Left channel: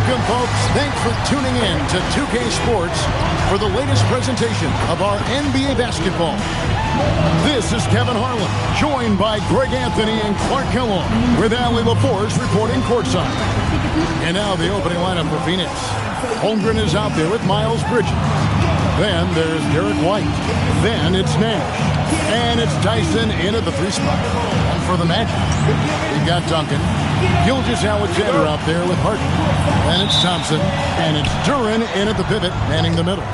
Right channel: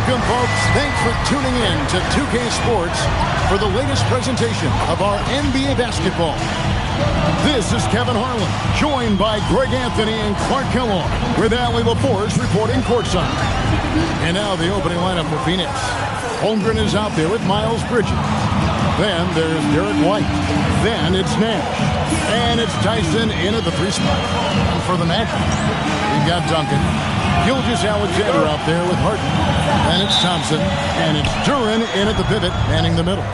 Welcome, folks. Thanks for tuning in to 2K Sports for the latest presentation of our NBA basketball. This is Kevin Harlan, joined by Greg Anthony and Clark Kellogg, with Allie LaForce reporting courtside. And now the opening lineup for Phoenix. Holmgren is out there with Miles Bridges. Then there's Derek White. Then it's Nash. And it's Tyson in at the 3 spot. And for the Magic, we've got Duncan. Gilgeous-Alexander out there with Harden. Then it's Thompson. And it's Duren in at the pivot, manning the middle.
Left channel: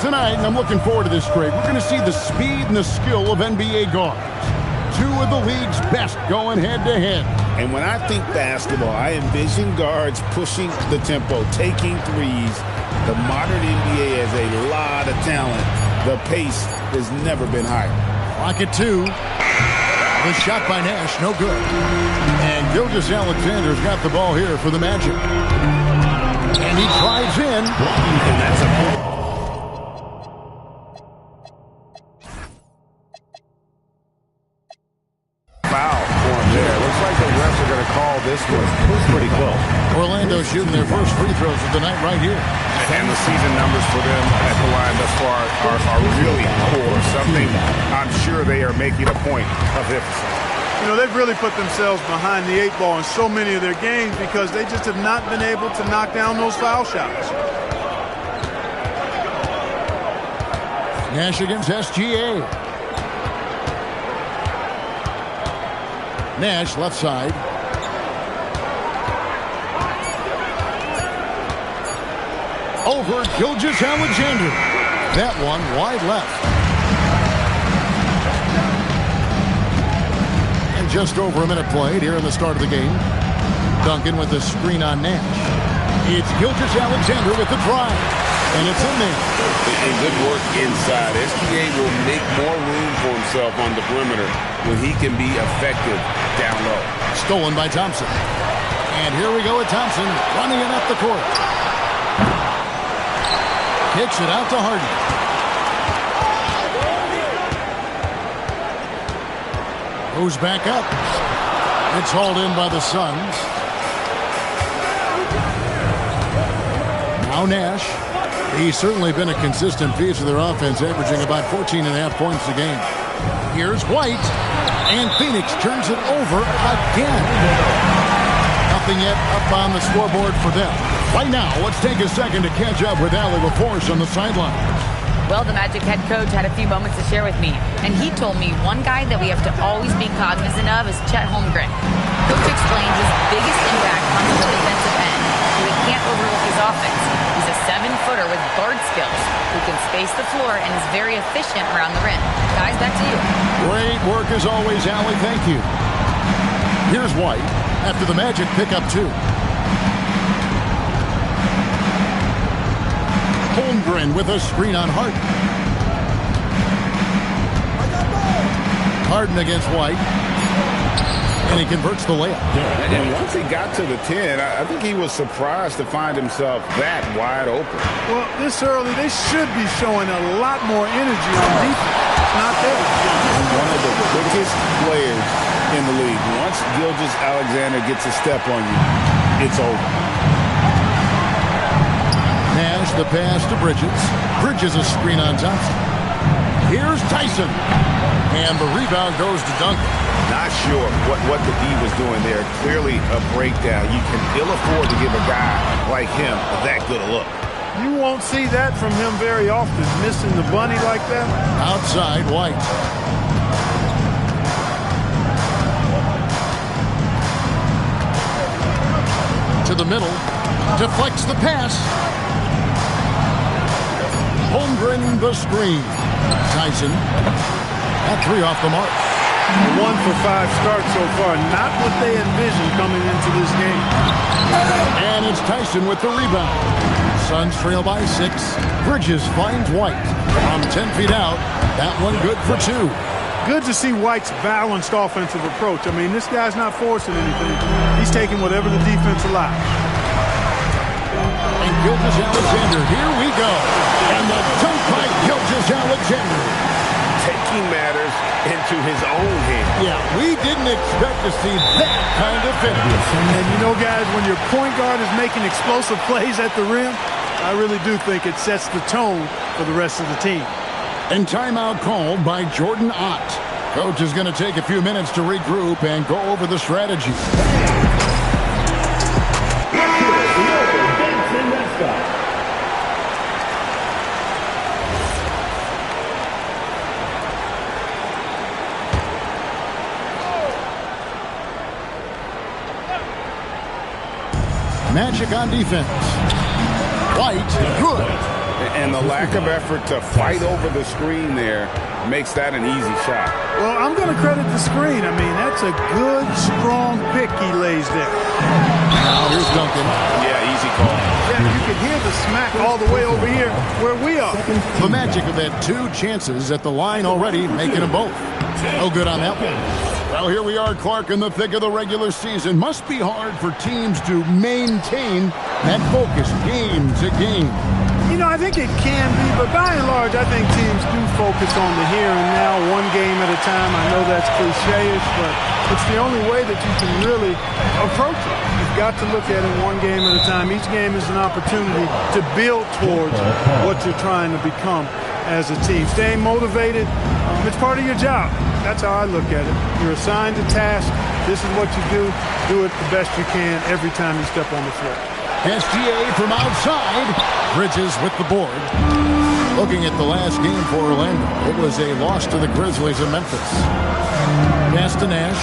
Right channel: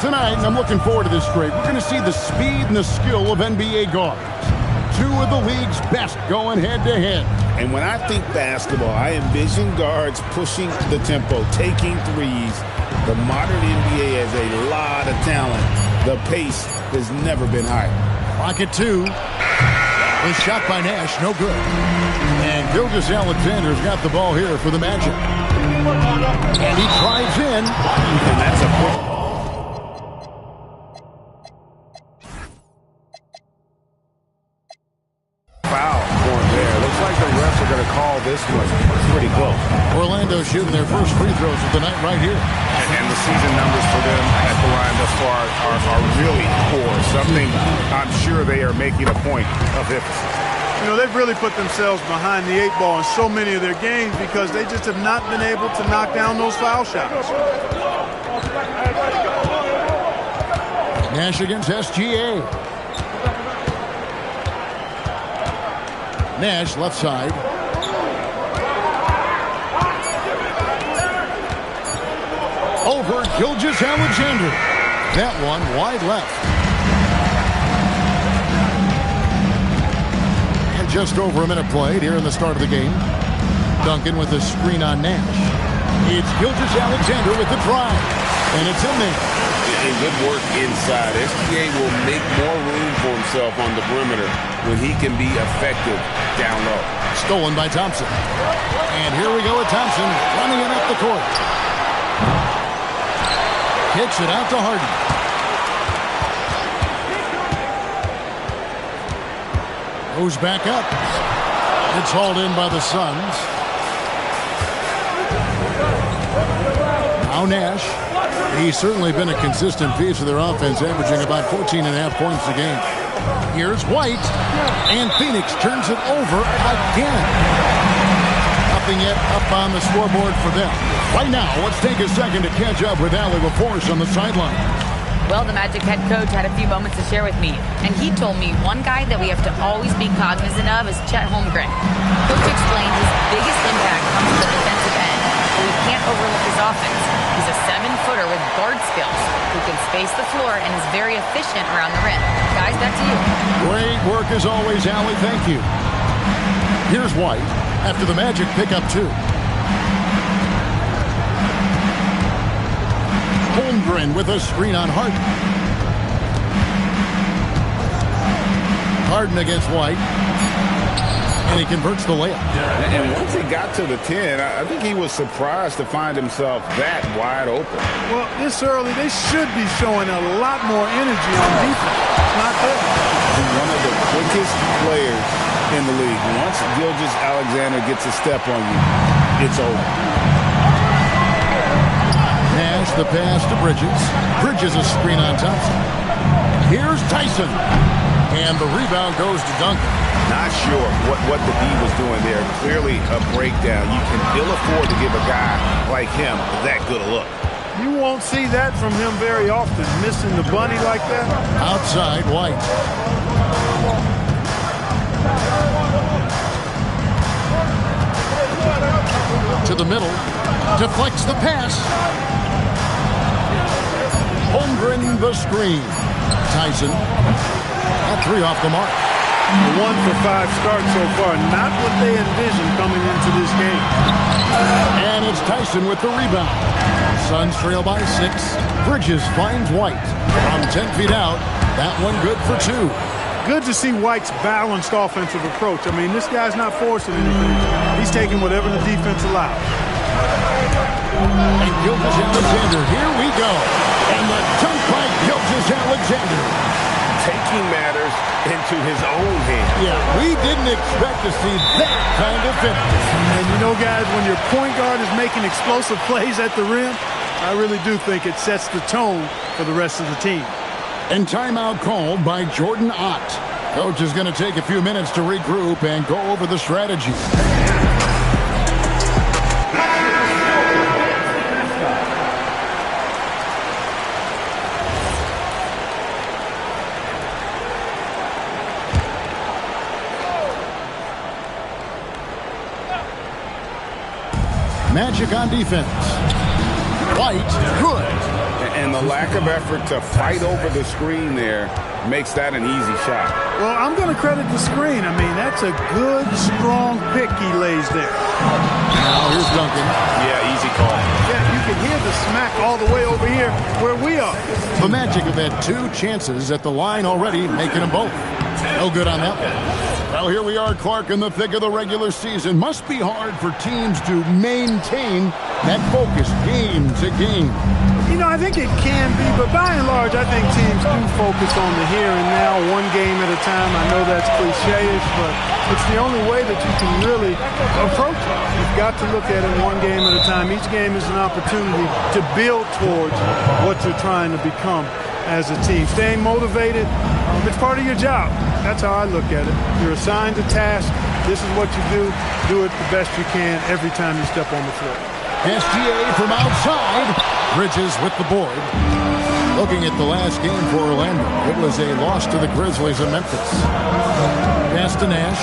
Tonight, and I'm looking forward to this, Greg, we're going to see the speed and the skill of NBA guards. 2 of the league's best going head-to-head. And when I think basketball, I envision guards pushing the tempo, taking threes. The modern NBA has a lot of talent. The pace has never been higher. Clock at 2. The shot by Nash, no good. And Gilgeous-Alexander's got the ball here for the Magic. And he drives in. And that's a foul for him there. Looks like the refs are going to call this one pretty close. Orlando shooting their first free throws of the night right here. And the season numbers for them at the line thus far are really poor. Something I'm sure they are making a point of emphasis. You know, they've really put themselves behind the 8 ball in so many of their games because they just have not been able to knock down those foul shots. Nash against SGA. Nash left side. Over Gilgeous-Alexander. That one wide left. And just over a minute played here in the start of the game. Duncan with a screen on Nash. It's Gilgeous-Alexander with the drive. And it's in there. And good work inside. SGA will make more room for himself on the perimeter when he can be effective down low. Stolen by Thompson. And here we go with Thompson running it up the court. Kicks it out to Harden. Goes back up. It's hauled in by the Suns. Now Nash. He's certainly been a consistent piece of their offense, averaging about 14.5 points a game. Here's White. And Phoenix turns it over again. Nothing yet up on the scoreboard for them. Right now, let's take a second to catch up with Allie LaForce on the sidelines. Well, the Magic head coach had a few moments to share with me, and he told me one guy that we have to always be cognizant of is Chet Holmgren. Coach explained his biggest impact comes from the defensive end, so we can't overlook his offense. He's a 7-footer with guard skills who can space the floor and is very efficient around the rim. Guys, back to you. Great work as always, Allie. Thank you. Here's White after the Magic pick up 2. Holmgren with a screen on Harden. Harden against White. And he converts the layup. And once he got to the 10, I think he was surprised to find himself that wide open. Well, this early, they should be showing a lot more energy on defense. It's not there. And one of the quickest players in the league. Once Gilgeous-Alexander gets a step on you, it's over. Nash, the pass to Bridges. Bridges a screen on Thompson. Here's Tyson. And the rebound goes to Duncan. Not sure what the D was doing there. Clearly a breakdown. You can ill afford to give a guy like him that good a look. You won't see that from him very often, missing the bunny like that. Outside, White. To the middle. Deflects the pass. Holmgren the screen. Tyson at 3 off the mark. A 1 for 5 start so far. Not what they envisioned coming into this game. And it's Tyson with the rebound. Suns trail by 6. Bridges finds White. From 10 feet out. That one good for 2. Good to see White's balanced offensive approach. I mean, this guy's not forcing anything. He's taking whatever the defense allows. And Gilgeous-Alexander, here we go. And the dunk by Gilgeous-Alexander. Take taking matters into his own hands. Yeah, we didn't expect to see that kind of finish. And you know, guys, when your point guard is making explosive plays at the rim, I really do think it sets the tone for the rest of the team. And timeout called by Jordan Ott. Coach is going to take a few minutes to regroup and go over the strategy. Magic on defense. White, good. And the lack of effort to fight over the screen there makes that an easy shot. Well, I'm going to credit the screen. I mean, that's a good, strong pick he lays there. Now here's Duncan. Yeah, easy call. Yeah, you can hear the smack all the way over here where we are. The Magic have had 2 chances at the line already, making them both. No good on that one. Well, here we are, Clark, in the thick of the regular season. Must be hard for teams to maintain that focus game to game. You know, I think it can be, but by and large, I think teams do focus on the here and now, one game at a time. I know that's cliche-ish, but it's the only way that you can really approach it. You've got to look at it one game at a time. Each game is an opportunity to build towards what you're trying to become as a team. Staying motivated, it's part of your job. That's how I look at it. You're assigned a task. This is what you do. Do it the best you can every time you step on the floor. SGA from outside. Bridges with the board. Looking at the last game for Orlando, it was a loss to the Grizzlies in Memphis. Pass to Nash.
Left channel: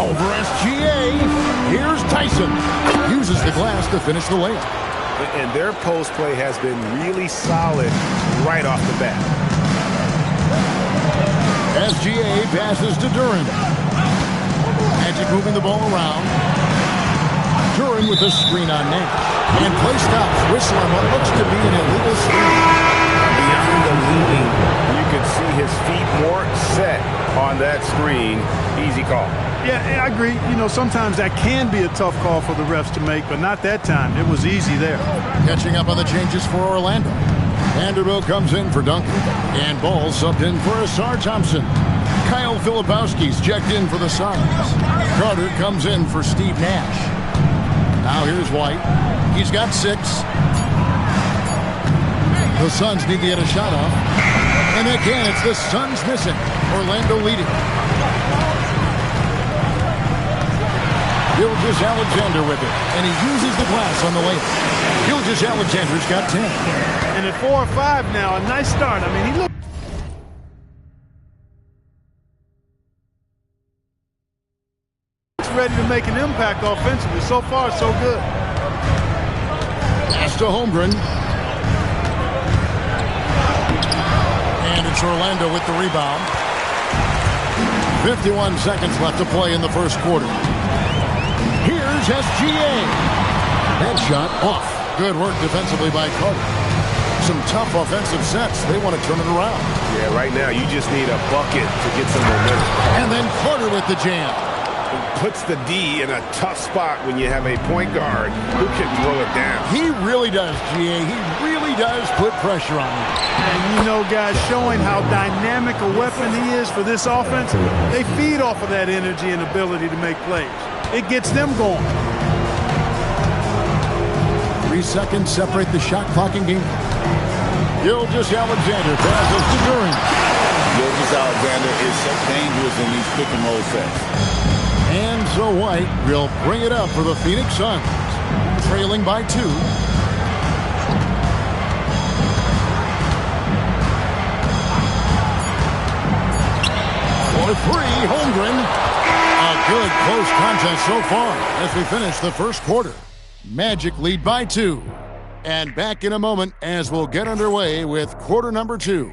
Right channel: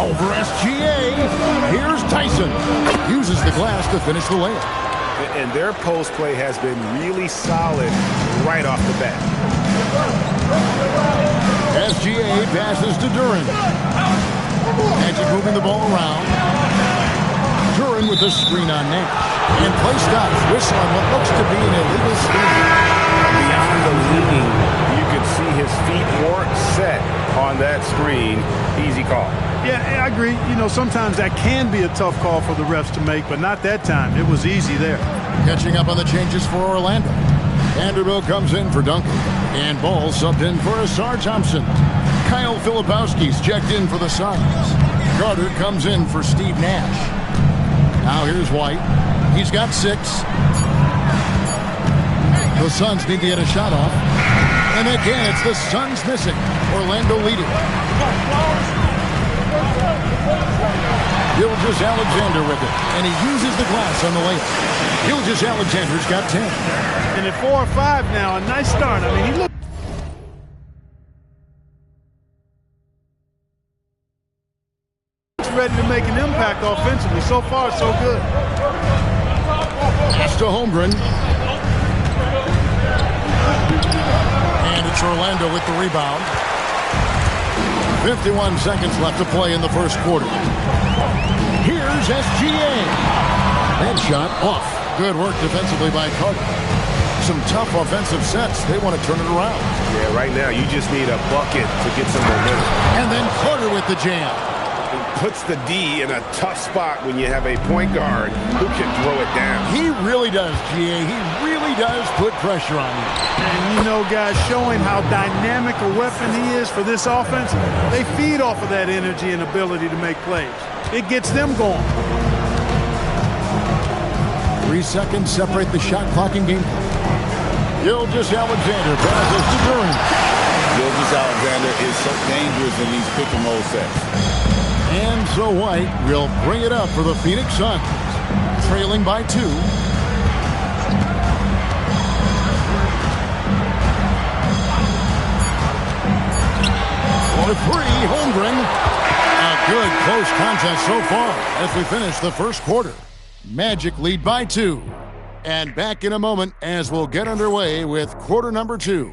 Over SGA. Here's Tyson. Uses the glass to finish the layup. And their post play has been really solid right off the bat. SGA passes to Duran. Magic moving the ball around. Duran with a screen on Nash. And play stops. Whistle on what looks to be an illegal screen. Beyond the leaning, you could see his feet more set on that screen. Easy call. Yeah, I agree. You know, sometimes that can be a tough call for the refs to make, but not that time. It was easy there. Catching up on the changes for Orlando. Vanderbilt comes in for Duncan. And Ball subbed in for Asar Thompson. Kyle Filipowski's checked in for the Suns. Carter comes in for Steve Nash. Now here's White. He's got 6. The Suns need to get a shot off. And again, it's the Suns missing. Orlando leading. Gilgeous Alexander with it. And he uses the glass on the layup. Gilgeous Alexander's got 10. And at 4 or 5 now, a nice start. I mean, he looked ready to make an impact offensively. So far, so good. Pass to Holmgren. And it's Orlando with the rebound. 51 seconds left to play in the first quarter. Here's SGA. That shot off. Good work defensively by Carter. Some tough offensive sets. They want to turn it around. Yeah, right now you just need a bucket to get some momentum. And then Carter with the jam. It puts the D in a tough spot when you have a point guard who can throw it down. He really does, GA. He really does put pressure on you. And, you know, guys, showing how dynamic a weapon he is for this offense, they feed off of that energy and ability to make plays. It gets them going. 3 seconds separate the shot clock and game clock. Gilgeous Alexander passes to Duran. Gilgeous Alexander is so dangerous in these pick and roll sets. And so White will bring it up for the Phoenix Suns, trailing by 2. For 3, Holmgren. A good close contest so far as we finish the first quarter. Magic lead by 2. And back in a moment as we'll get underway with quarter number 2.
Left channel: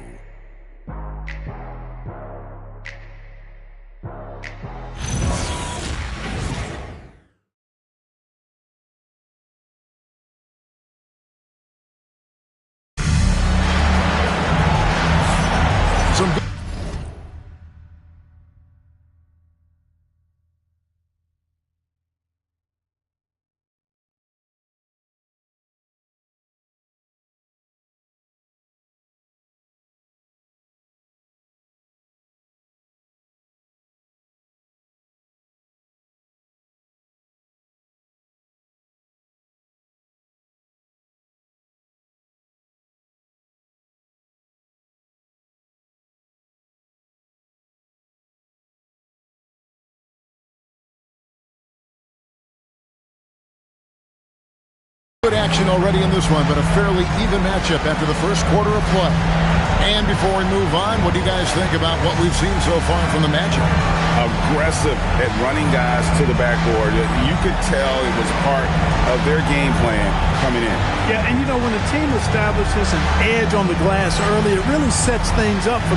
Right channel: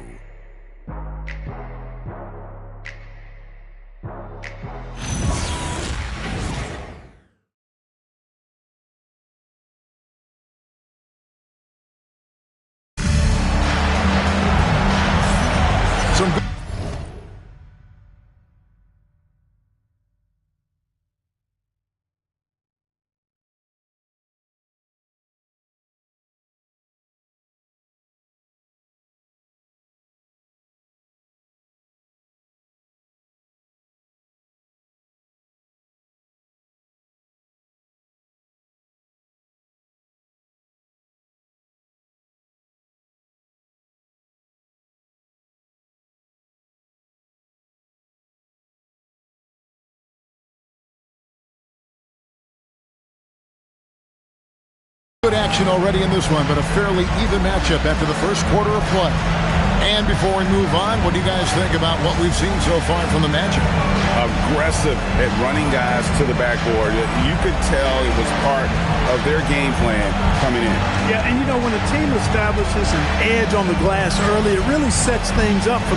Good action already in this one, but a fairly even matchup after the first quarter of play. And before we move on, what do you guys think about what we've seen so far from the Magic? Aggressive at running guys to the backboard. You could tell it was part of their game plan coming in. Yeah, and you know, when a team establishes an edge on the glass early, it really sets things up for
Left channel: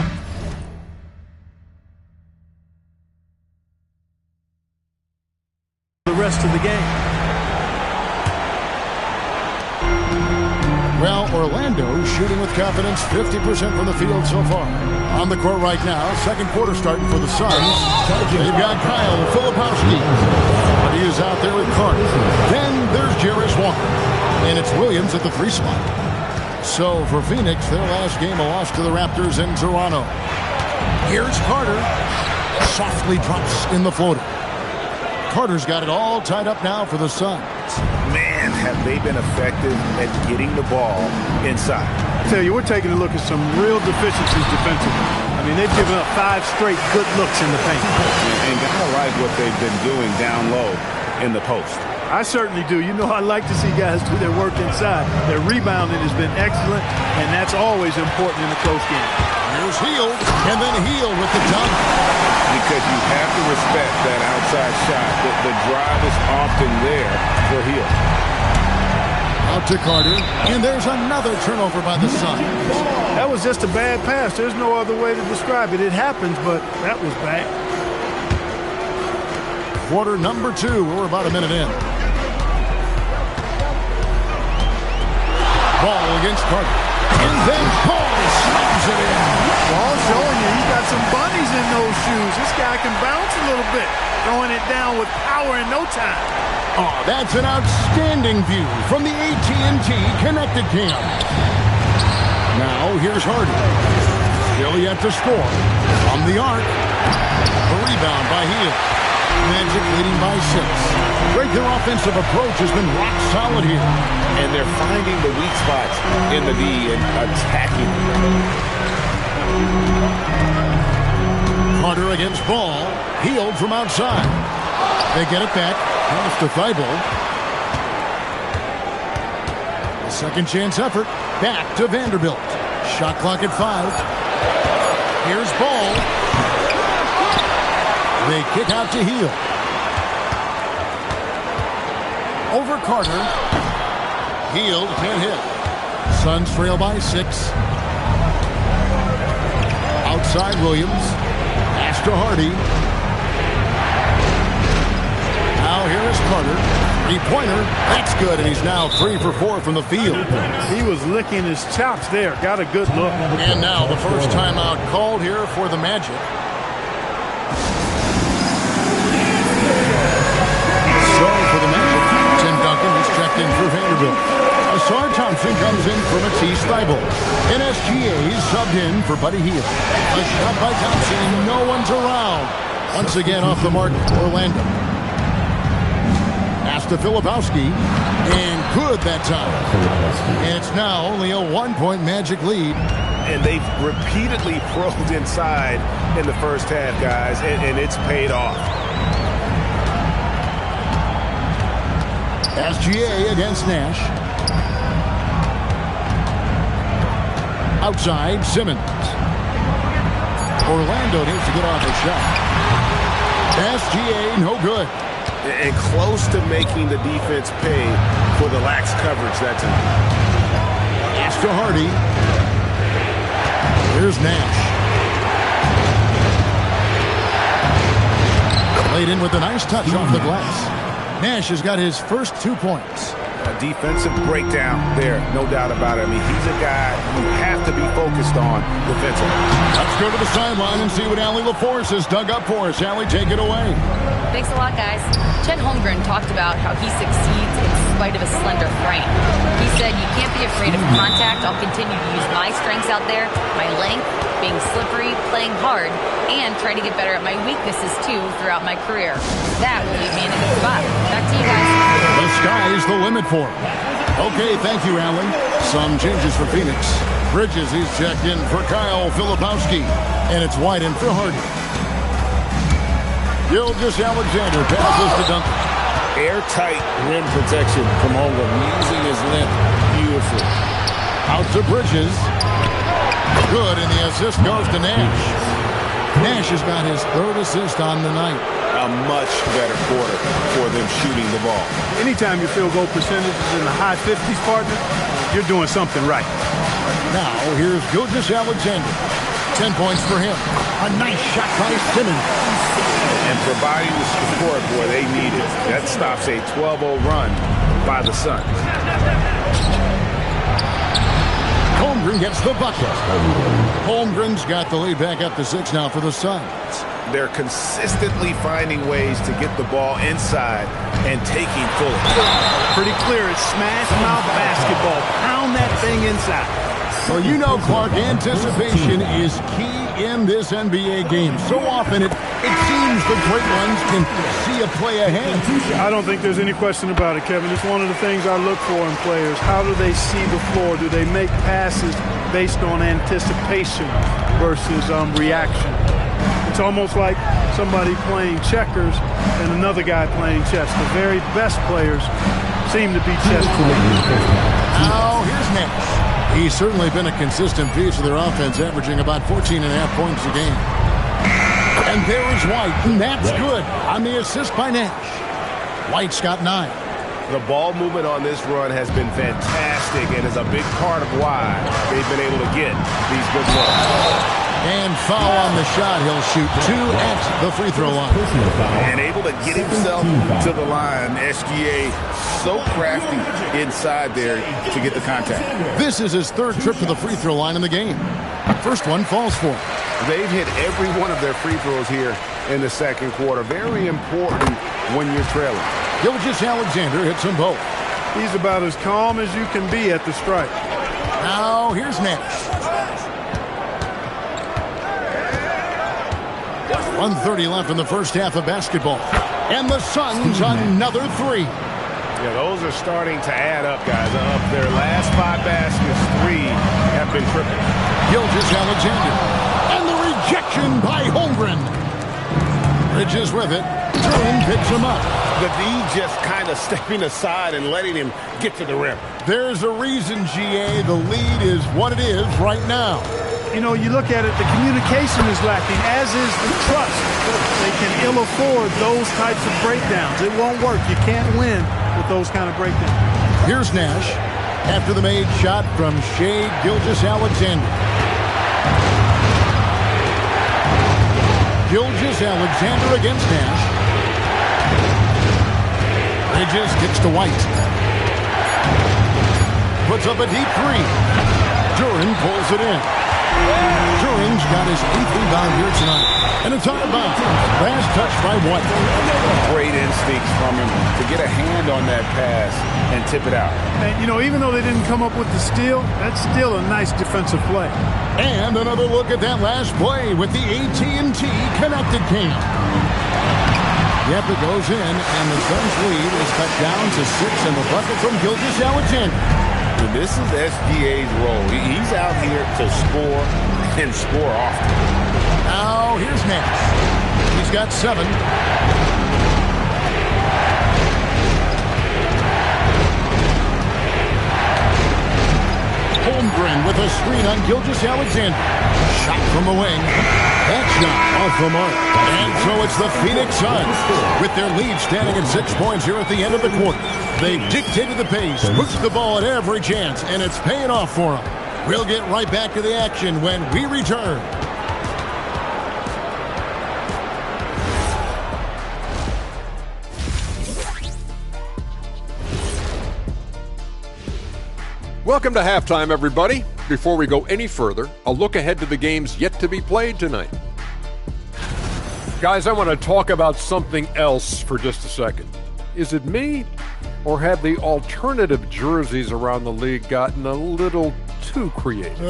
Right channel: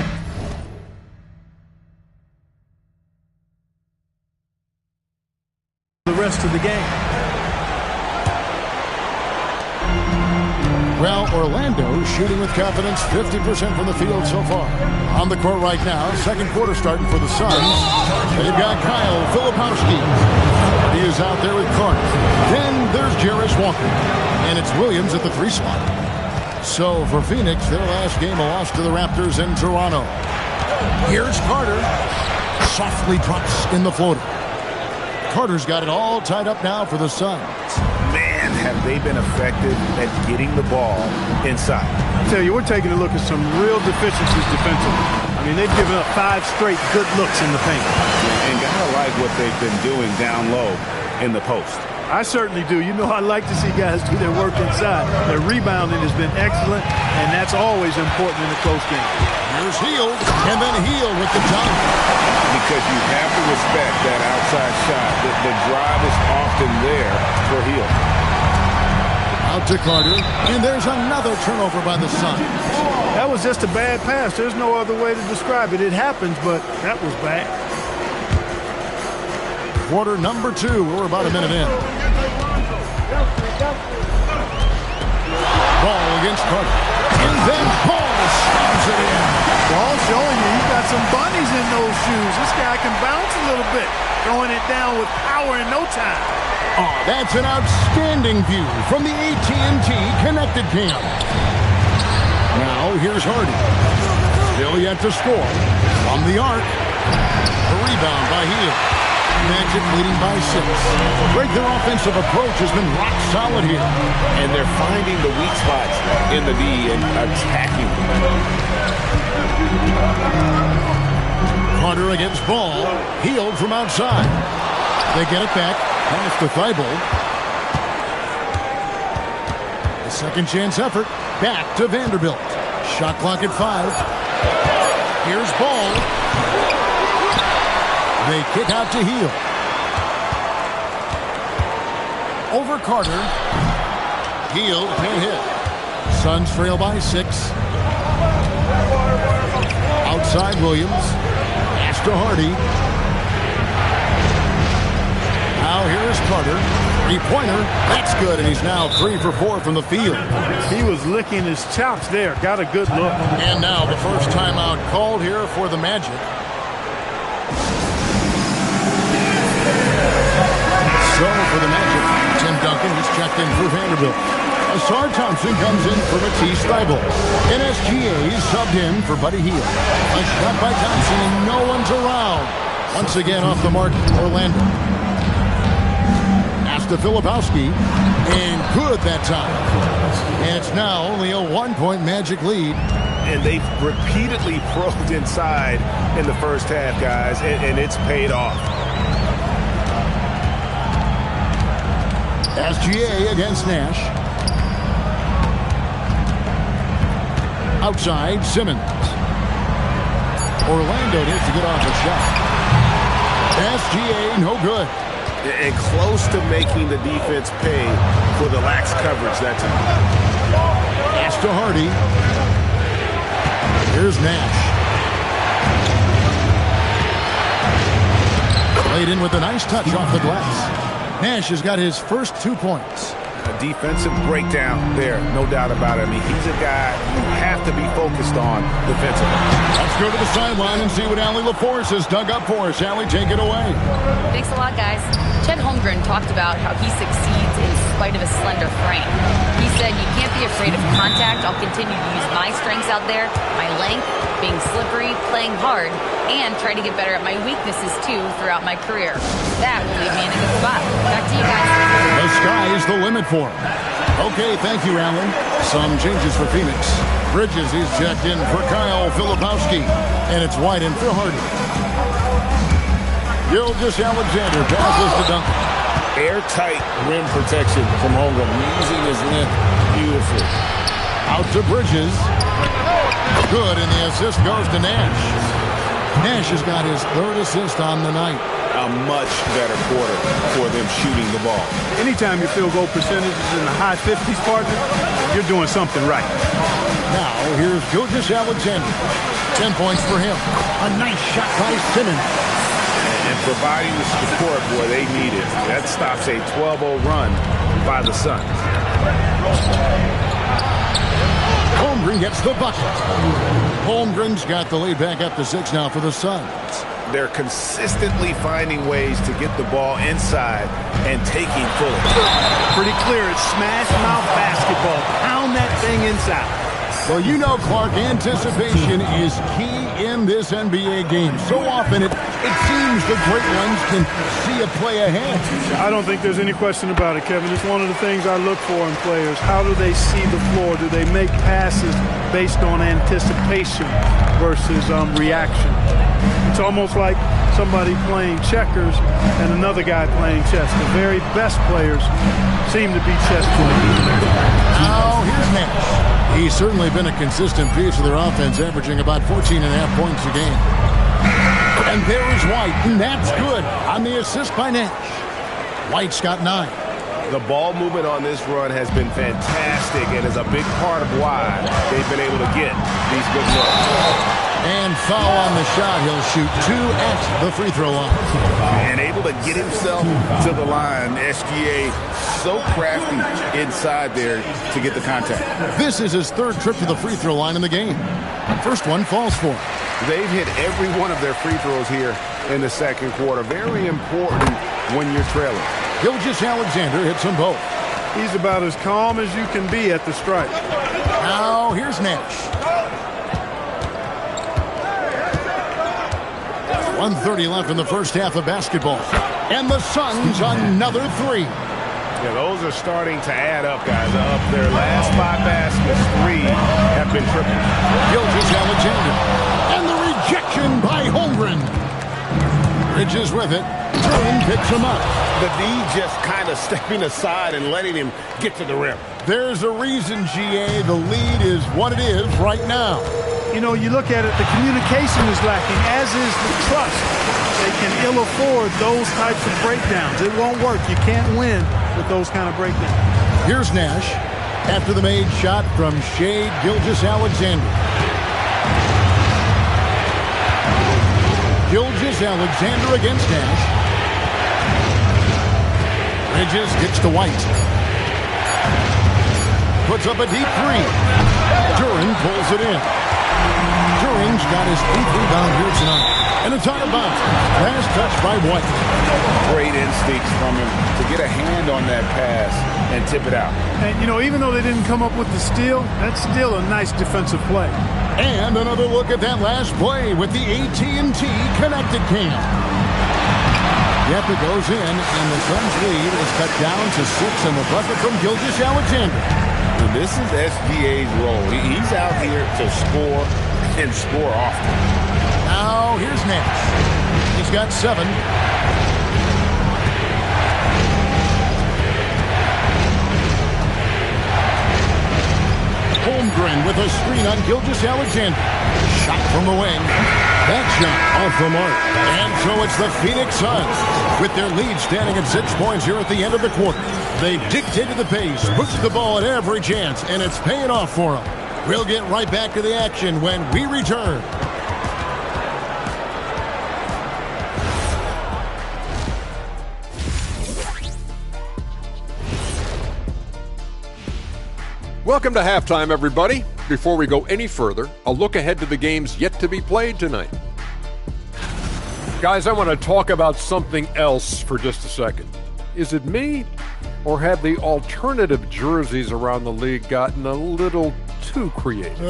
the rest of the game. Well, Orlando shooting with confidence, 50% from the field so far. On the court right now, second quarter starting for the Suns. They've got Kyle Filipowski. He is out there with Carter. Then there's Jarris Walker. And it's Williams at the 3 slot. So for Phoenix, their last game, a loss to the Raptors in Toronto. Here's Carter. Softly drops in the floater. Carter's got it all tied up now for the Suns. Man, have they been effective at getting the ball inside. I tell you, we're taking a look at some real deficiencies defensively. I mean, they've given up 5 straight good looks in the paint. And gotta like what they've been doing down low in the post. I certainly do. You know, I like to see guys do their work inside. Their rebounding has been excellent, and that's always important in a close game. Here's Hield, and then Hield with the dunk. Because you have to respect that outside shot. The drive is often there for Hield. Out to Carter, and there's another turnover by the Suns. That was just a bad pass. There's no other way to describe it. It happens, but that was bad. Quarter number 2. We're about a minute in. Ball against Carter. And then Paul slams it in. Ball showing you he's got some bunnies in those shoes. This guy can bounce a little bit. Throwing it down with power in no time. Oh, that's an outstanding view from the AT&T Connected Cam. Now here's Hardy. Still yet to score. From the arc. The rebound by Hield. Magic leading by 6. Greg, their offensive approach has been rock solid here. And they're finding the weak spots in the D and attacking them. Carter against Ball. Hield from outside. They get it back. Pass to Thibault. The second chance effort. Back to Vanderbilt. Shot clock at 5. Here's Ball. They kick out to Hield. Over Carter. Hield can't hit. Suns trail by 6. Outside Williams. Pass to Hardy. Now here is Carter. 3-pointer. That's good, and he's now 3 for 4 from the field. He was licking his chops there. Got a good look. And now the first timeout called here for the Magic. So for the Magic, Tim Duncan, he's checked in for Vanderbilt. Asar Thompson comes in for Matisse Thibault. And SGA is subbed in for Buddy Hield. A shot by Thompson, and no one's around. Once again off the mark, Orlando. Pass to Filipowski, and good that time. And it's now only a 1-point Magic lead. And they've repeatedly probed inside in the first half, guys, and it's paid off. SGA against Nash. Outside, Simmons. Orlando needs to get off a shot. SGA, no good. And close to making the defense pay for the lax coverage that time. Pass to Hardy. Here's Nash. Played in with a nice touch off the glass. Nash has got his first 2 points. A defensive breakdown there, no doubt about it. I mean, he's a guy you have to be focused on defensively. Let's go to the sideline and see what Allie LaForce has dug up for us. Allie, take it away. Thanks a lot, guys. Chet Holmgren talked about how he succeeds in spite of a slender frame. He said, you can't be afraid of contact. I'll continue to use my strengths out there, my length, being slippery, playing hard, and try to get better at my weaknesses, too, throughout my career. That will leave me in a good spot. Back to you guys. The sky is the limit for him. Okay, thank you, Allie. Some changes for Phoenix. Bridges, he's checked in for Kyle Filipowski. And it's White in for Hardy. Gilgeous Alexander passes to Duncan. Airtight rim protection from Holmgren, using his length beautifully. Out to Bridges. Good, and the assist goes to Nash. Nash has got his third assist on the night. A much better quarter for them shooting the ball. Anytime your field goal percentage is in the high 50s, partner, you're doing something right. Now, here's Gilgeous-Alexander. 10 points for him. A nice shot by Simmons. And providing the support, boy, they need it. That stops a 12-0 run by the Suns. Holmgren gets the bucket. Holmgren's got the lead back up to 6 now for the Suns. They're consistently finding ways to get the ball inside and taking full. Pretty clear. It's smash mouth basketball. Pound that thing inside. Well, you know, Clark, anticipation is key in this NBA game. So often it seems the great ones can see a play ahead. I don't think there's any question about it, Kevin. It's one of the things I look for in players. How do they see the floor? Do they make passes based on anticipation versus reaction? It's almost like somebody playing checkers and another guy playing chess. The very best players seem to be chess players. Now, here's Nash. He's certainly been a consistent piece of their offense, averaging about 14.5 points a game. And there is White, and that's good on the assist by Nash. White's got 9. The ball movement on this run has been fantastic and is a big part of why they've been able to get these good looks. And foul on the shot. He'll shoot 2 at the free throw line. And able to get himself to the line. SGA so crafty inside there to get the contact. This is his 3rd trip to the free throw line in the game. First one falls for him. They've hit every one of their free throws here in the second quarter. Very important when you're trailing. Gilgeous-Alexander hits them both. He's about as calm as you can be at the strike. Now here's Nash. 1:30 left in the first half of basketball. And the Suns another 3. Yeah, those are starting to add up, guys. Up their last 5 baskets, 3 have been triple. Gilgeous-Alexander. And the rejection by Holmgren. Bridges with it. Turin picks him up. The D just kind of stepping aside and letting him get to the rim. There's a reason, GA, the lead is what it is right now. You know, you look at it, the communication is lacking, as is the trust. They can ill afford those types of breakdowns. It won't work. You can't win with those kind of breakdowns. Here's Nash after the made shot from Shai Gilgeous-Alexander. Gilgeous-Alexander against Nash. Bridges gets to White. Puts up a deep 3. Turin pulls it in. Turin's got his 8th rebound here tonight. And it's out of bounds. Last touch by White. Great instincts from him to get a hand on that pass and tip it out. And, you know, even though they didn't come up with the steal, that's still a nice defensive play. And another look at that last play with the AT&T Connected Cam. Yep, it goes in, and the Suns' lead is cut down to 6 in the bucket from Gilgeous-Alexander. And this is SGA's role. He's out here to score and score often. Now, here's Nash. He's got 7. Holmgren with a screen on Gilgeous-Alexander. Shot from the wing. That shot off the mark. And so it's the Phoenix Suns with their lead standing at 6 points here at the end of the quarter. They've dictated the pace, pushed the ball at every chance, and it's paying off for them. We'll get right back to the action when we return. Welcome to halftime, everybody. Before we go any further, a look ahead to the games yet to be played tonight. Guys, I want to talk about something else for just a second. Is it me, or have the alternative jerseys around the league gotten a little too creative?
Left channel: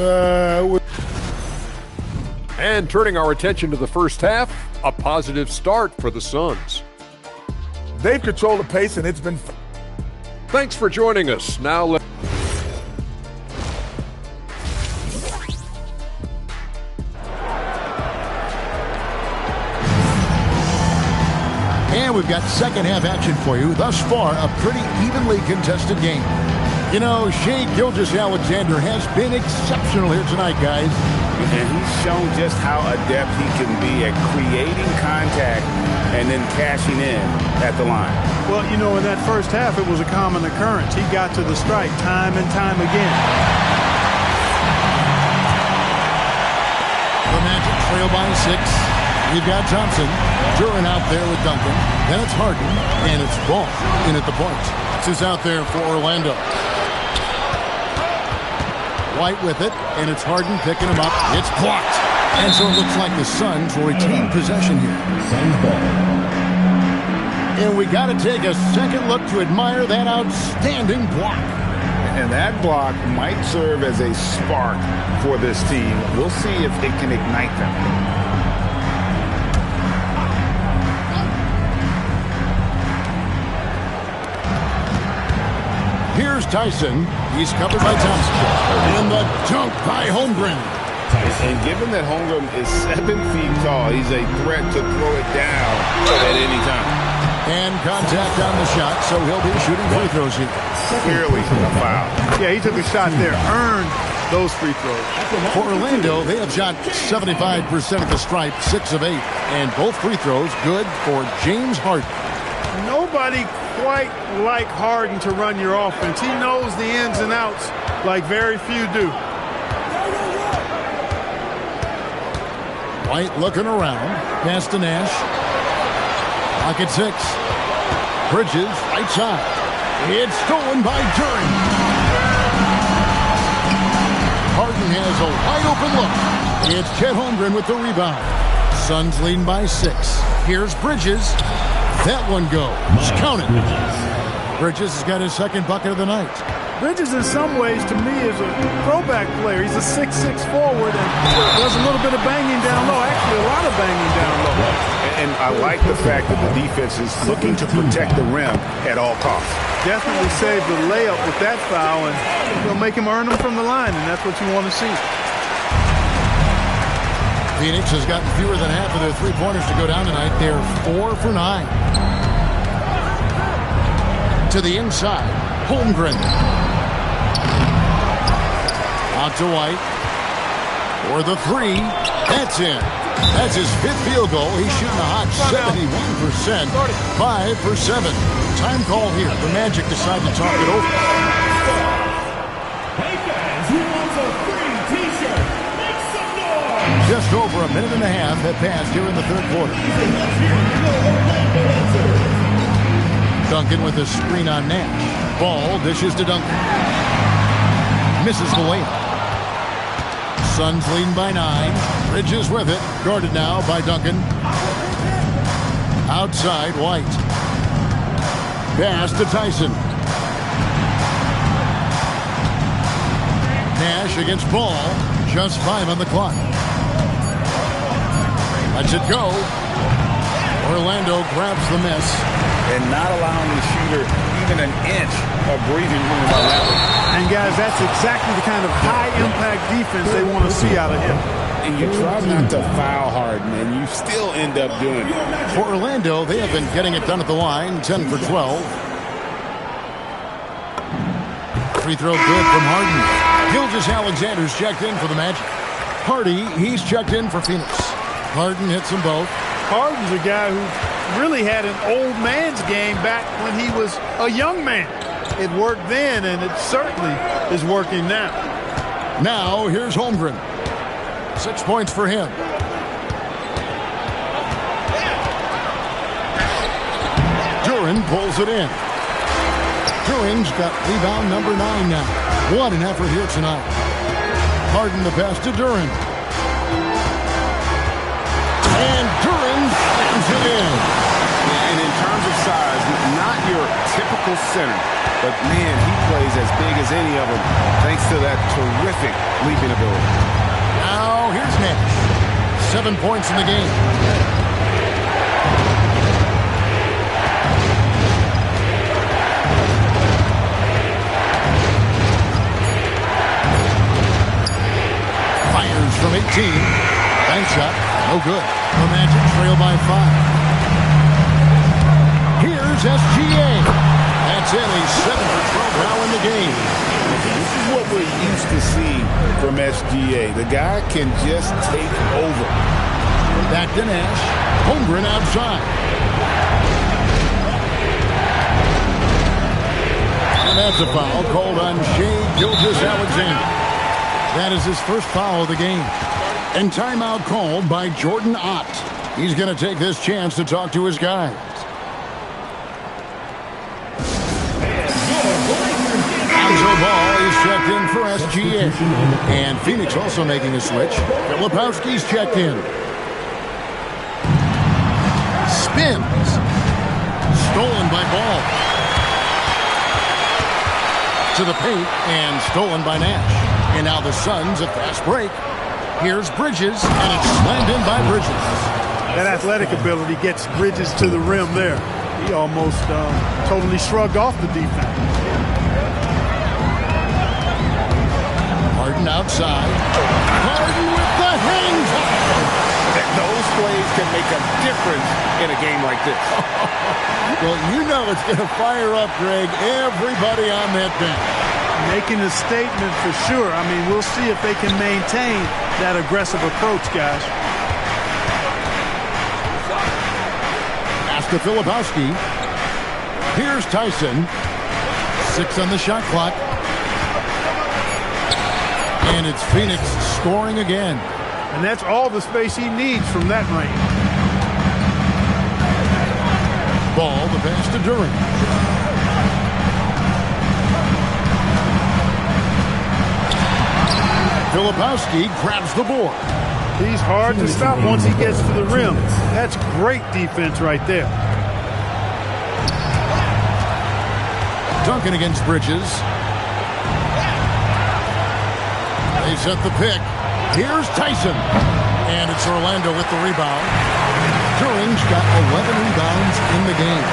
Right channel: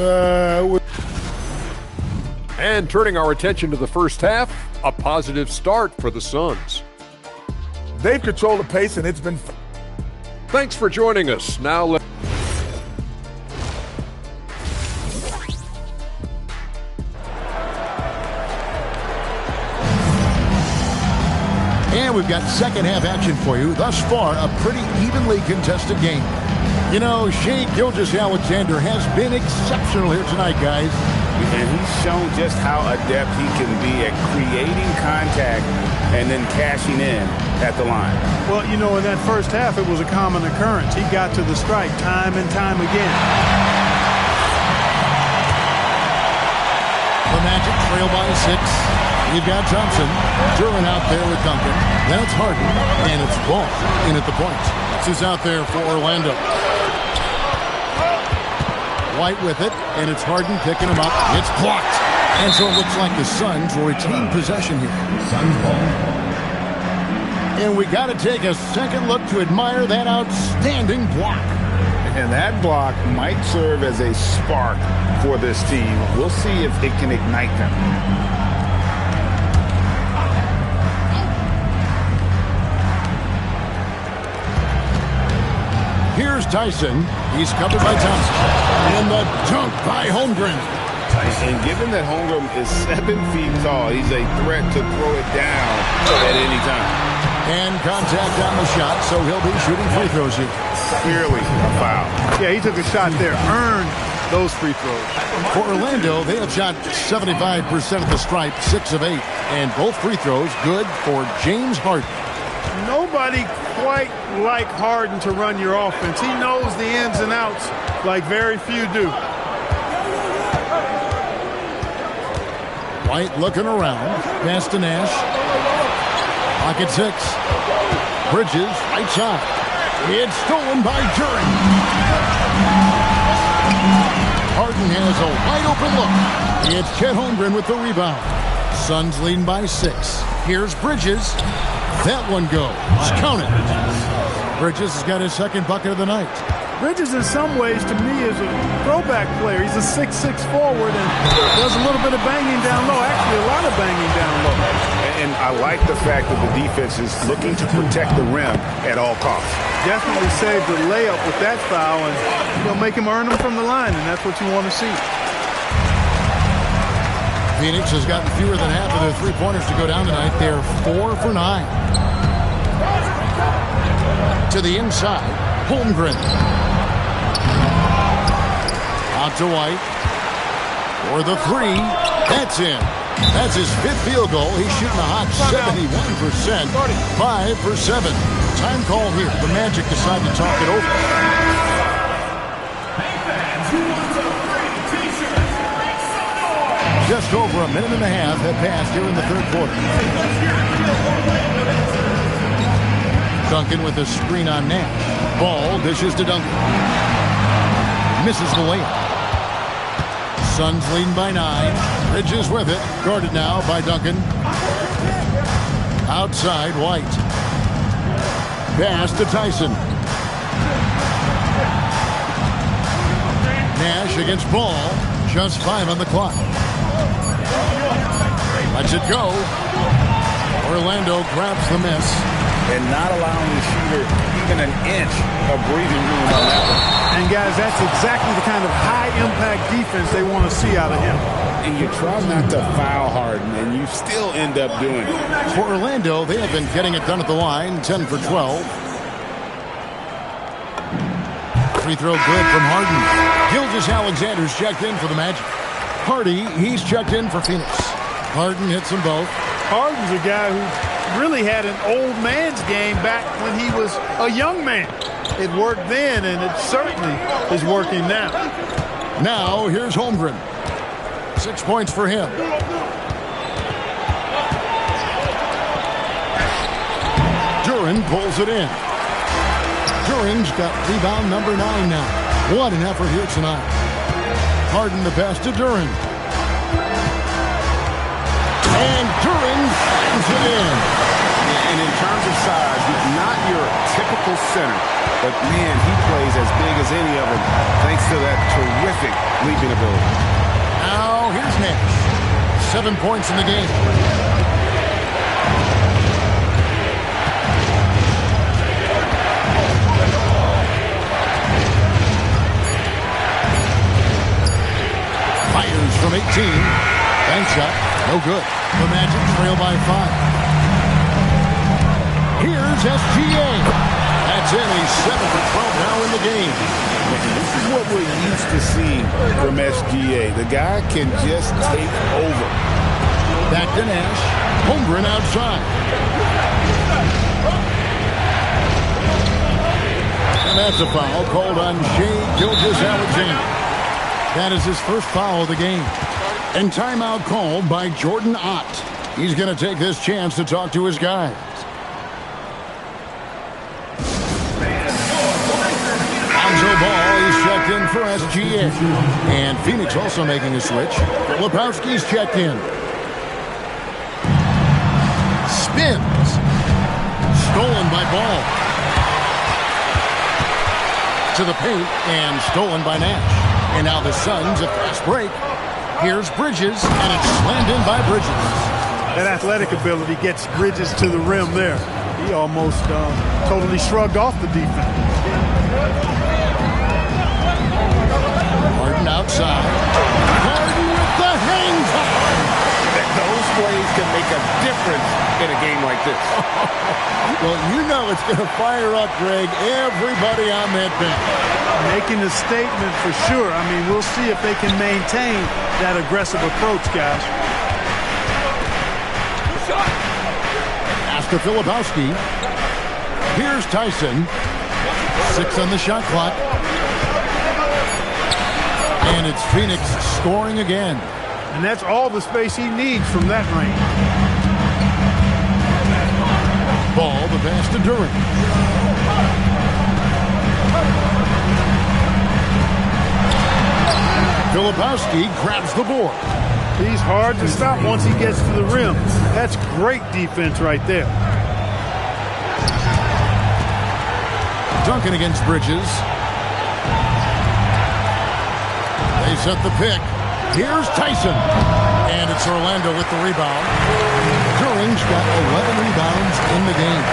And turning our attention to the first half, a positive start for the Suns. They've controlled the pace, and it's been fun. Thanks for joining us. Now And we've got second half action for you. Thus far, a pretty evenly contested game. You know, Shea Gilgeous-Alexander has been exceptional here tonight, guys. And he's shown just how adept he can be at creating contact and then cashing in at the line. Well, you know, in that first half, it was a common occurrence. He got to the strike time and time again. The Magic trail by 6. We've got Thompson. Duren out there with Duncan. Then it's Harden, and it's Ball in at the point. That's who's out there for Orlando. White with it, and it's Harden picking him up. It's blocked. And so it looks like the Suns will retain possession here. Suns ball. And we got to take a second look to admire that outstanding block. And that block might serve as a spark for this team. We'll see if it can ignite them. Here's Tyson. He's covered by Thompson. And the dunk by Holmgren. And given that Holmgren is 7 feet tall, he's a threat to throw it down at any time. And contact on the shot, so he'll be shooting free throws here. Clearly a foul. Yeah, he took a shot there, earned those free throws. For Orlando, they have shot 75% of the stripe, 6 of 8. And both free throws good for James Harden. Nobody quite like Harden to run your offense. He knows the ins and outs like very few do. White looking around. Pass to Nash. Clock at 6. Bridges, right side. It's stolen by Duren. Harden has a wide open look. It's Chet Holmgren with the rebound. Suns leading by 6. Here's Bridges. That one goes. Count it. Bridges has got his second bucket of the night. Bridges, in some ways, to me, is a throwback player. He's a 6'6" forward and does a little bit of banging down low. Actually, a lot of banging down low. And I like the fact that the defense is looking to protect the rim at all costs. Definitely saved the layup with that foul, and he'll make him earn them from the line, and that's what you want to see. Phoenix has gotten fewer than half of their three-pointers to go down tonight. They're 4 for 9. To the inside, Holmgren. Out to White. For the 3. That's in. That's his 5th field goal. He's shooting a hot 71%. 5 for 7. Time call here. The Magic decide to talk it over. Hey fans, who wants a free t-shirt? Make some noise! Just over a minute and a half have passed here in the third quarter. Duncan with a screen on Nash. Ball dishes to Duncan. Misses the layup. Suns leading by 9. Bridges with it. Guarded now by Duncan. Outside, White. Pass to Tyson. Nash against Ball. Just 5 on the clock. Lets it go. Orlando grabs the miss. And not allowing the shooter even an inch of breathing room on that one. And, guys, that's exactly the kind of high-impact defense they want to see out of him. And you try not to foul Harden, and you still end up doing it. For Orlando, they have been getting it done at the line, 10 for 12. Free throw good from Harden. Gilgeous-Alexander's checked in for the Magic. Hardy, he's checked in for Phoenix. Harden hits them both. Harden's a guy who really had an old man's game back when he was a young man. It worked then, and it certainly is working now. Now, here's Holmgren. 6 points for him. Duren pulls it in. Duren's got rebound number 9 now. What an effort here tonight. Harden the pass to Duren. And Duren slams it in. And in terms of size, not your typical center, but man, he plays as big as any of them thanks to that terrific leaping ability. Now here's Nash. 7 points in the game. Fires from 18. Bank shot. No good. The Magic trail by 5. Here's SGA. That's in. He's 7 for 12 now in the game. This is what we're used to seeing from SGA. The guy can just take over. Back to Nash. Holmgren outside. And that's a foul called on Shai Gilgeous-Alexander. That is his first foul of the game. And timeout called by Jordan Ott. He's going to take this chance to talk to his guys. Lonzo Ball is checked in for SGA. And Phoenix also making a switch. Filipowski's checked in. Spins. Stolen by Ball. To the paint and stolen by Nash. And now the Suns a fast break. Here's Bridges, and it's slammed in by Bridges. That athletic ability gets Bridges to the rim there. He almost totally shrugged off the defense. Harden outside. Harden with the hang time. Those plays can make a difference in a game like this. Well, you know it's going to fire up, Greg, everybody on that bench. Making a statement for sure. I mean, we'll see if they can maintain that aggressive approach, guys. Pass to Filipowski. Here's Tyson. 6 on the shot clock. And it's Phoenix scoring again. And that's all the space he needs from that range. Ball, the pass to Duran. Filipowski grabs the board. He's hard to stop once he gets to the rim. That's great defense right there. Duncan against Bridges. They set the pick. Here's Tyson. And it's Orlando with the rebound. Duran's got 11 rebounds in the game.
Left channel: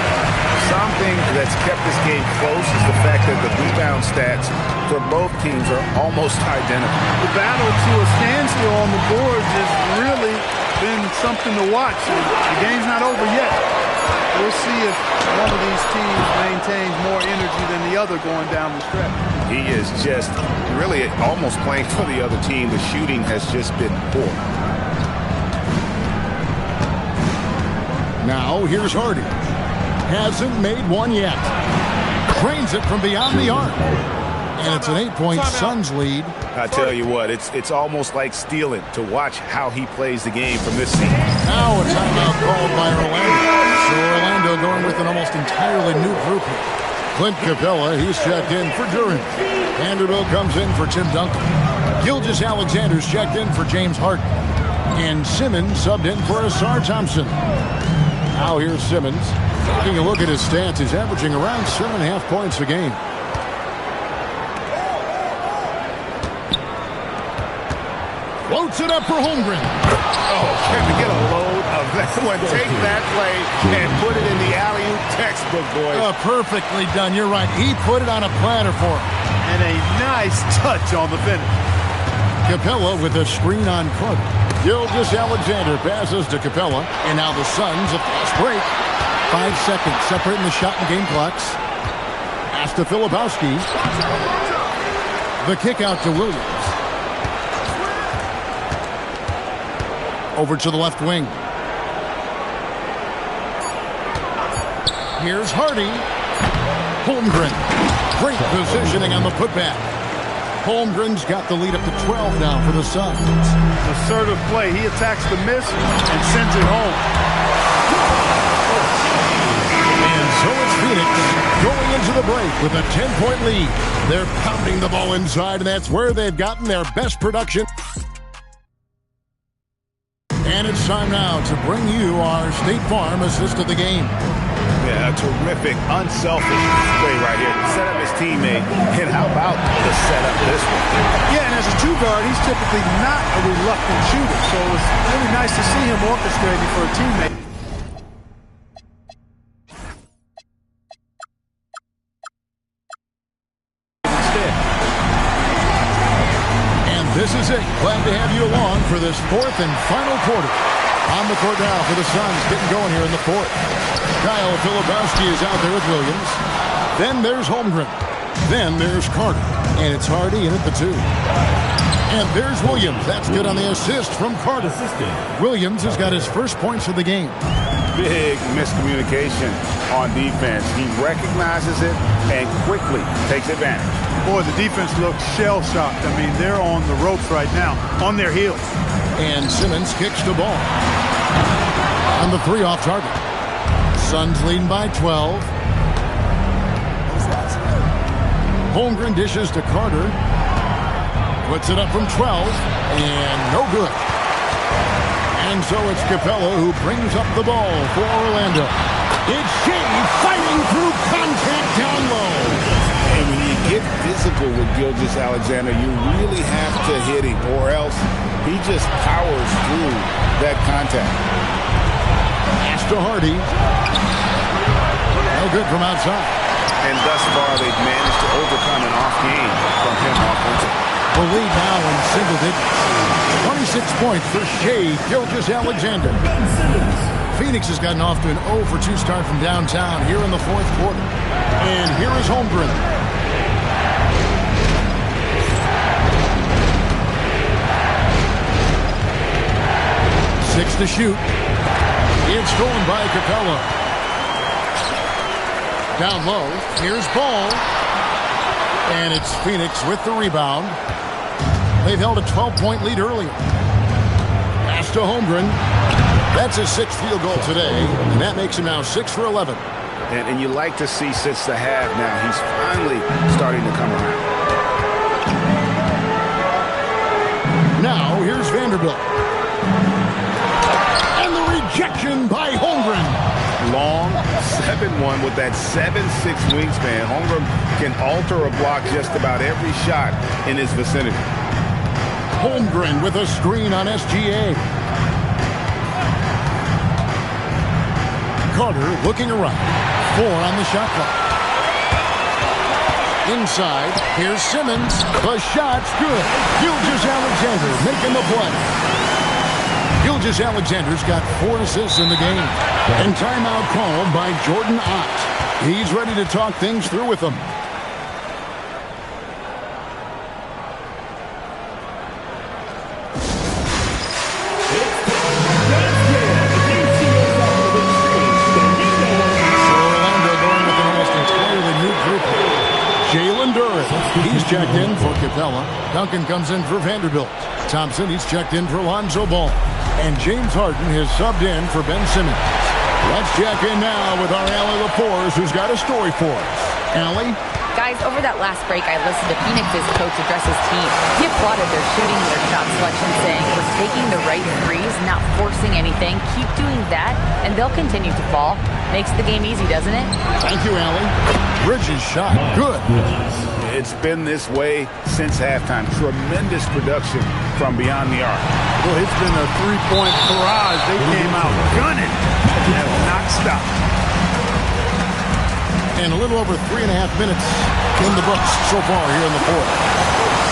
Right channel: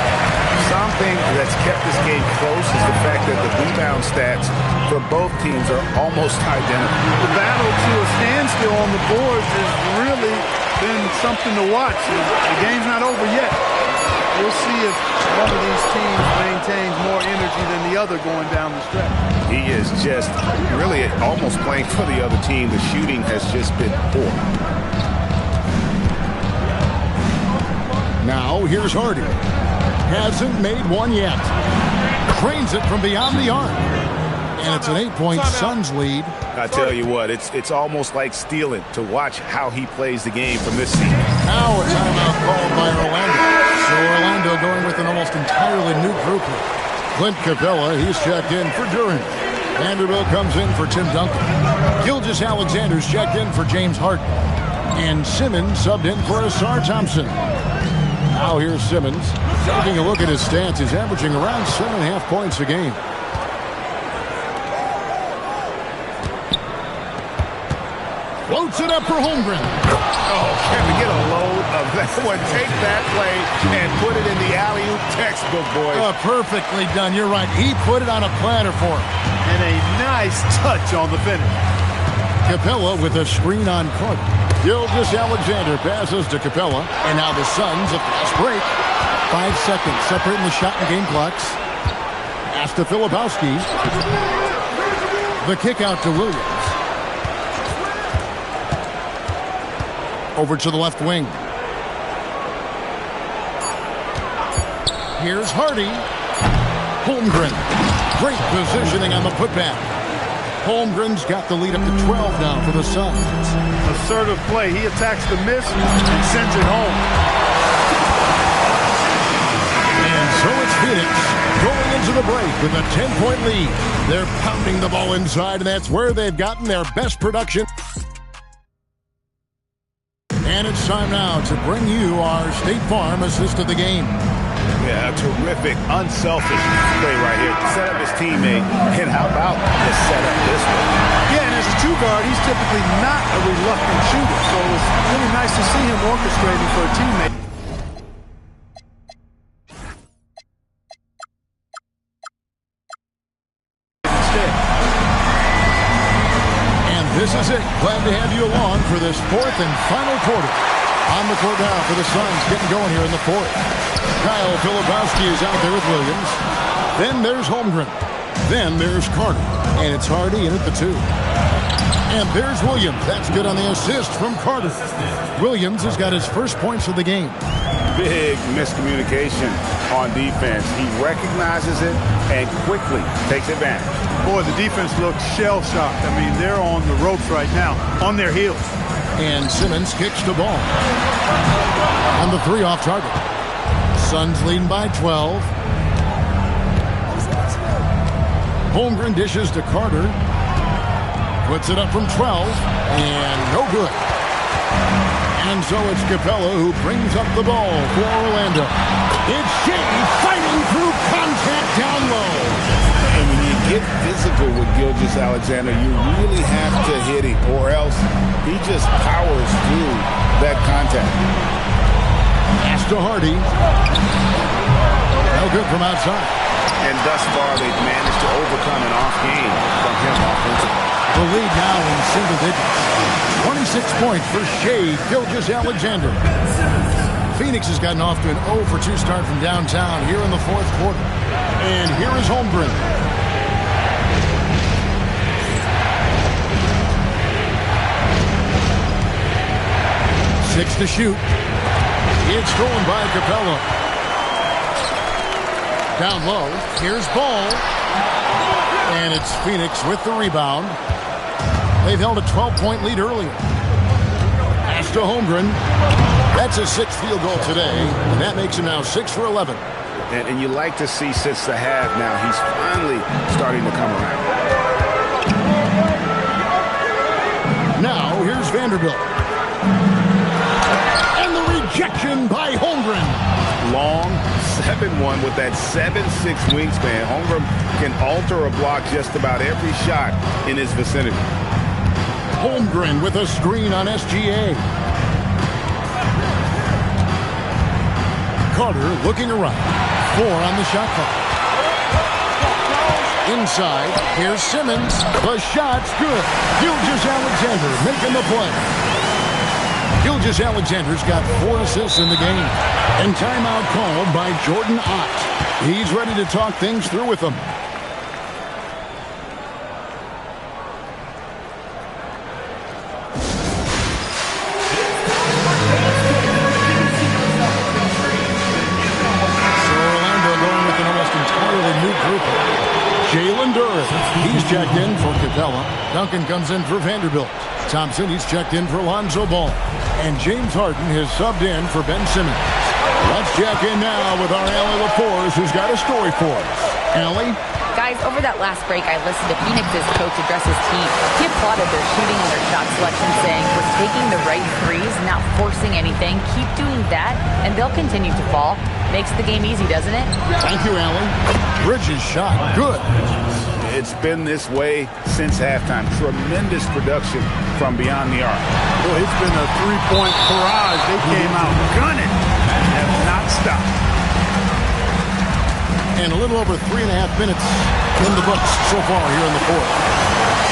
Something that's kept this game close is the fact that the rebound stats for both teams are almost identical. The battle to a standstill on the boards has really been something to watch. The game's not over yet. We'll see if one of these teams maintains more energy than the other going down the stretch. He is just really almost playing for the other team. The shooting has just been poor. Now here's Hardy. Hasn't made one yet. Trains it from beyond the arc. And it's an 8-point Suns lead. I tell you what, it's almost like stealing to watch how he plays the game from this seat. Now a timeout called by Orlando. So Orlando going with an almost entirely new group here. Clint Capella, he's checked in for Duran. Vanderbilt comes in for Tim Duncan. Gilgeous-Alexander's checked in for James Harden. And Simmons subbed in for Asar Thompson. Now here's Simmons. Taking a look at his stats, he's averaging around 7.5 points a game. Floats it up for Holmgren. Oh, can we get a load of that one? Take that play and put it in the alley-oop textbook, boys. Perfectly done. You're right. He put it on a platter for him. And a nice touch on the finish. Capella with a screen on Carter. Gilgeous-Alexander passes to Capella. And now the Suns a fast break. 5 seconds separating the shot and game clocks. Pass to Filipowski. The kick out to Williams. Over to the left wing. Here's Hardy. Holmgren. Great positioning on the putback. Holmgren's got the lead up to 12 now for the Suns. Assertive play. He attacks the miss and sends it home. And so it's Phoenix going into the break with a 10-point lead. They're pounding the ball inside, and that's where they've gotten their best production. And it's time now to bring you our State Farm assist of the game. Yeah, a terrific, unselfish play right here. Set up his teammate, and how about the setup this way? Yeah, and as a two-guard, he's typically not a reluctant shooter, so it was really nice to see him orchestrating for a teammate. Instead. And this is it. Glad to have you along for this fourth and final quarter. On the court now for the Suns, getting going here in the fourth. Kyle Filipowski is out there with Williams. Then there's Holmgren. Then there's Carter. And it's Hardy in at the 2. And there's Williams. That's good on the assist from Carter. Williams has got his first points of the game. Big miscommunication on defense. He recognizes it and quickly takes advantage. Boy, the defense looks shell-shocked. I mean, they're on the ropes right now, on their heels. And Simmons kicks the ball. On the 3 off target. Suns leading by 12. Holmgren dishes to Carter. Puts it up from 12. And no good. And so it's Capella who brings up the ball for Orlando. It's Shea fighting through contact down low. And when you get physical with Gilgeous-Alexander, you really have to hit him, or else he just powers through that contact. Pass to Hardy. No good from outside. And thus far, they've managed to overcome an off game from him offensively. The lead now in single digits. 26 points for Shea Gilgeous-Alexander. Phoenix has gotten off to an 0-for-2 start from downtown here in the 4th quarter. And here is Holmgren. Six to shoot. It's stolen by Capella. Down low. Here's Ball. And it's Phoenix with the rebound. They've held a 12-point lead earlier. Pass to Holmgren. That's his 6th field goal today, and that makes him now 6 for 11. And you like to see since the half now, he's finally starting to come around. Now, here's Vanderbilt. And the rejection by Holmgren. Long 7-1 with that 7'6" wingspan. Holmgren can alter a block just about every shot in his vicinity. Holmgren with a screen on SGA. Carter looking around. 4 on the shot clock. Inside, here's Simmons. The shot's good. Gilgeous-Alexander making the play. Gilgeous-Alexander's got 4 assists in the game. And timeout called by Jordan Ott. He's ready to talk things through with them. Jalen Duren, he's checked in for Capella. Duncan comes in for Vanderbilt. Thompson, he's checked in for Lonzo Ball. And James Harden has subbed in for Ben Simmons. Let's check in now with our Allie LaForce, who's got a story for us. Allie? Guys, over that last break, I listened to Phoenix's coach address his team. He applauded their shooting and their shot selection, saying, "We're taking the right threes, not forcing anything. Keep doing that, and they'll continue to fall." Makes the game easy, doesn't it? Thank you, Allie. Bridges shot. Good. It's been this way since halftime. Tremendous production from beyond the arc. Well, it's been a 3-point barrage. They came out gunning and have not stopped. And a little over 3.5 minutes in the books so far here in the 4th.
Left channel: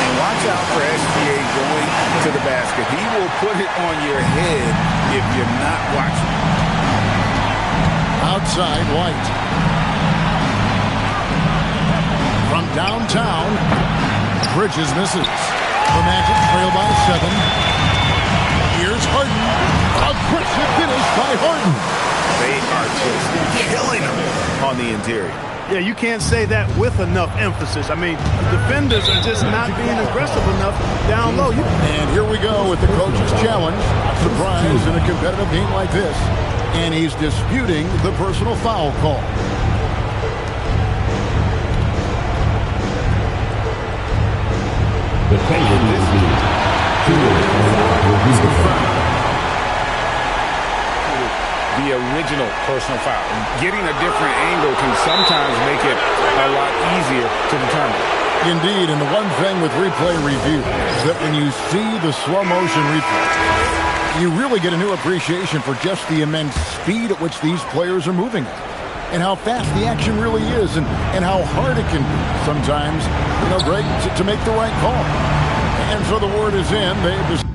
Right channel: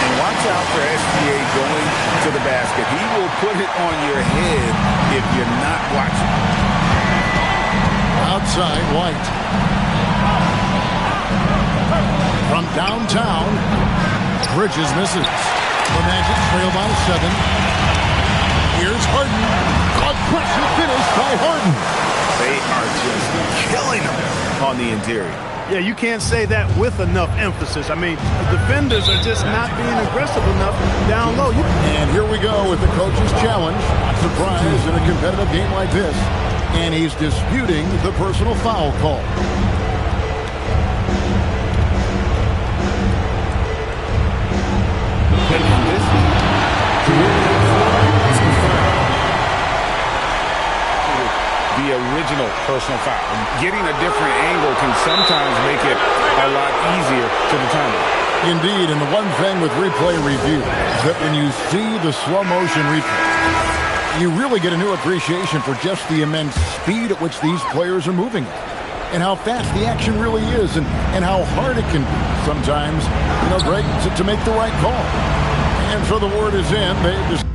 And watch out for SGA going to the basket. He will put it on your head if you're not watching. Outside, White. From downtown, Bridges misses. The Magic trail by 7. Here's Harden. Aggressive finish by Harden. They are just killing them on the interior. Yeah, you can't say that with enough emphasis. I mean, the defenders are just not being aggressive enough down low. And here we go with the coach's challenge. Not surprised in a competitive game like this. And he's disputing the personal foul call. He's confirmed the original personal foul. Getting a different angle can sometimes make it a lot easier to determine. Indeed, and the one thing with replay review is that when you see the slow motion replay, you really get a new appreciation for just the immense speed at which these players are moving at, and how fast the action really is, and how hard it can be sometimes, Greg, to make the right call. And so the word is in. They've just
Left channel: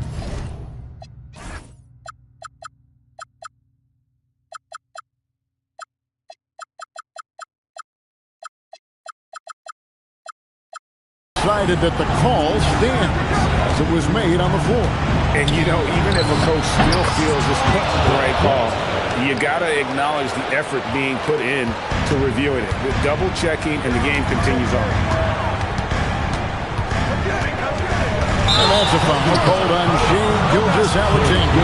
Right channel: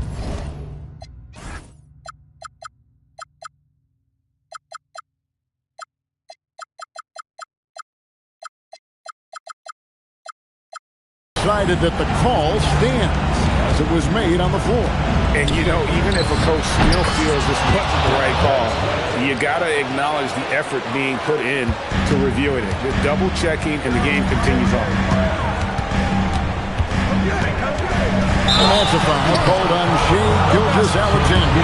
decided that the call stands as it was made on the floor. And, you know, even if a coach still feels this wasn't the right call, you got to acknowledge the effort being put in to reviewing it. The double checking, and the game continues on. And that's a foul called on Shea Gilgeous-Alexander.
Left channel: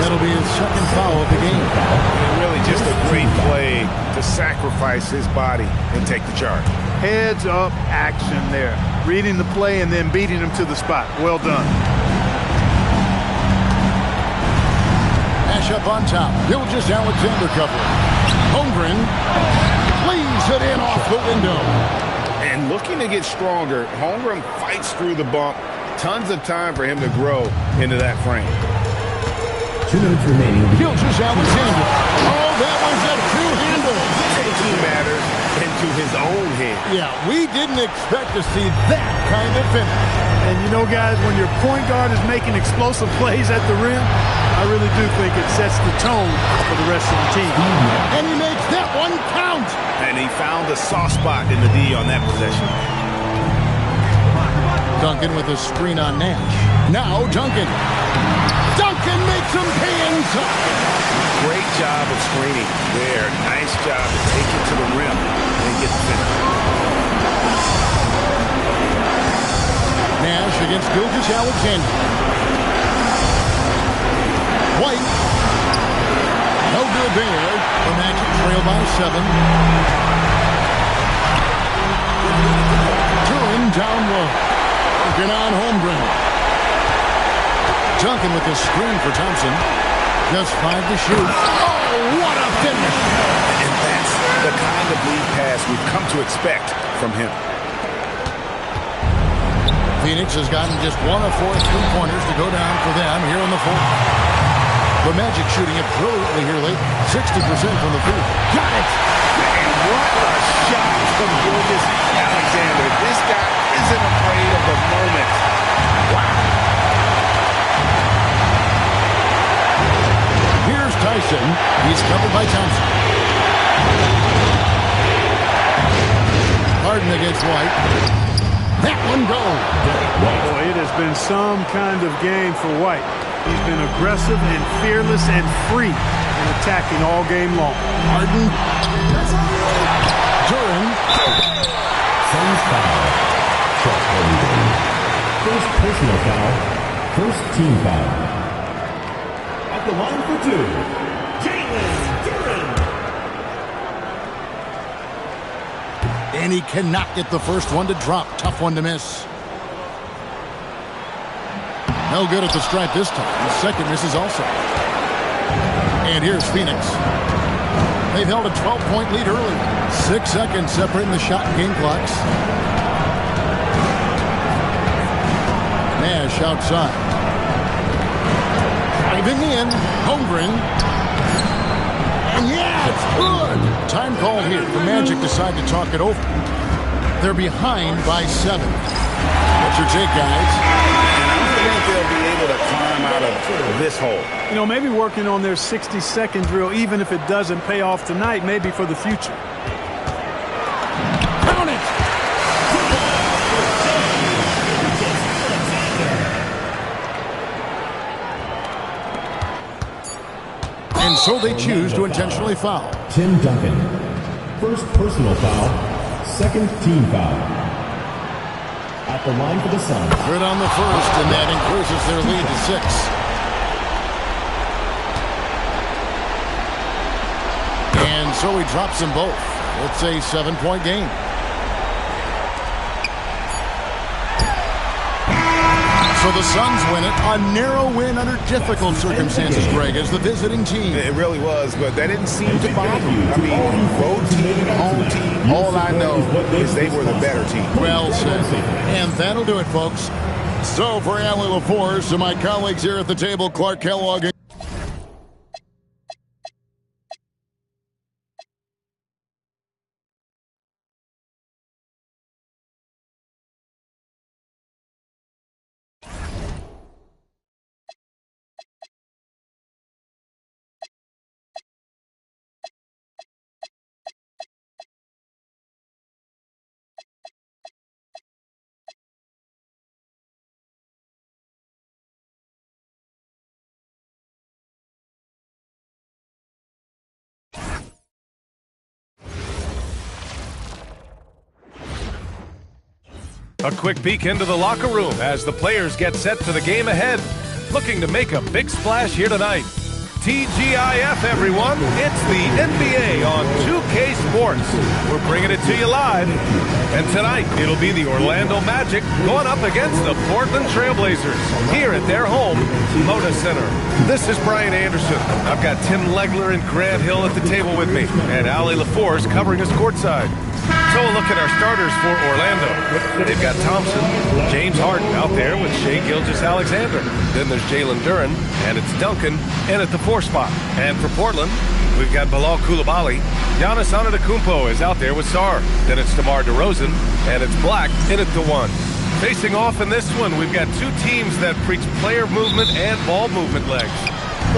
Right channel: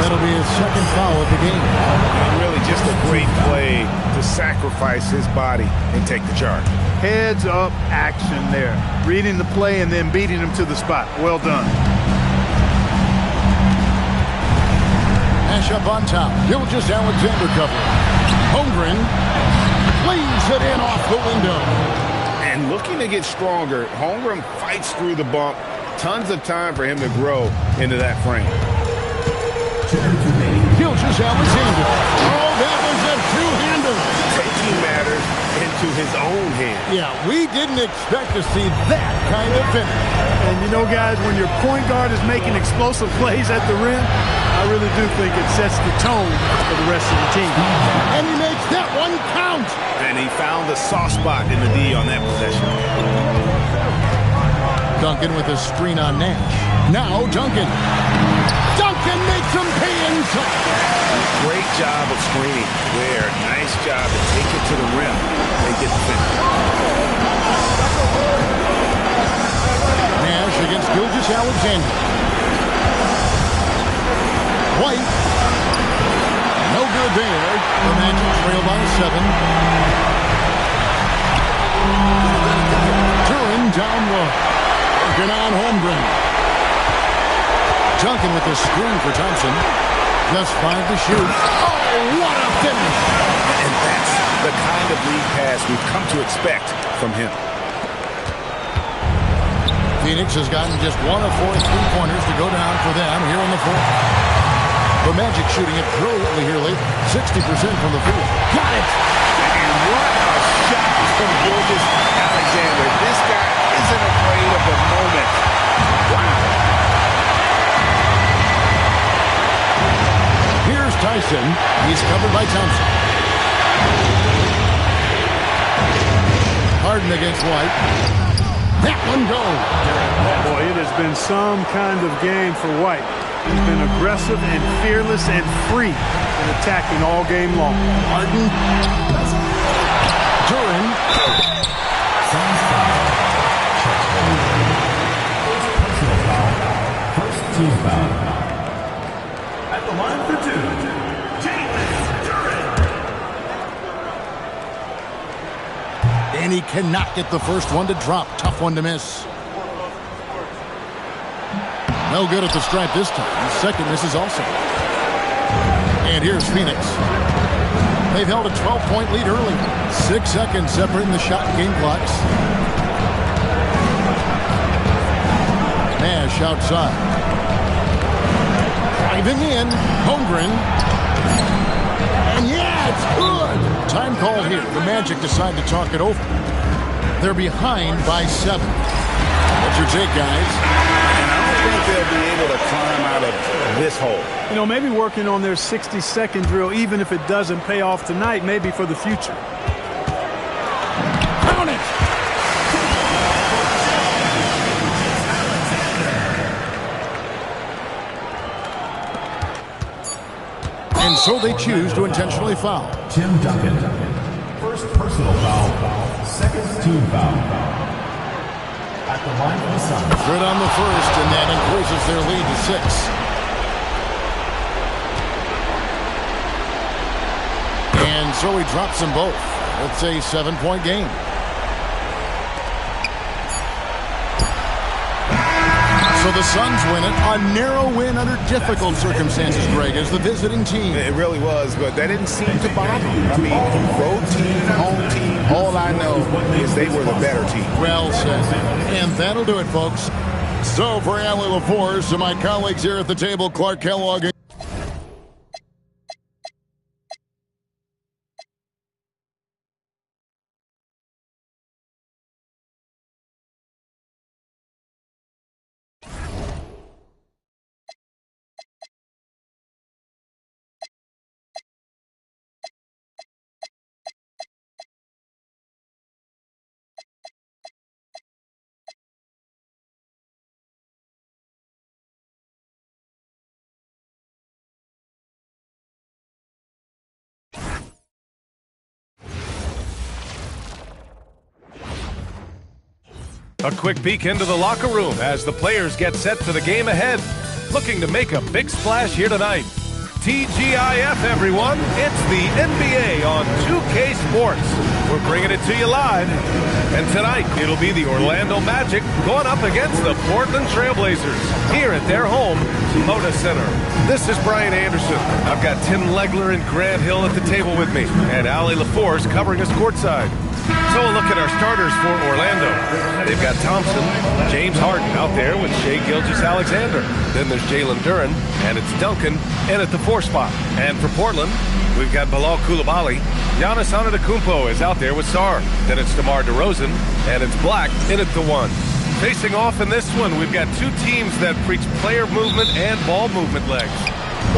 That'll be his second foul of the game. And really just a great play to sacrifice his body and take the charge. Heads up action there. Reading the play and then beating him to the spot. Well done. Nash up on top. Gilgeous-Alexander covering. Holmgren lays it in off the window. And looking to get stronger, Holmgren fights through the bump. Tons of time for him to grow into that frame. 2 minutes remaining. Gilgeous-Alexander. Oh, that was a two-hander. Taking matters into his own hands. Yeah, we didn't expect to see that kind of finish. And you know, guys, when your point guard is making explosive plays at the rim, I really do think it sets the tone for the rest of the team. And he makes that one count. And he found the soft spot in the D on that possession. Duncan with a screen on Nash. Now Duncan. Duncan makes him pay inside. Great job of screening there. Nice job to take it to the rim and get the finish. Nash against Gilgeous-Alexander. White. No good there. The Magic trail by 7. Duran down low. Working on Holmgren. Duncan with the screen for Thompson. Just 5 to shoot. Oh, what a finish! And that's the kind of lead pass we've come to expect from him. Phoenix has gotten just 1 of 4 3-pointers to go down for them here on the fourth. The Magic shooting it brilliantly here late. 60% from the field. Got it! And what a shot from Gilgeous-Alexander. This guy isn't afraid of the moment. Wow. Here's Tyson. He's covered by Thompson. Harden against White. That one goes. Boy, it has been some kind of game for White. He's been aggressive and fearless and free in attacking all game long. Harden. Duran. Suns foul. First personal foul. First team foul. At the line for 2, Jalen Duran. And he cannot get the first one to drop. Tough one to miss. No good at the stripe this time. The second misses also. And here's Phoenix. They've held a 12-point lead early. 6 seconds separating the shot and game clocks. Nash outside. Driving in. Holmgren. And yeah, it's good. Time called here. The Magic decide to talk it over. They're behind by 7. What's your take, guys? And I don't think they'll be able to climb out of this hole. You know, maybe working on their 60-second drill, even if it doesn't pay off tonight, maybe for the future. Count it! And so they choose to intentionally foul. Tim Duncan. First personal foul. Second team foul. At the line for the Suns. Good on the first, and that increases their lead to 6. And so he drops them both. It's a 7-point game. So the Suns win it. A narrow win under difficult circumstances, Greg, as the visiting team. It really was, but that didn't seem to bother them. I mean, road team, home team, all I know is they were the better team. Well said. And that'll do it, folks. So for Allie LaForce and my colleagues here at the table, Clark Kellogg. A quick peek into the locker room as the players get set for the game ahead. Looking to make a big splash here tonight. TGIF, everyone. It's the NBA on 2K Sports. We're bringing it to you live. And tonight, it'll be the Orlando Magic going up against the Portland Trailblazers here at their home, Moda Center. This is Brian Anderson. I've got Tim Legler and Grant Hill at the table with me, and Allie LaForce covering us courtside. So a look at our starters for Orlando. They've got Thompson, James Harden out there with Shai Gilgeous-Alexander. Then there's Jalen Duren, and it's Duncan in at the 4 spot. And for Portland, we've got Bilal Coulibaly. Giannis Antetokounmpo is out there with Sarr. Then it's DeMar DeRozan, and it's Black in at the 1. Facing off in this one, we've got two teams that preach player movement and ball movement legs.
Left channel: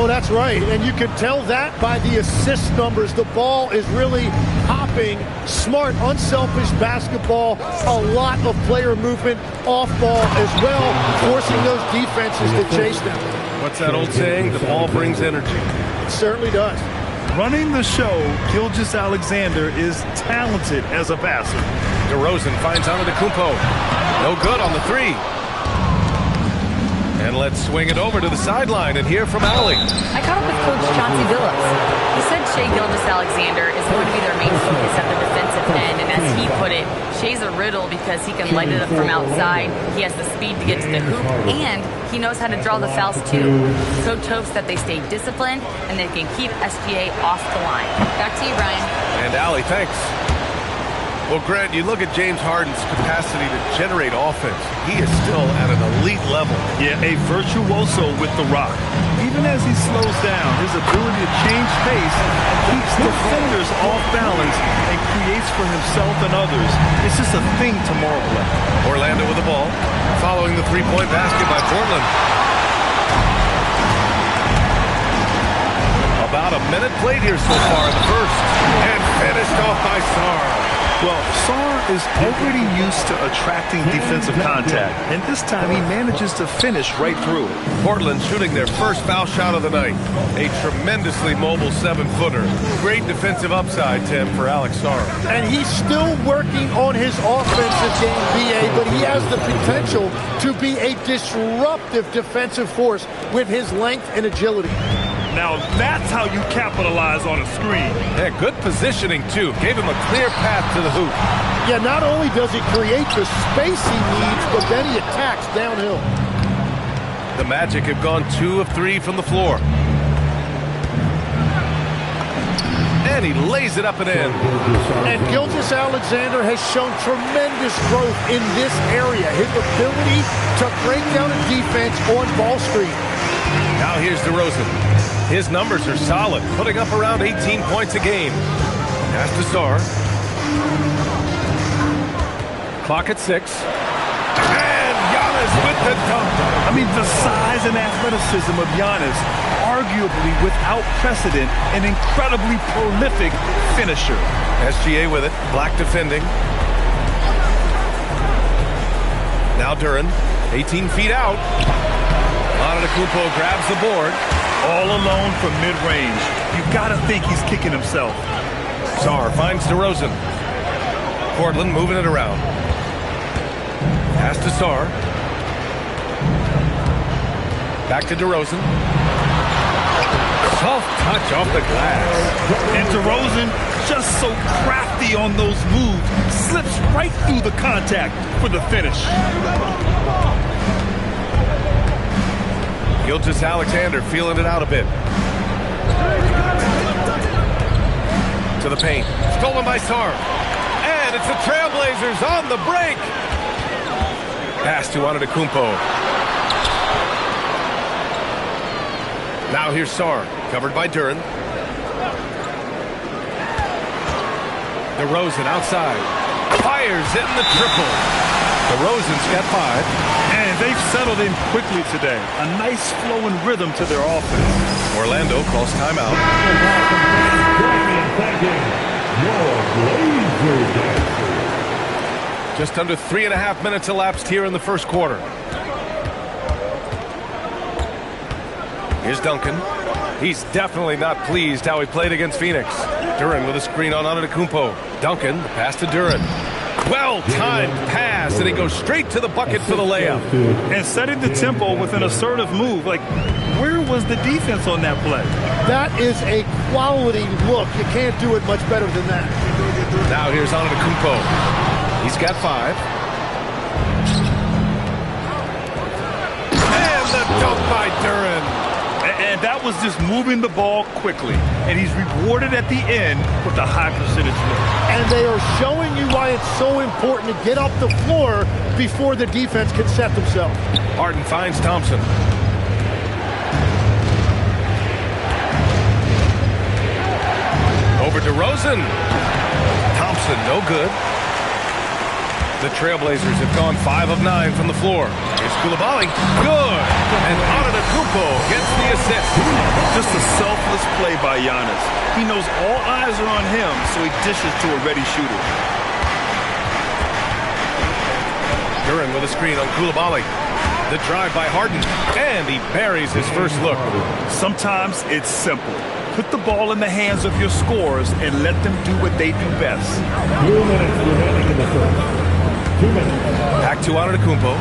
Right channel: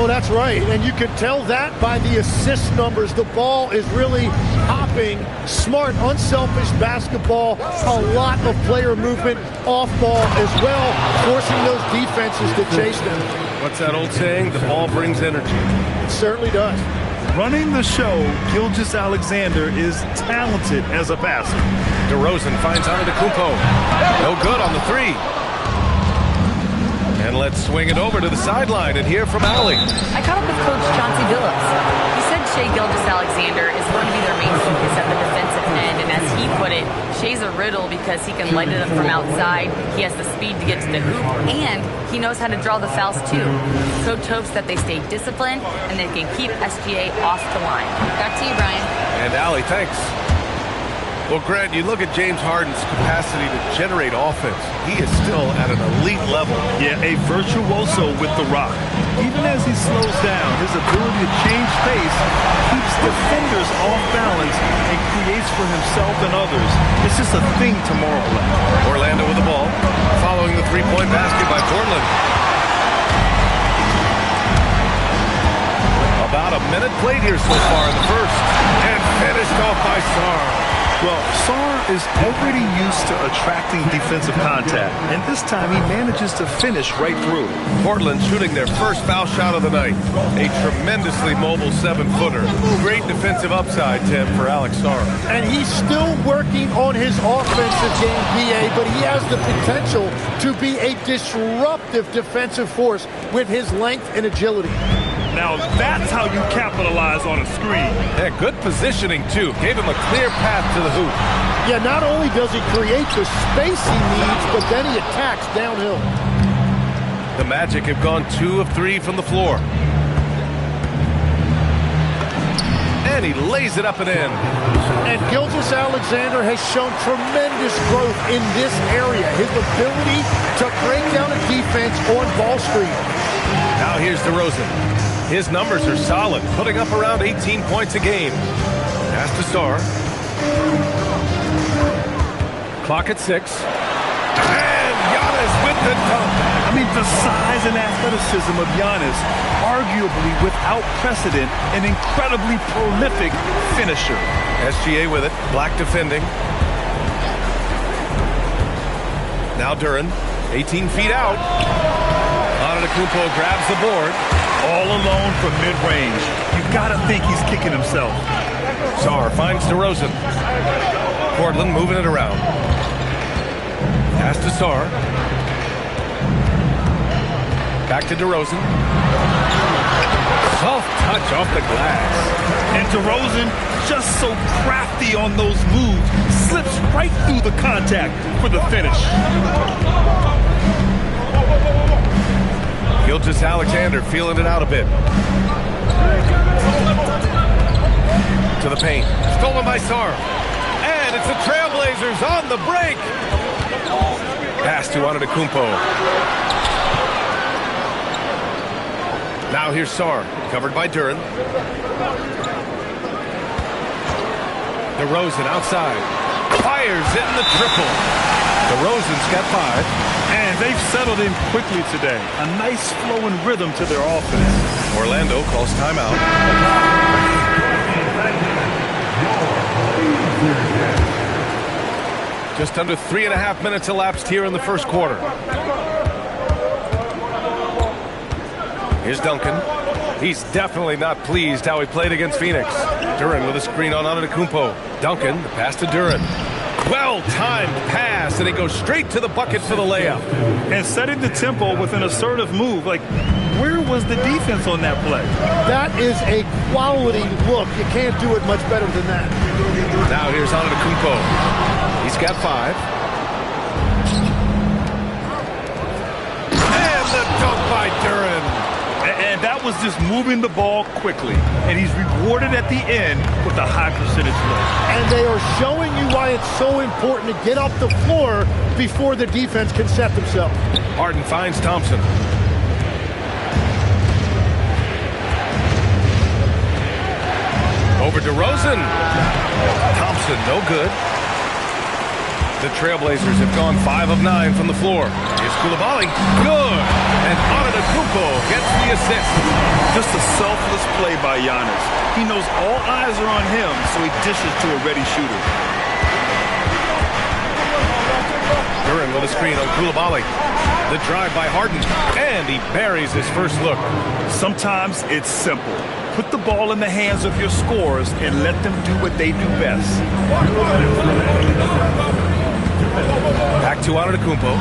Oh, that's right. And you can tell that by the assist numbers. The ball is really hopping. Smart, unselfish basketball. A lot of player movement off ball as well, forcing those defenses to chase them. What's that old saying? The ball brings energy. It certainly does. Running the show, Gilgeous-Alexander is talented as a passer. DeRozan finds Antetokounmpo. No good on the 3. And let's swing it over to the sideline and hear from Allie. I caught up with Coach Chauncey Billups. He said Shai Gilgeous-Alexander is going to be their main focus at the defensive end. And as he put it, Shai's a riddle because he can light it up from outside. He has the speed to get to the hoop, and he knows how to draw the fouls too. Coach hopes that they stay disciplined and they can keep SGA off the line. Back to you, Brian. And Allie, thanks. Well, Grant, you look at James Harden's capacity to generate offense. He is still at an elite level. Yeah, a virtuoso with the rock. Even as he slows down, his ability to change pace keeps defenders off balance and creates for himself and others. It's just a thing to marvel at. Orlando with the ball, following the three-point basket by Portland. About a minute played here so far in the first. And finished off by Sarr. Well, Sarr is already used to attracting defensive contact, and this time he manages to finish right through. Portland shooting their first foul shot of the night. A tremendously mobile 7-footer. Great defensive upside, Tim, for Alex Sarr. And he's still working on his offensive game, BA, but he has the potential to be a disruptive defensive force with his length and agility. Now that's how you capitalize on a screen. Yeah, good positioning, too. Gave him a clear path to the hoop. Yeah, not only does he create the space he needs, but then he attacks downhill. The Magic have gone 2 of 3 from the floor. And he lays it up and in. And Gilgeous-Alexander has shown tremendous growth in this area. His ability to break down a defense on ball screen. Now here's DeRozan. His numbers are solid, putting up around 18 points a game. Pass to Sarr. Clock at 6. And Giannis with the dunk. I mean, the size and athleticism of Giannis, arguably without precedent, an incredibly prolific finisher. SGA with it. Black defending. Now Duren, 18 feet out. Antetokounmpo grabs the board. All alone from mid-range. You've got to think he's kicking himself. Sarr finds DeRozan. Portland moving it around. Pass to Sarr. Back to DeRozan. Soft touch off the glass. And DeRozan, just so crafty on those moves, slips right through the contact for the finish. Gilgeous-Alexander feeling it out a bit. To the paint. Stolen by Sarr. And it's the Trailblazers on the break. Pass to Antetokounmpo. Now here's Sarr. Covered by Duren. DeRozan outside. Fires in the triple. DeRozan's got 5. And they've settled in quickly today. A nice flowing rhythm to their offense. Orlando calls timeout. Just under 3.5 minutes elapsed here in the first quarter. Here's Duncan. He's definitely not pleased how he played against Phoenix. Duren with a screen on Antetokounmpo. Duncan, the pass to Duren. Well-timed pass, and he goes straight to the bucket for the layup. And setting the tempo with an assertive move. Like, where was the defense on that play? That is a quality look. You can't do it much better than that. Now here's Antetokounmpo. He's got 5. And the dunk by Duren. And that was just moving the ball quickly. And he's rewarded at the end with a high percentage look. And they are showing you why it's so important to get off the floor before the defense can set themselves. Harden finds Thompson. Over to Rosen. Thompson, no good. The Trailblazers have gone 5 of 9 from the floor. Here's Coulibaly. Good. And Antetokounmpo gets the assist. Just a selfless play by Giannis. He knows all eyes are on him, so he dishes to a ready shooter. Duren with a screen on Coulibaly. The drive by Harden. And he buries his first look. Sometimes it's simple. Put the ball in the hands of your scorers and let them do what they do best. Back to Antetokounmpo.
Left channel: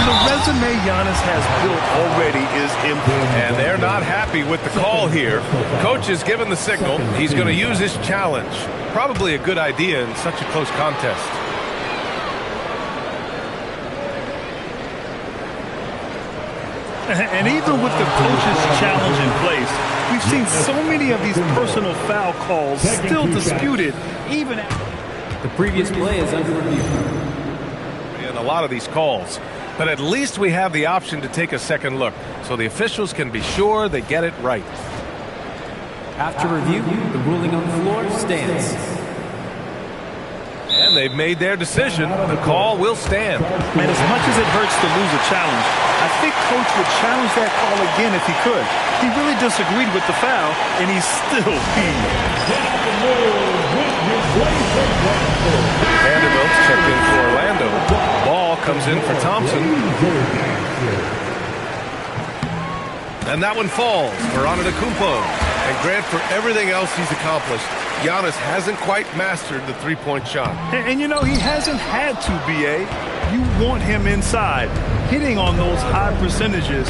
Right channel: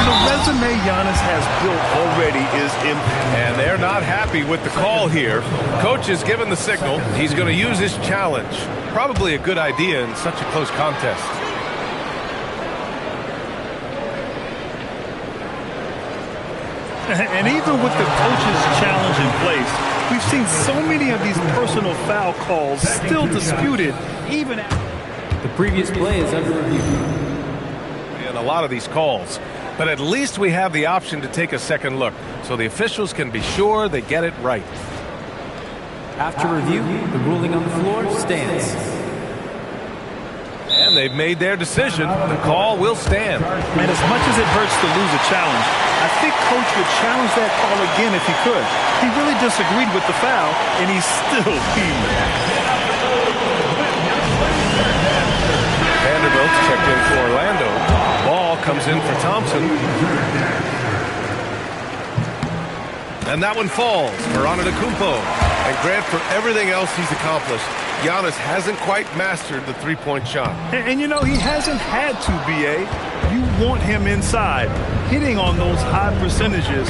The resume Giannis has built already is impressive. And they're not happy with the call here. Coach has given the signal. He's going to use his challenge. Probably a good idea in such a close contest. And even with the coach's challenge in place, we've seen so many of these personal foul calls still disputed, even after. The previous play is under review. And a lot of these calls. But at least we have the option to take a second look, so the officials can be sure they get it right. After review, the ruling on the floor stands. And they've made their decision. The call will stand. And as much as it hurts to lose a challenge, I think Coach would challenge that call again if he could. He really disagreed with the foul, and he's still peeved. Vanderbilt's checked in for Orlando. Ball comes in for Thompson. And that one falls for Antetokounmpo. And Grant, for everything else he's accomplished, Giannis hasn't quite mastered the three-point shot. And you know, he hasn't had to, B.A. You want him inside, hitting on those high percentages,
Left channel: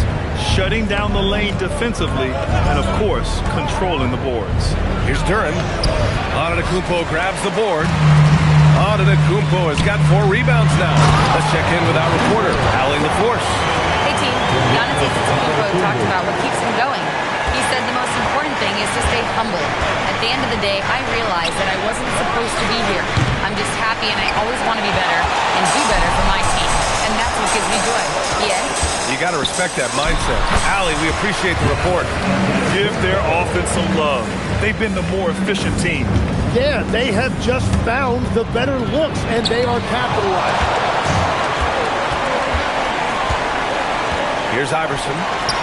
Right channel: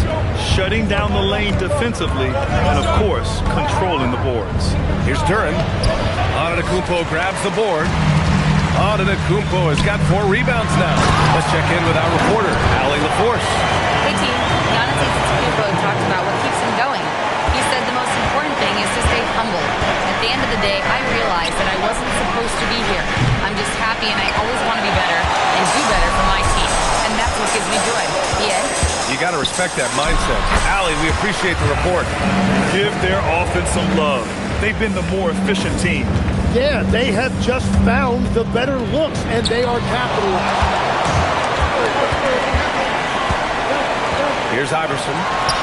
shutting down the lane defensively, and, of course, controlling the boards. Here's Duren. Antetokounmpo grabs the board. Antetokounmpo has got 4 rebounds now. Let's check in with our reporter, Allie LaForce. Hey, team. Giannis Antetokounmpo talked about what keeps him going. He said the most important thing is to stay humble. At the end of the day, I realized that I wasn't supposed to be here. I'm just happy, and I always want to be better and do better for my team. And that's what gives me joy. Yeah. You got to respect that mindset. Allie, we appreciate the report. Give their offense some love. They've been the more efficient team. Yeah, they have just found the better looks, and they are capitalizing. Here's Iverson,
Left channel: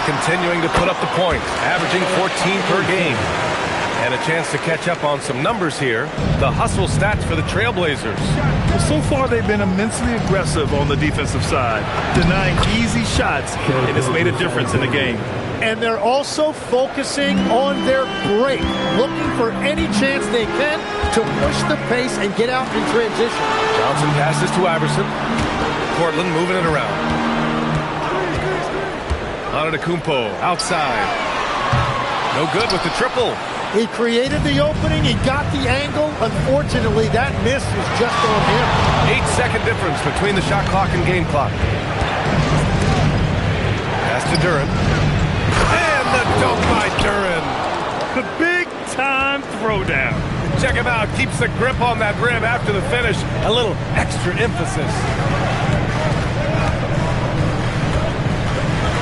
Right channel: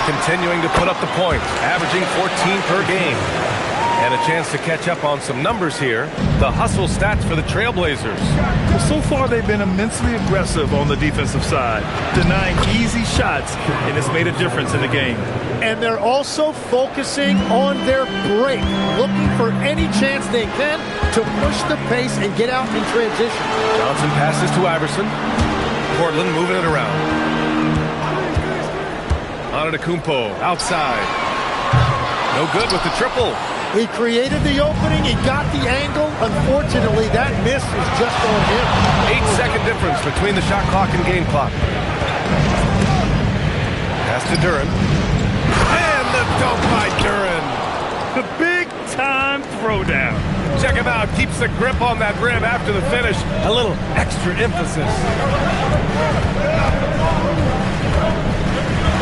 continuing to put up the points, averaging 14 per game. And a chance to catch up on some numbers here. The hustle stats for the Trailblazers. Well, so far they've been immensely aggressive on the defensive side, denying easy shots, and it's made a difference in the game. And they're also focusing on their break, looking for any chance they can to push the pace and get out in transition. Johnson passes to Iverson. Portland moving it around. Antetokounmpo outside. No good with the triple. He created the opening. He got the angle. Unfortunately, that miss is just on him. 8-second difference between the shot clock and game clock. Pass to Duren. And the dunk by Duren. The big-time throwdown. Check him out. Keeps the grip on that rim after the finish. A little extra emphasis.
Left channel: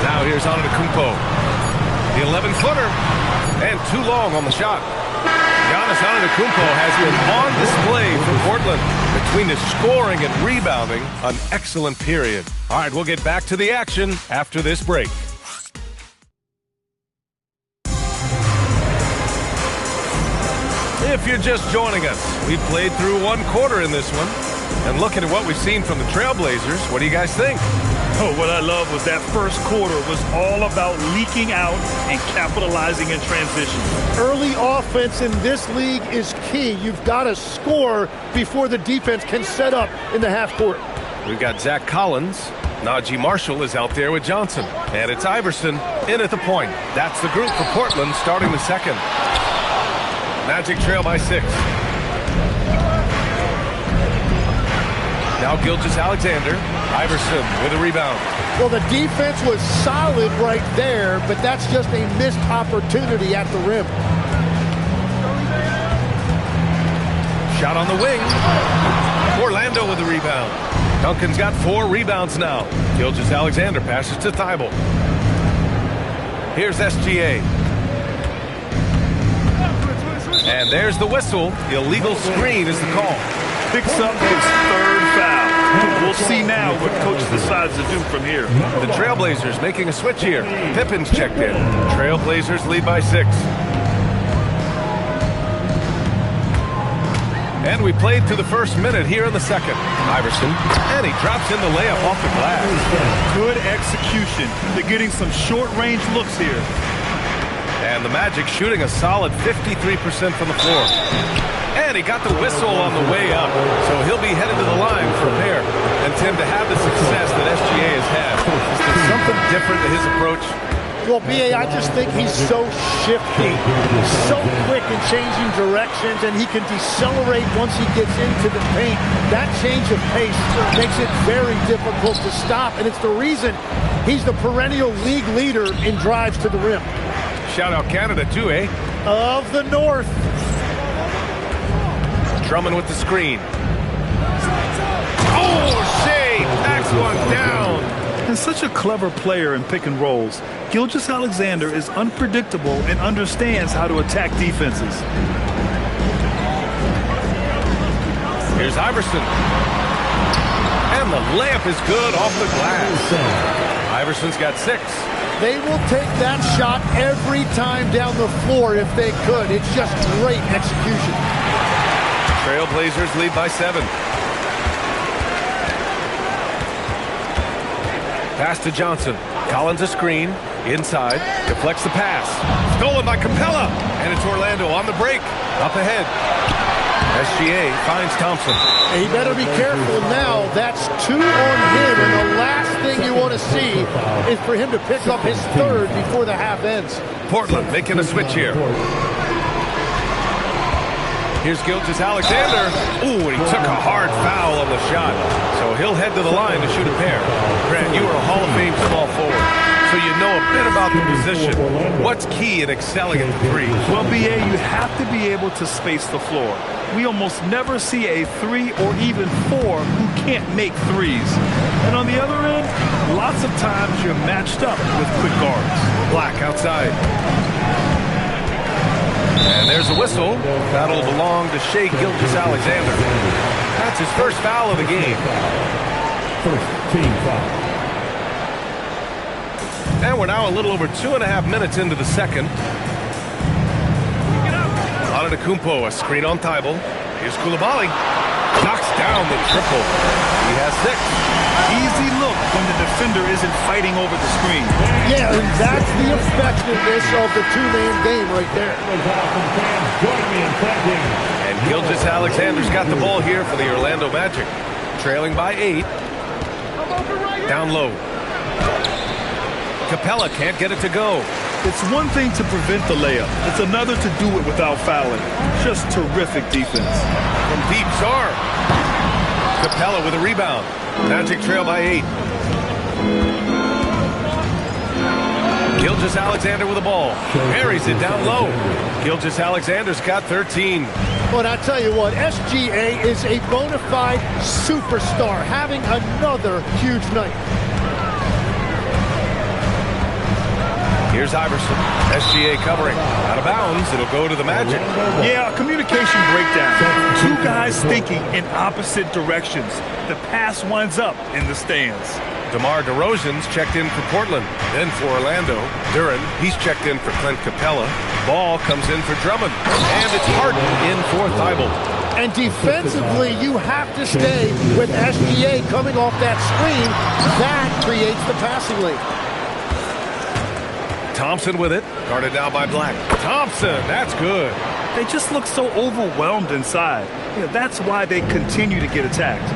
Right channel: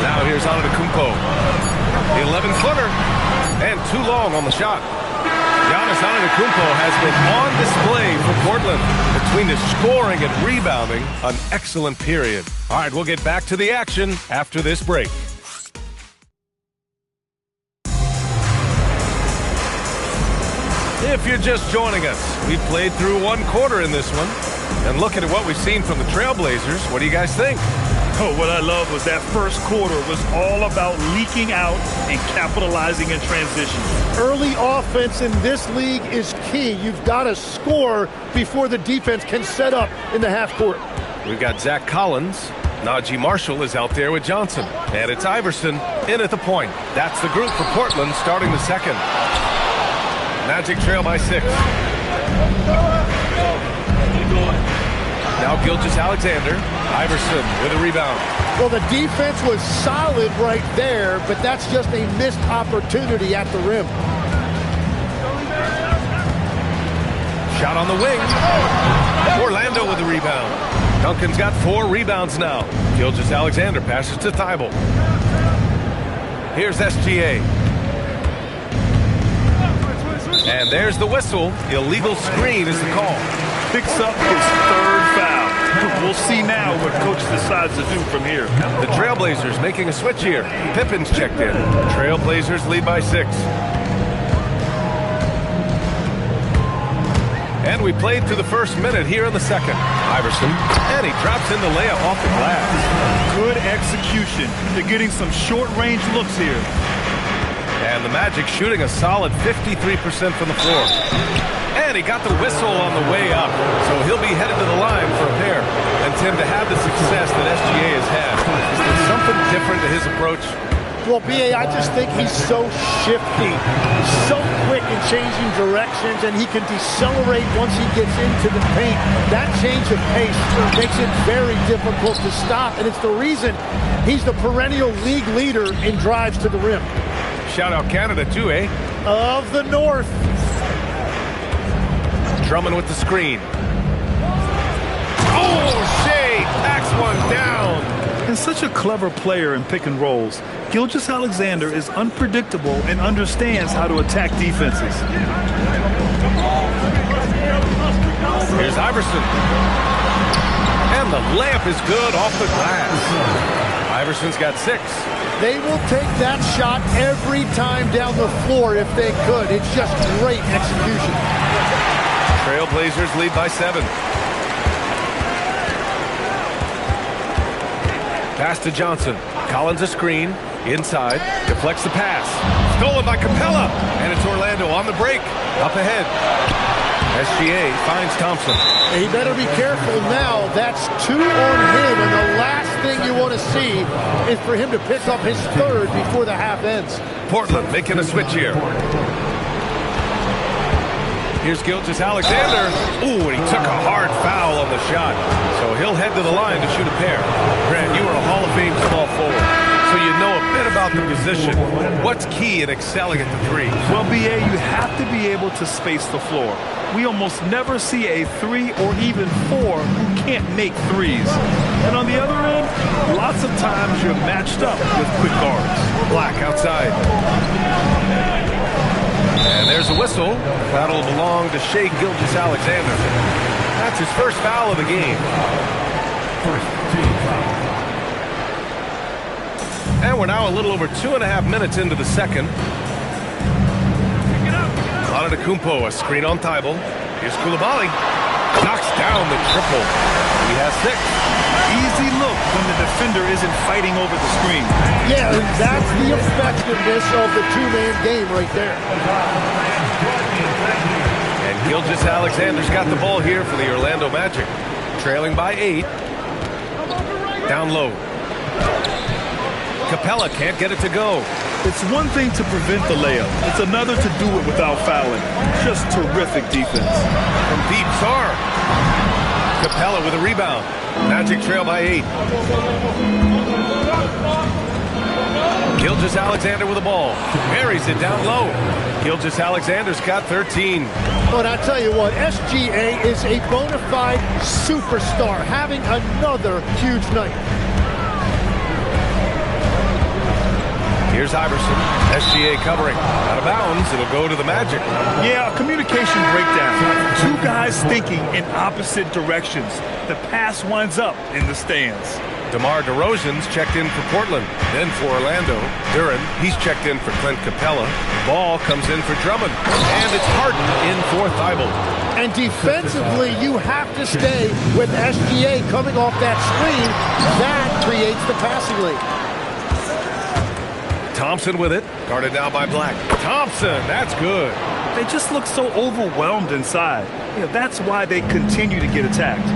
Now here's Antetokounmpo. The 11-footer. And too long on the shot. Giannis Antetokounmpo has been on display for Portland. Between his scoring and rebounding, an excellent period. All right, we'll get back to the action after this break. If you're just joining us, we've played through one quarter in this one. And looking at what we've seen from the Trailblazers, what do you guys think? Oh, what I love was that first quarter was all about leaking out and capitalizing in transition. Early offense in this league is key. You've got to score before the defense can set up in the half court. We've got Zach Collins. Najee Marshall is out there with Johnson. And it's Iverson in at the point. That's the group for Portland starting the second. Magic trail by 6. Now Gilgeous-Alexander. Iverson with a rebound. Well, the defense was solid right there, but that's just a missed opportunity at the rim. Shot on the wing. Orlando with the rebound. Duncan's got 4 rebounds now. Gilgeous-Alexander passes to Thibault. Here's SGA. And there's the whistle. Illegal screen is the call. Picks up his 3rd foul. We'll see now what coach decides to do from here. The Trailblazers making a switch here. Pippen's checked in. Trailblazers lead by 6. And we played through the first minute here in the second. Iverson, and he drops in the layup off the glass. Good execution. They're getting some short-range looks here. And the Magic shooting a solid 53% from the floor. And he got the whistle on the way up. So he'll be headed to the line for a pair. And Tim, to have the success that SGA has had, is there something different to his approach? Well, B.A., I just think he's so shifty. He's so quick in changing directions, and he can decelerate once he gets into the paint. That change of pace makes it very difficult to stop, and it's the reason he's the perennial league leader in drives to the rim. Shout out Canada too, eh? Of the North. Drummond with the screen. Oh, Shea backs one down. And such a clever player in pick and rolls, Gilgeous-Alexander is unpredictable and understands how to attack defenses. Here's Iverson. And the layup is good off the glass. Iverson's got 6. They will take that shot every time down the floor if they could. It's just great execution. Trailblazers lead by 7. Pass to Johnson. Collins a screen. Inside. Deflects the pass. Stolen by Capella. And it's Orlando on the break. Up ahead. SGA finds Thompson. He better be careful now. That's 2 on him. And the last thing you want to see is for him to pick up his 3rd before the half ends. Portland making a switch here. Here's Gilgeous-Alexander. Ooh, and he took a hard foul on the shot. So he'll head to the line to shoot a pair. Grant, you are a Hall of Fame small forward, so you know a bit about the position. What's key in excelling at the 3? Well, B.A., you have to be able to space the floor. We almost never see a 3 or even 4 who can't make 3s. And on the other end, lots of times you're matched up with quick guards. Black outside. And there's a whistle. That'll belong to Shea Gilgeous-Alexander. That's his first foul of the game. First team foul. And we're now a little over 2.5 minutes into the second. Antetokounmpo, a screen on Thibault. Here's Coulibaly. Knocks down the triple. He has 6. Easy look when the defender isn't fighting over the screen. Yeah, and that's the effectiveness of the 2-man game right there. And Gilgeous-Alexander's got the ball here for the Orlando Magic. Trailing by 8. Down low. Capella can't get it to go. It's one thing to prevent the layup. It's another to do it without fouling. Just terrific defense. From deep, Sarr. Capella with a rebound. Magic trail by 8. Gilgeous-Alexander with the ball. Buries it down low. Gilgeous-Alexander's got 13. But I tell you what, SGA is a bona fide superstar, having another huge night. Here's Iverson. SGA covering. Out of bounds. It'll go to the Magic. Yeah, a communication breakdown. 2 guys thinking in opposite directions. The pass winds up in the stands. DeMar DeRozan's checked in for Portland. Then for Orlando. Duren, he's checked in for Clint Capella. Ball comes in for Drummond. And it's Harden in for Thibault. And defensively, you have to stay with SGA coming off that screen. That creates the passing lane. Thompson with it. Guarded now by Black. Thompson, that's good. They just look so overwhelmed inside. That's why they continue to get attacked.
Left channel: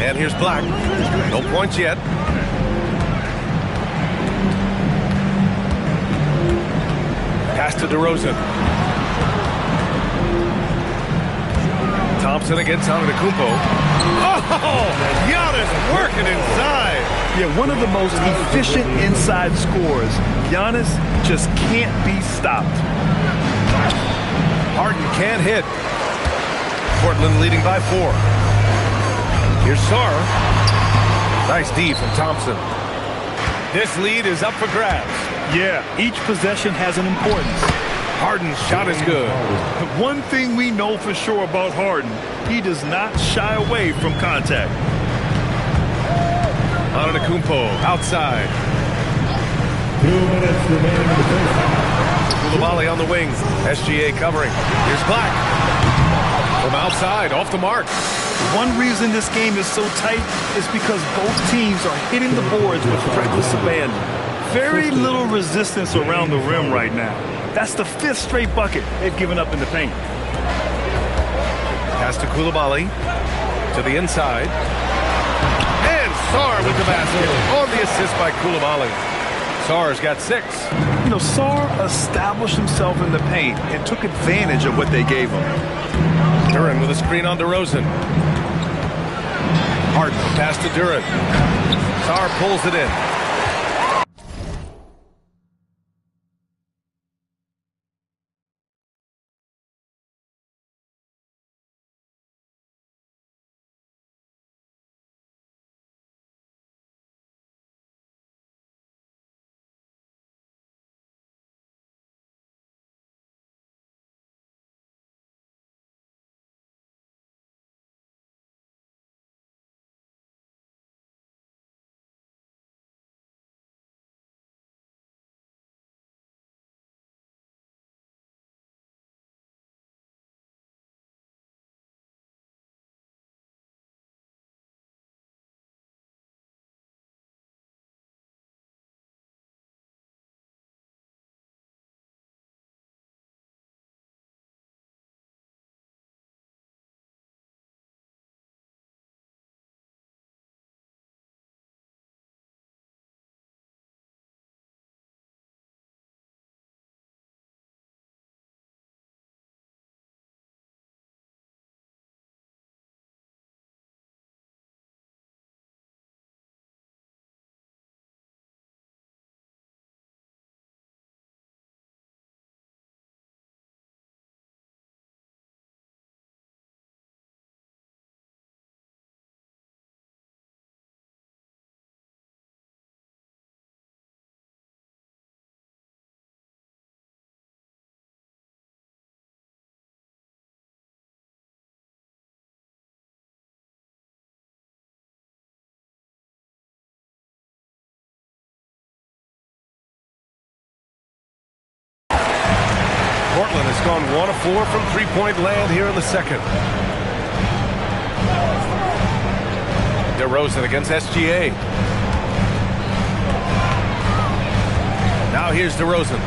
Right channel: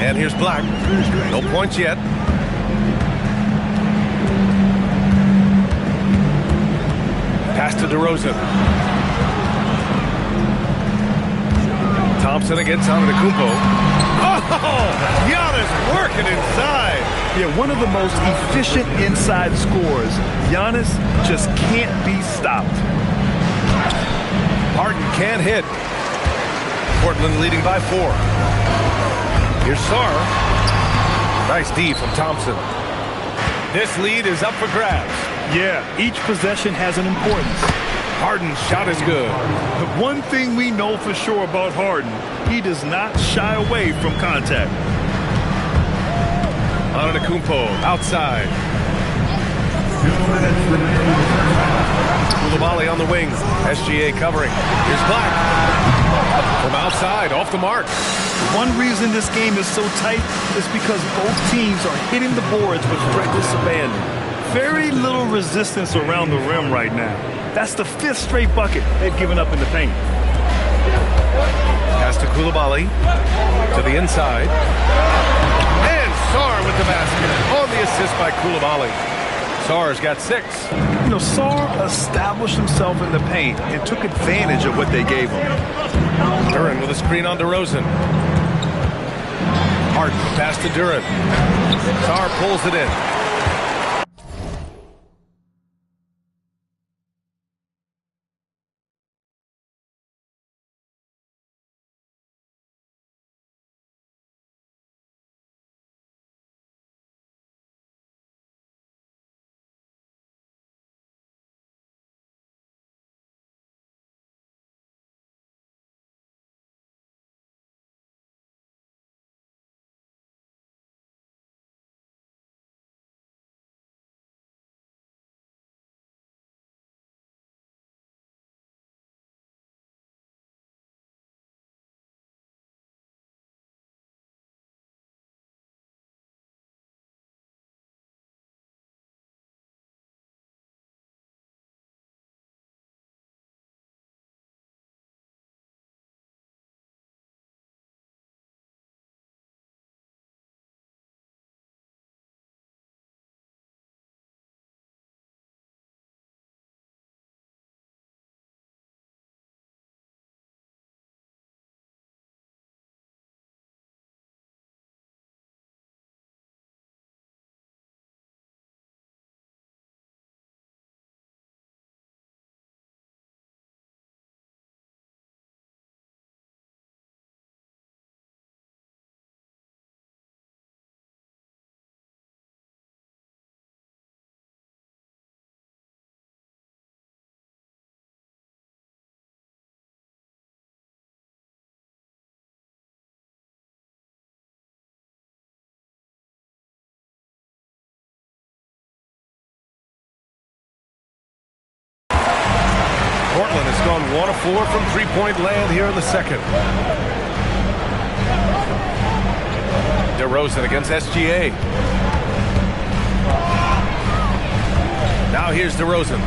And here's Black. No points yet. Pass to DeRozan. Thompson against Antetokounmpo. Oh, Giannis working inside. Yeah, one of the most efficient inside scorers. Giannis just can't be stopped. Harden can't hit. Portland leading by 4. Here's Sarr. Nice D from Thompson. This lead is up for grabs. Yeah, each possession has an importance. Harden's shot is good. One thing we know for sure about Harden, he does not shy away from contact. Antetokounmpo outside. 2 minutes remaining in the first half. Koulibaly on the wing. SGA covering. Here's Black. From outside, off the mark. One reason this game is so tight is because both teams are hitting the boards with reckless abandon. Very little resistance around the rim right now. That's the 5th straight bucket they've given up in the paint. Pass to Koulibaly. To the inside. And Sarr with the basket. On the assist by Koulibaly. Sarr's got 6. Sarr established himself in the paint and took advantage of what they gave him. Duren with a screen on DeRozan. Harden, pass to Duren. Sarr pulls it in. Portland has gone 1 of 4 from three-point land here in the second. DeRozan against SGA. Now here's DeRozan.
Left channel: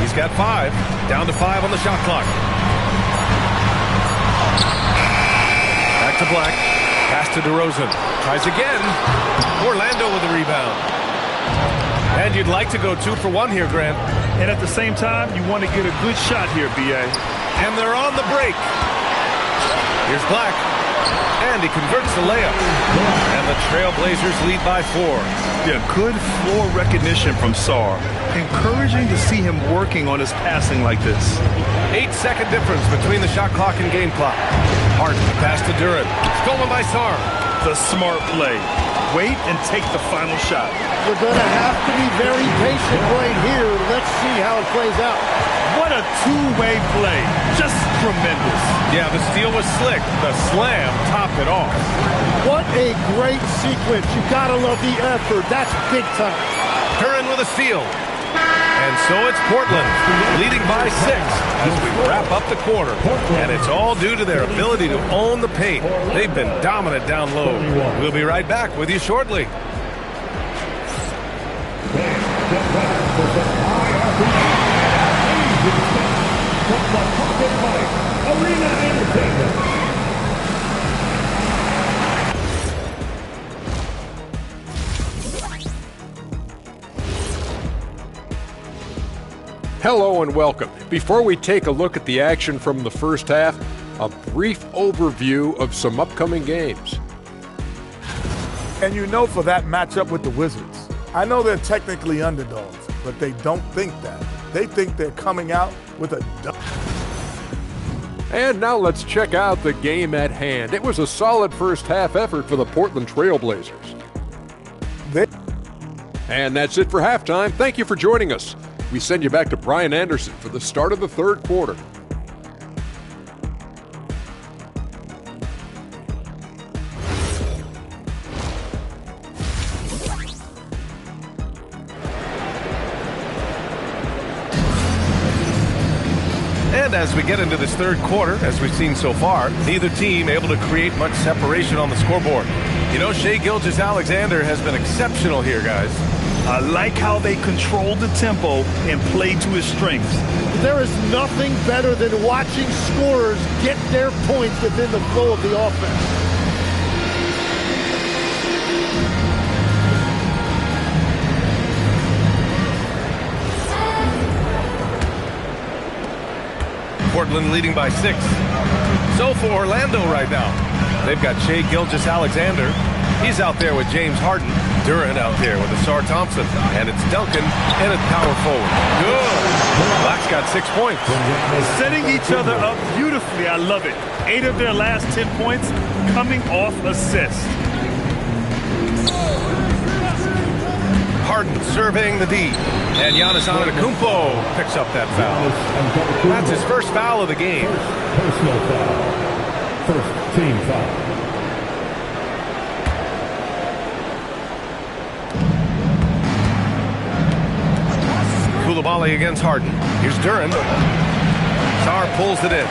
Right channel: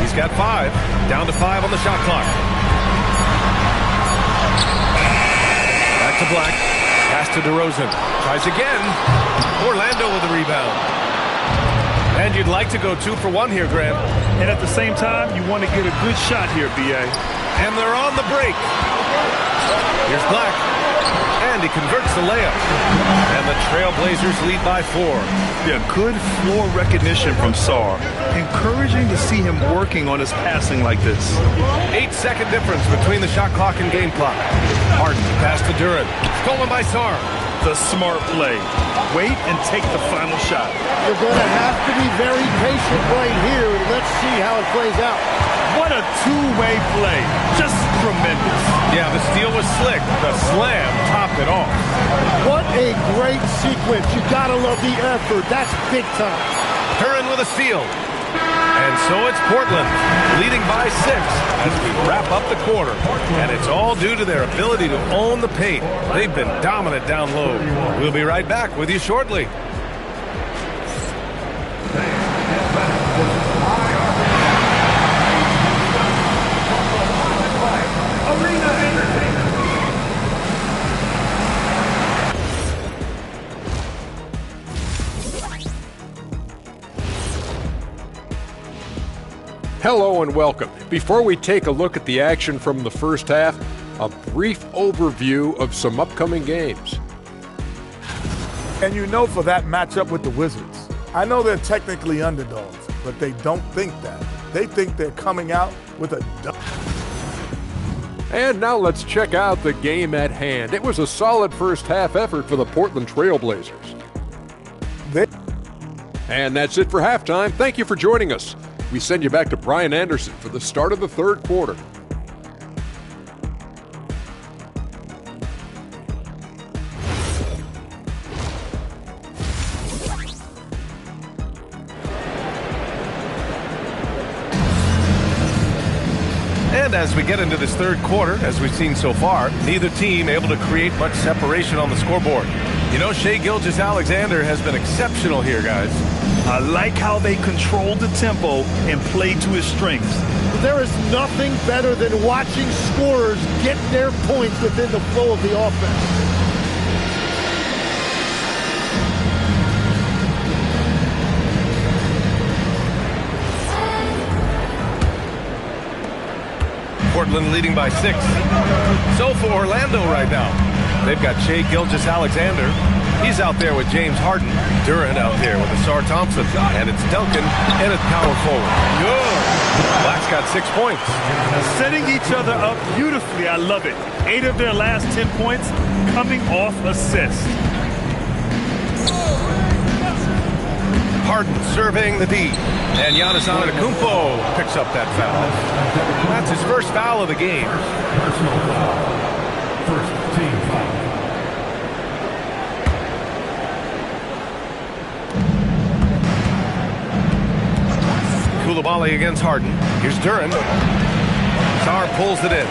He's got 5. Down to 5 on the shot clock. Back to Black. Pass to DeRozan. Tries again. Orlando with the rebound. And you'd like to go 2 for 1 here, Grant. And at the same time, you want to get a good shot here, B.A. And they're on the break. Here's Black. And he converts the layup. And the Trailblazers lead by 4. Yeah, good floor recognition from Sarr. Encouraging to see him working on his passing like this. 8-second difference between the shot clock and game clock. Harden, pass to Duren. Stolen by Sarr. The smart play. Wait and take the final shot. You're going to have to be very patient right here. Let's see how it plays out. What a two-way play. Just tremendous. Yeah, the steal was slick. The slam topped it off. What a great sequence. You got to love the effort. That's big time. Duren with a steal. And so it's Portland, leading by 6 as we wrap up the quarter. And it's all due to their ability to own the paint. They've been dominant down low. We'll be right back with you shortly. Arena Entertainment. Hello and welcome. Before we take a look at the action from the first half, a brief overview of some upcoming games. And you know, for that matchup with the Wizards, I know they're technically underdogs, but they don't think that. They think they're coming out with a dub. And now let's check out the game at hand. It was a solid first half effort for the Portland Trail Blazers. And that's it for halftime. Thank you for joining us. We send you back to Brian Anderson for the start of the third quarter. And as we get into this third quarter, as we've seen so far, neither team able to create much separation on the scoreboard. You know, Shai Gilgeous-Alexander has been exceptional here, guys. I like how they control the tempo and play to his strengths. There is nothing better than watching scorers get their points within the flow of the offense. Portland leading by 6. So for Orlando right now, they've got Shai Gilgeous-Alexander. He's out there with James Harden. Duran out there with Asar Thompson. And it's Duncan and it's power forward. Good. Black's got 6 points. Setting each other up beautifully. I love it. 8 of their last 10 points coming off assists. Harden surveying the D. And Giannis Antetokounmpo picks up that foul. That's his first foul of the game. Personal foul. First team foul. Coulibaly against Harden. Here's Duran. Sarr pulls it in.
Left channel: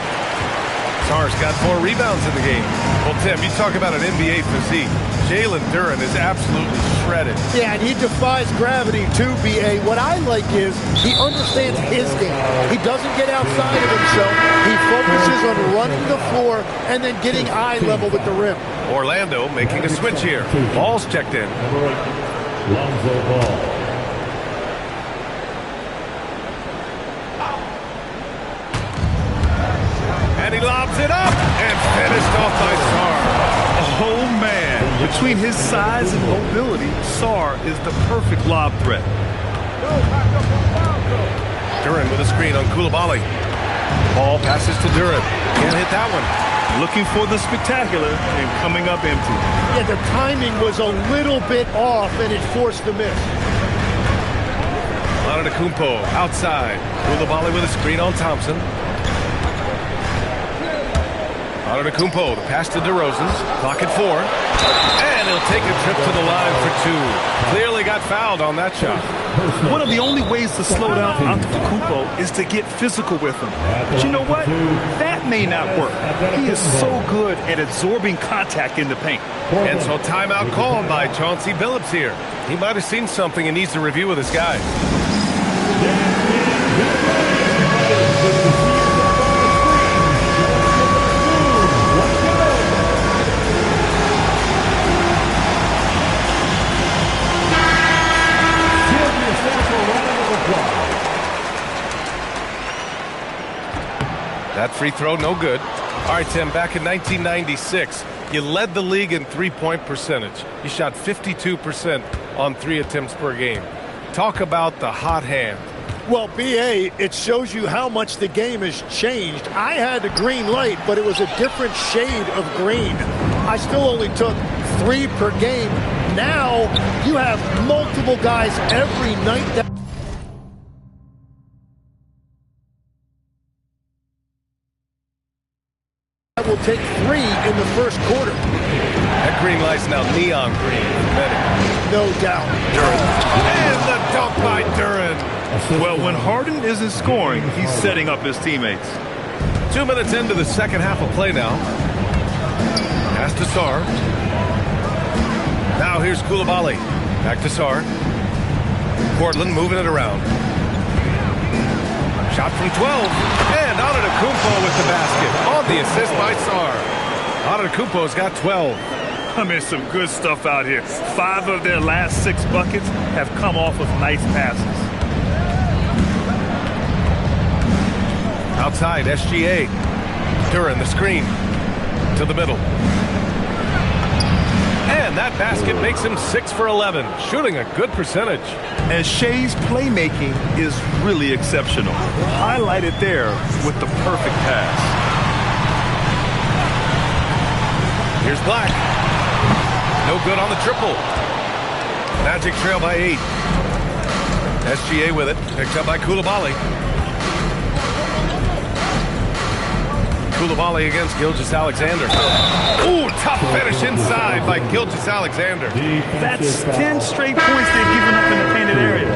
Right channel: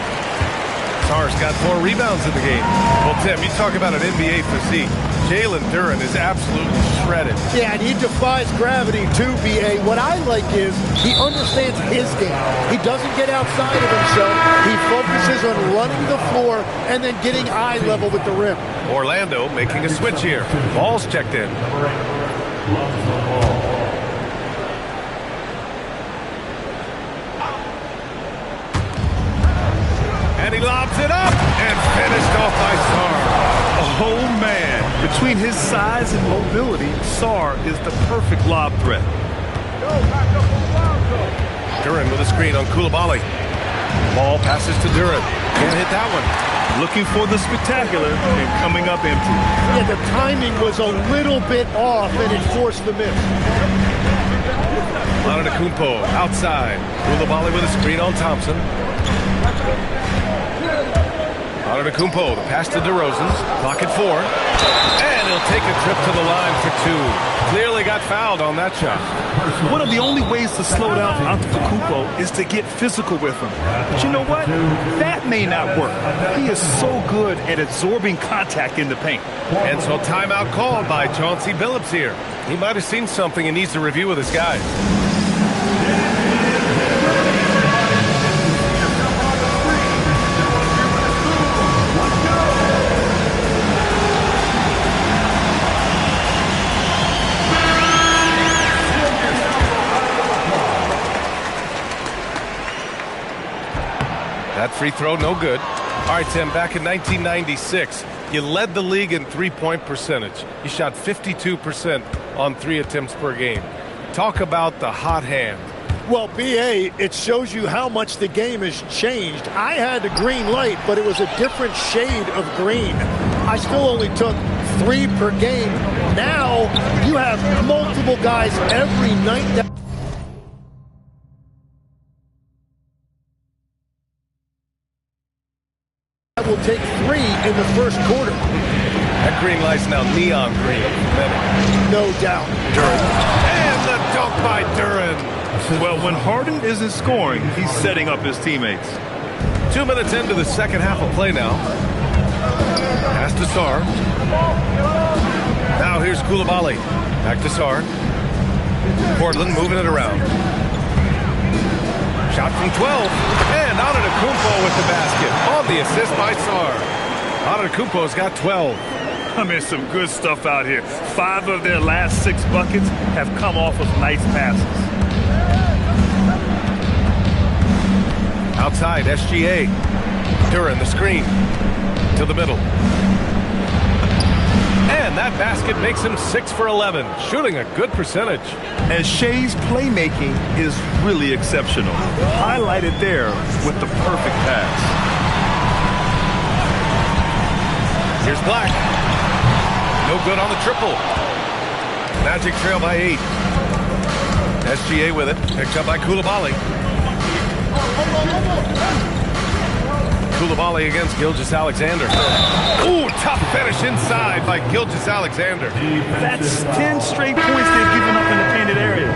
Sarr's got 4 rebounds in the game. Well, Tim, you talk about an NBA physique. Jalen Duran is absolutely shredded. Yeah, and he defies gravity too, B.A. What I like is he understands his game. He doesn't get outside of himself. He focuses on running the floor and then getting eye level with the rim. Orlando making a switch here. Ball's checked in. Number 8, Lonzo Ball. And he lobs it up and finished off by Sarr. Oh, man. Between his size and mobility, Sarr is the perfect lob threat. Duran with a screen on Coulibaly. Ball passes to Duran. Can't hit that one. Looking for the spectacular and coming up empty. Yeah, the timing was a little bit off and it forced the miss. Antetokounmpo outside. Coulibaly with a screen on Thompson. Antetokounmpo, the pass to DeRozan. Clock at 4. And he'll take a trip to the line for 2. Clearly got fouled on that shot. One of the only ways to slow down Antetokounmpo is to get physical with him. But you know what? That may not work. He is so good at absorbing contact in the paint. And so timeout called by Chauncey Billups here. He might have seen something and needs to review with his guys. That free throw, no good. All right, Tim, back in 1996, you led the league in three-point percentage. You shot 52% on 3 attempts per game. Talk about the hot hand. Well, B.A., it shows you how much the game has changed. I had a green light, but it was a different shade of green. I still only took 3 per game. Now you have multiple guys every night that will take 3 in the first quarter. That green light's now neon green for many. No doubt. Duran. And the dunk by Duran. Well, when Harden isn't scoring, he's setting up his teammates. 2 minutes into the second half of play now. Pass to Sarr. Now here's Koulibaly. Back to Sarr. Portland moving it around. Shot from 12. And Antetokounmpo with the basket. On the assist by Sarr. Antetokounmpo's got 12. I mean, some good stuff out here. 5 of their last 6 buckets have come off of nice passes. Outside, SGA. Duran, the screen. To the middle. And that basket makes him 6 for 11. Shooting a good percentage. And Shea's playmaking is really exceptional. Highlighted there with the perfect pass. Here's Black. No good on the triple. Magic trail by 8. SGA with it. Picked up by Koulibaly. Koulibaly against Gilgeous-Alexander. Ooh, tough finish inside by Gilgeous-Alexander. That's 10 straight points they've given up in the painted area.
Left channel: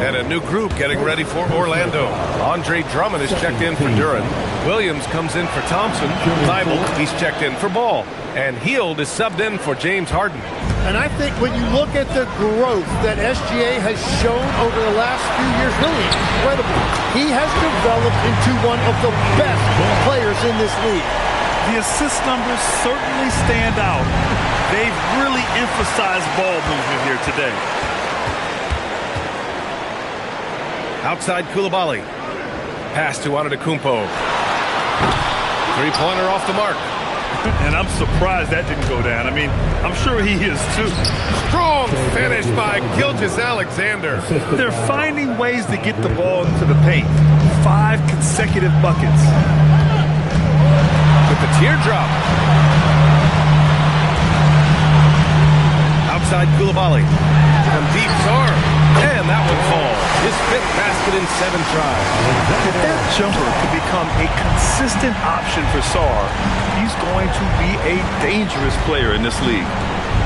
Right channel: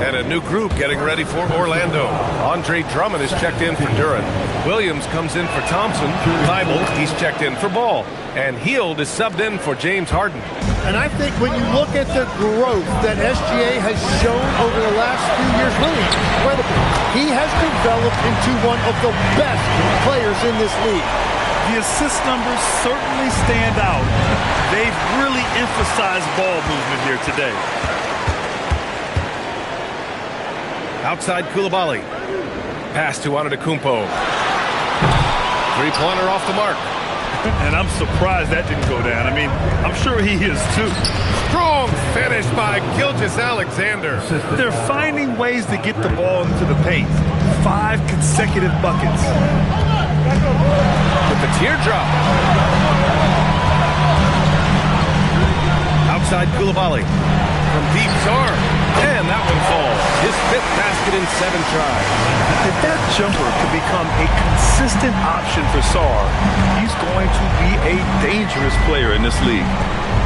And a new group getting ready for Orlando. Andre Drummond is checked in for Duran. Williams comes in for Thompson. Thibault, he's checked in for Ball. And Hield is subbed in for James Harden. And I think when you look at the growth that SGA has shown over the last few years, really incredible. He has developed into one of the best players in this league. The assist numbers certainly stand out. They've really emphasized ball movement here today. Outside Koulibaly. Pass to Antetokounmpo. Three-pointer off the mark. And I'm surprised that didn't go down. I mean, I'm sure he is too. Strong finish by Gilgeous-Alexander. They're finding ways to get the ball into the paint. 5 consecutive buckets. With the teardrop. Outside Koulibaly. From deep, Sarr. And that one falls. His 5th basket in 7 tries. If that jumper could become a consistent option for Sarr, he's going to be a dangerous player in this league.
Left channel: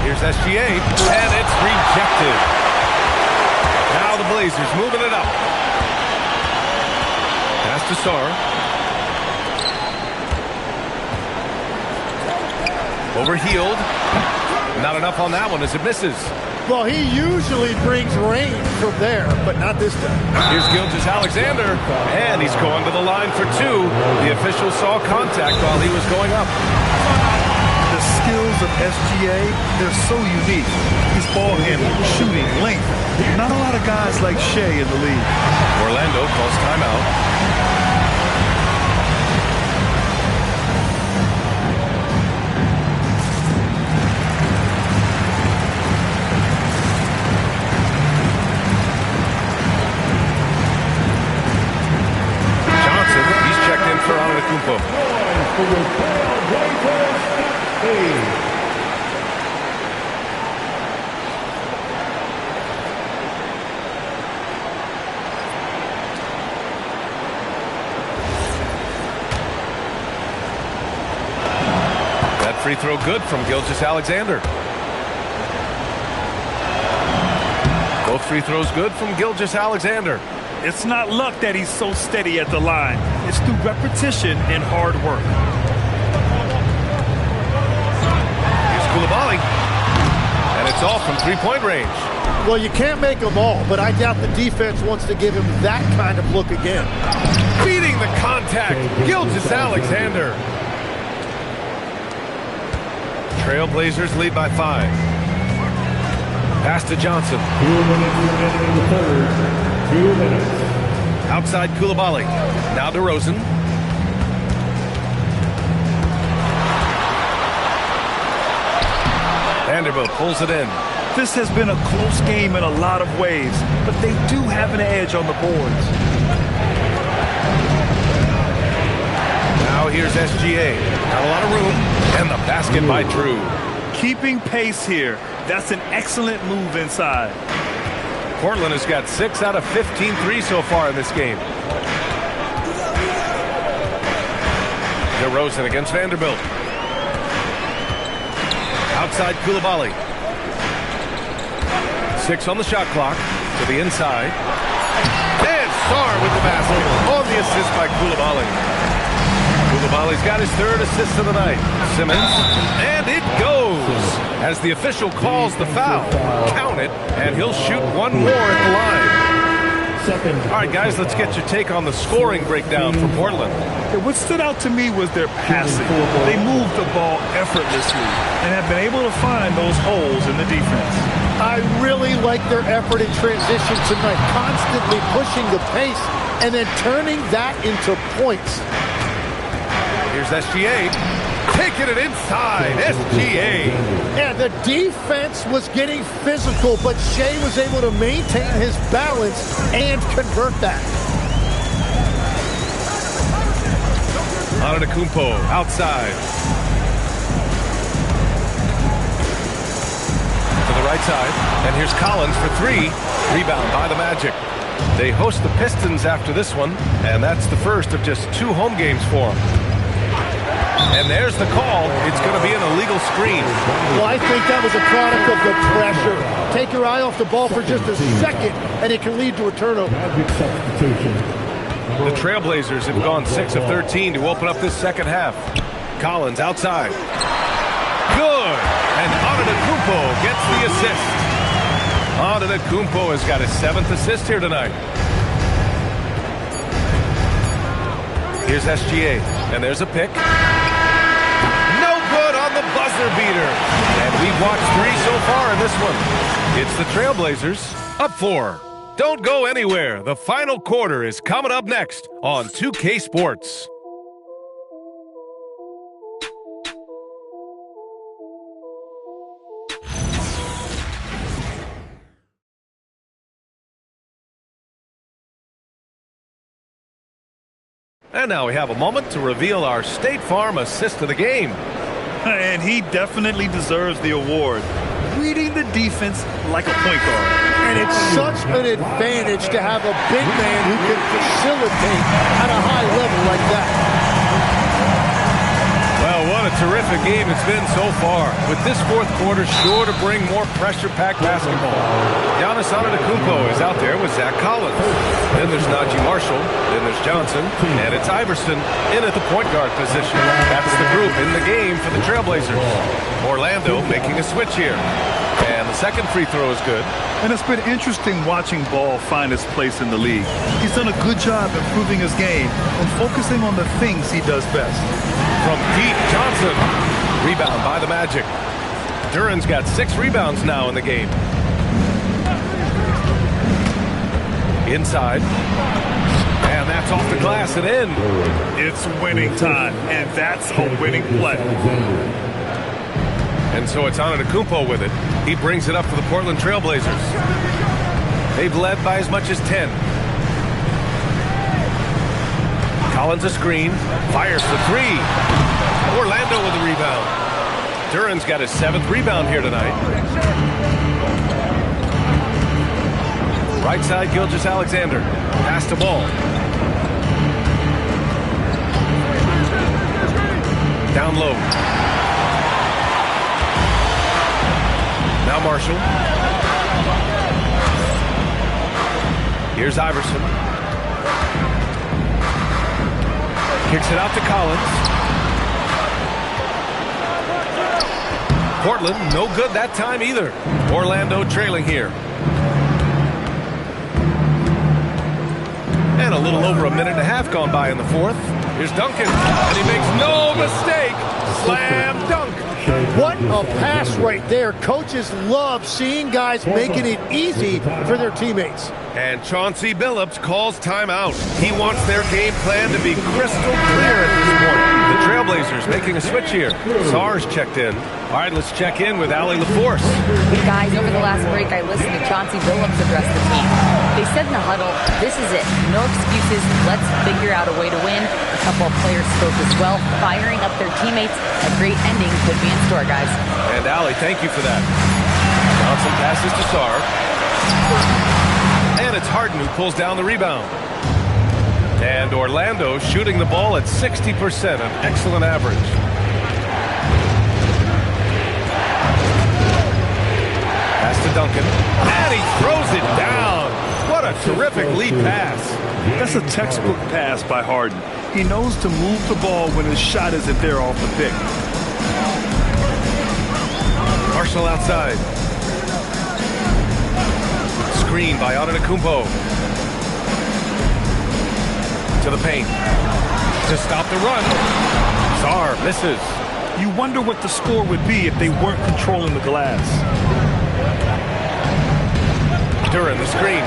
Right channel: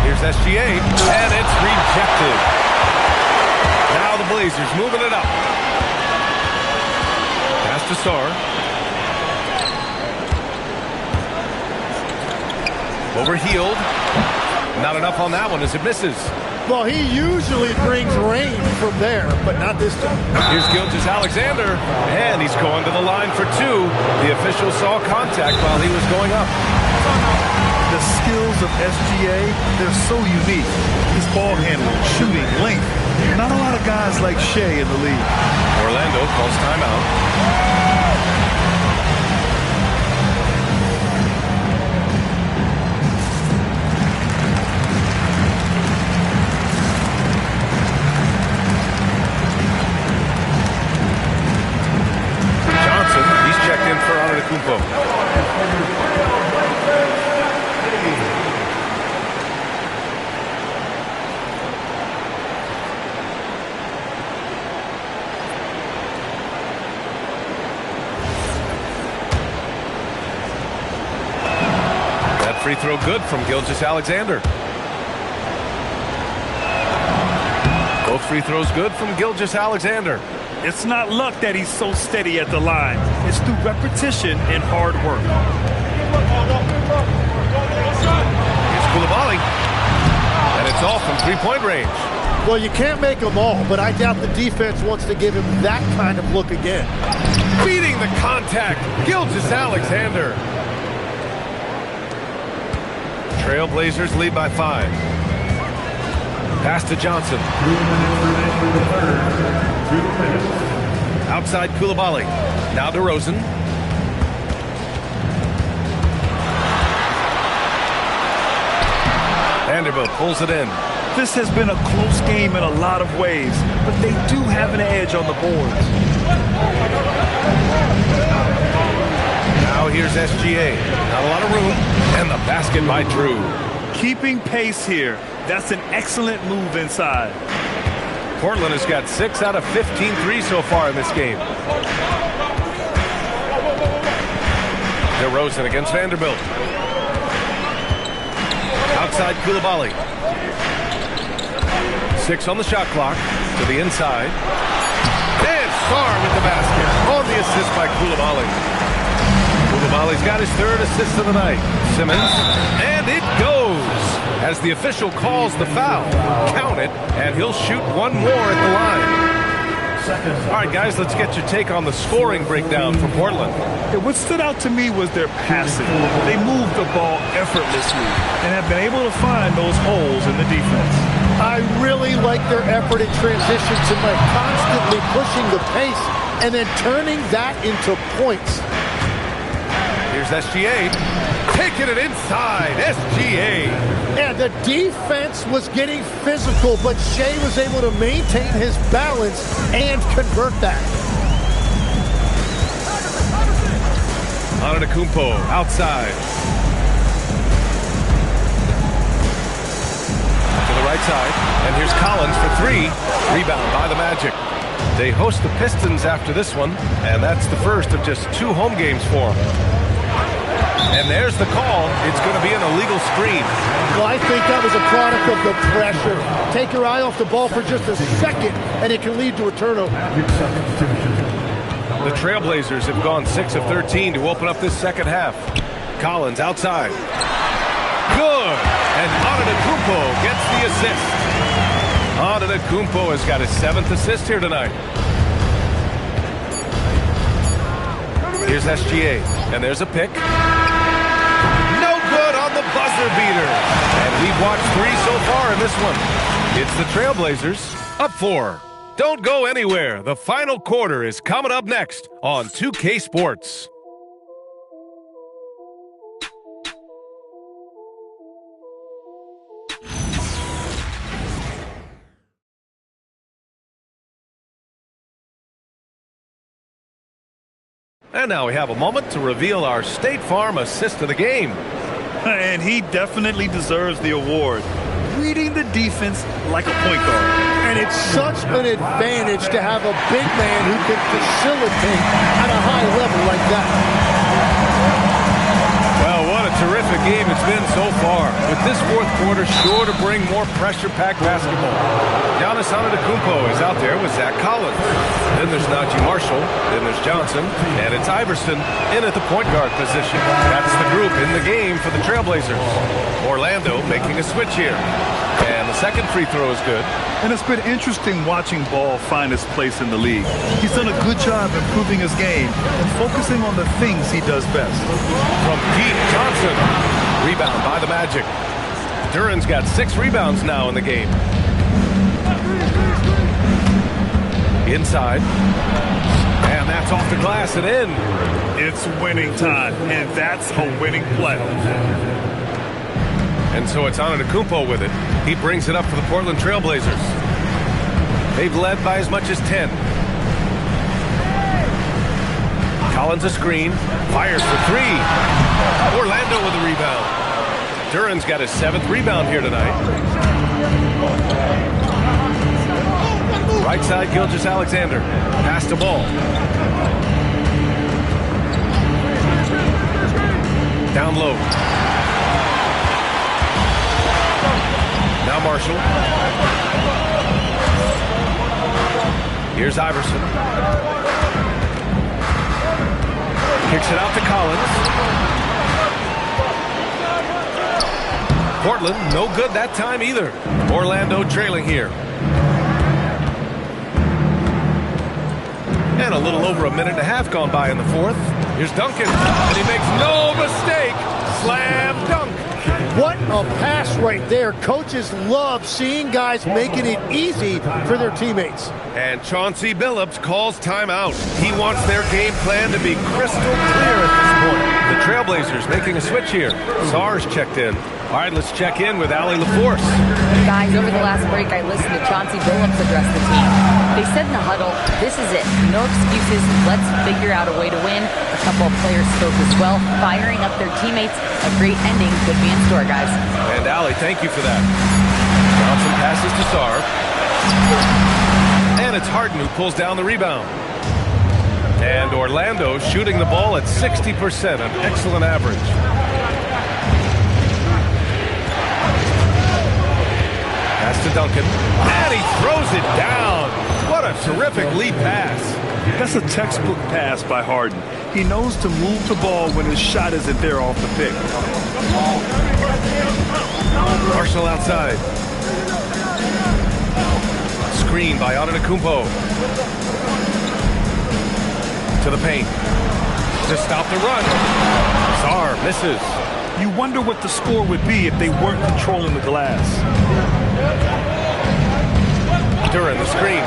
Here's SGA, and it's rejected. Now the Blazers moving it up. Pass to Sarr. Over Hield. Not enough on that one as it misses. Well, he usually brings rain from there, but not this time. Here's Gilgeous-Alexander, and he's going to the line for 2. The official saw contact while he was going up. The skills of SGA, they're so unique. His ball handling, shooting, length. Not a lot of guys like Shea in the league. Orlando calls timeout. He's checked in for Antetokounmpo. That free throw good from Gilgeous-Alexander. Both free throws good from Gilgeous-Alexander. It's not luck that he's so steady at the line. It's through repetition and hard work. Here's Koulibaly. And it's off from three-point range. Well, you can't make them all, but I doubt the defense wants to give him that kind of look again. Beating the contact, Gilgeous-Alexander. Trailblazers lead by 5. Pass to Johnson. 2 minutes remaining in the third. 2 minutes. Outside Koulibaly. Now DeRozan. Vanderbilt pulls it in. This has been a close game in a lot of ways, but they do have an edge on the boards. Now here's SGA. Not a lot of room. And the basket by Drew. Keeping pace here. That's an excellent move inside. Portland has got 6 out of 15 threes so far in this game. DeRozan against Vanderbilt. Outside Koulibaly. 6 on the shot clock. To the inside. And Sarr with the basket on the assist by Coulibaly. Coulibaly's got his third assist of the night. Simmons, and it goes. As the official calls the foul, count it, and he'll shoot one more at the line. All right, guys, let's get your take on the scoring breakdown for Portland. Yeah, what stood out to me was their passing. They moved the ball effortlessly and have been able to find those holes in the defense. I really like their effort in transition tonight, constantly pushing the pace and then turning that into points. Here's SGA. Taking it inside. SGA. And the defense was getting physical, but Shea was able to maintain his balance and convert that. Antetokounmpo outside. To the right side. And here's Collins for three. Rebound by the Magic. They host the Pistons after this one, and that's the first of just 2 home games for them. And there's the call. It's going to be an illegal screen. Well, I think that was a product of the pressure. Take your eye off the ball for just a second, and it can lead to a turnover. The Trailblazers have gone 6 of 13 to open up this second half. Collins outside. Good. And Antetokounmpo gets the assist. Antetokounmpo has got his 7th assist here tonight. Here's SGA. And there's a pick. No good on the buzzer beater. And we've watched 3 so far in this one. It's the Trailblazers up 4. Don't go anywhere. The final quarter is coming up next on 2K Sports. And now we have a moment to reveal our State Farm assist of the game. And he definitely deserves the award. Reading the defense like a point guard. And it's such an advantage to have a big man who can facilitate at a high level like that. Well, what a terrific game it's been so far. With this fourth quarter sure to bring more pressure-packed basketball. Giannis Antetokounmpo is out there with Zach Collins. Then there's Najee Marshall. Then there's Johnson. And it's Iverson in at the point guard position. That's the group in the game for the Trailblazers. Orlando making a switch here. And the second free throw is good. And it's been interesting watching Ball find his place in the league. He's done a good job improving his game and focusing on the things he does best. From deep, Johnson. Rebound by the Magic. Duran's got 6 rebounds now in the game. Inside. And that's off the glass and in. It's winning time, and that's a winning play. And so it's Antetokounmpo with it. He brings it up for the Portland Trailblazers. They've led by as much as 10. Collins a screen. Fires for 3. Orlando with the rebound. Duran's got his 7th rebound here tonight. Right side, Gilgeous-Alexander. Pass the ball. Down low. Now Marshall. Here's Iverson. Kicks it out to Collins. Portland, no good that time either. Orlando trailing here. And a little over a minute and a half gone by in the fourth. Here's Duncan, and he makes no mistake. Slam dunk. What a pass right there. Coaches love seeing guys making it easy for their teammates. And Chauncey Billups calls timeout. He wants their game plan to be crystal clear at this point. The Trailblazers making a switch here. Sarr's checked in. All right, let's check in with Allie LaForce. Guys, over the last break, I listened to Chauncey Billups address the team. They said in the huddle, this is it. No excuses. Let's figure out a way to win. A couple of players spoke as well, firing up their teammates. A great ending could be in store, guys. And Allie, thank you for that. Johnson passes to Sarr. And it's Harden who pulls down the rebound. And Orlando shooting the ball at 60%, an excellent average. Pass to Duncan. And he throws it down. What a terrific lead pass. That's a textbook pass by Harden. He knows to move the ball when his shot isn't there off the pick. Marshall outside. Screen by Antetokounmpo. To the paint. To stop the run. Sarr misses. You wonder what the score would be if they weren't controlling the glass. Duran, the screen.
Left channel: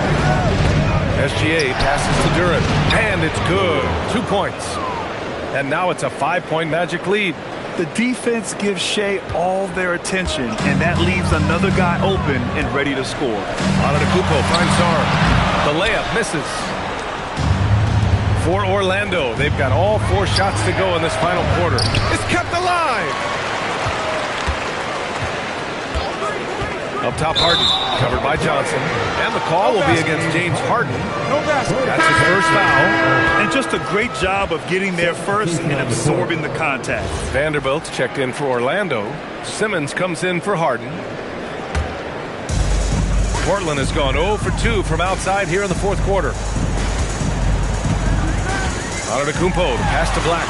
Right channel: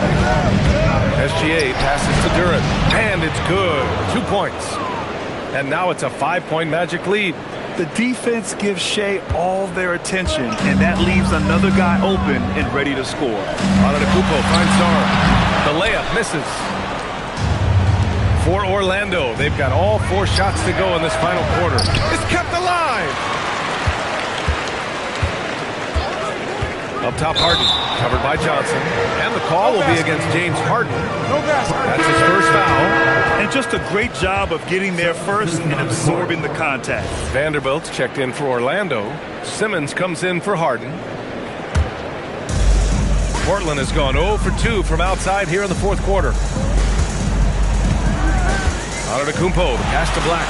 SGA passes to Duran. And it's good. 2 points. And now it's a 5-point Magic lead. The defense gives Shea all their attention, and that leaves another guy open and ready to score. Antetokounmpo finds Sarr. The layup misses. For Orlando, they've got all 4 shots to go in this final quarter. It's kept alive. Up top, Harden, covered by Johnson. And the call will be against James Harden. That's his first foul. And just a great job of getting there first and absorbing the contact. Vanderbilt's checked in for Orlando. Simmons comes in for Harden. Portland has gone 0 for 2 from outside here in the fourth quarter. Antetokounmpo, the pass to Black.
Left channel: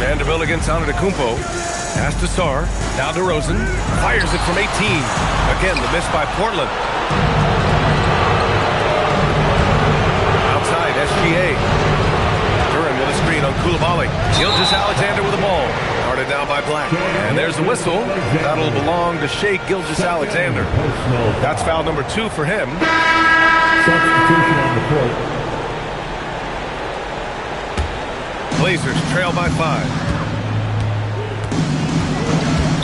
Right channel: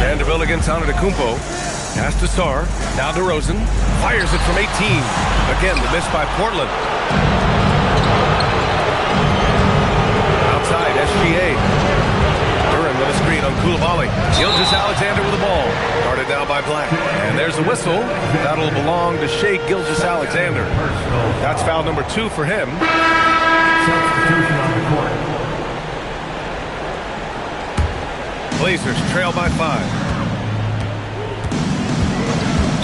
Vanderbilt against Antetokounmpo. Pass to Sarr. Now DeRozan. Fires it from 18. Again, the miss by Portland. Outside, SGA. Duran with a screen on Coulibaly. Gilgeous-Alexander with the ball. Guarded now by Black. And there's the whistle. That'll belong to Shea Gilgeous-Alexander. That's foul number 2 for him. Substitution on the court. Blazers trail by 5.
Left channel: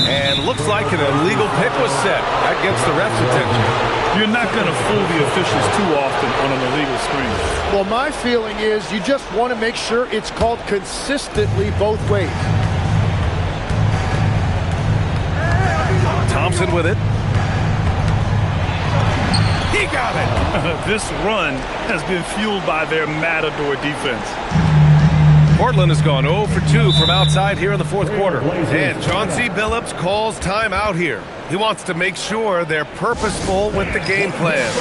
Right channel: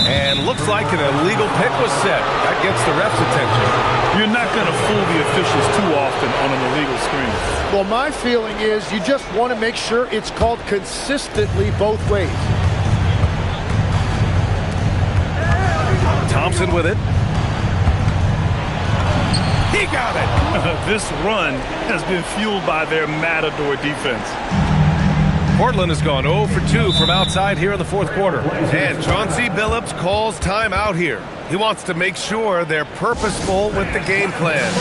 And looks like an illegal pick was set. That gets the ref's attention. You're not going to fool the officials too often on an illegal screen. Well, my feeling is you just want to make sure it's called consistently both ways. Thompson with it. He got it. This run has been fueled by their matador defense. Portland has gone 0 for 2 from outside here in the fourth quarter. And Chauncey Billups calls timeout here. He wants to make sure they're purposeful with the game plan.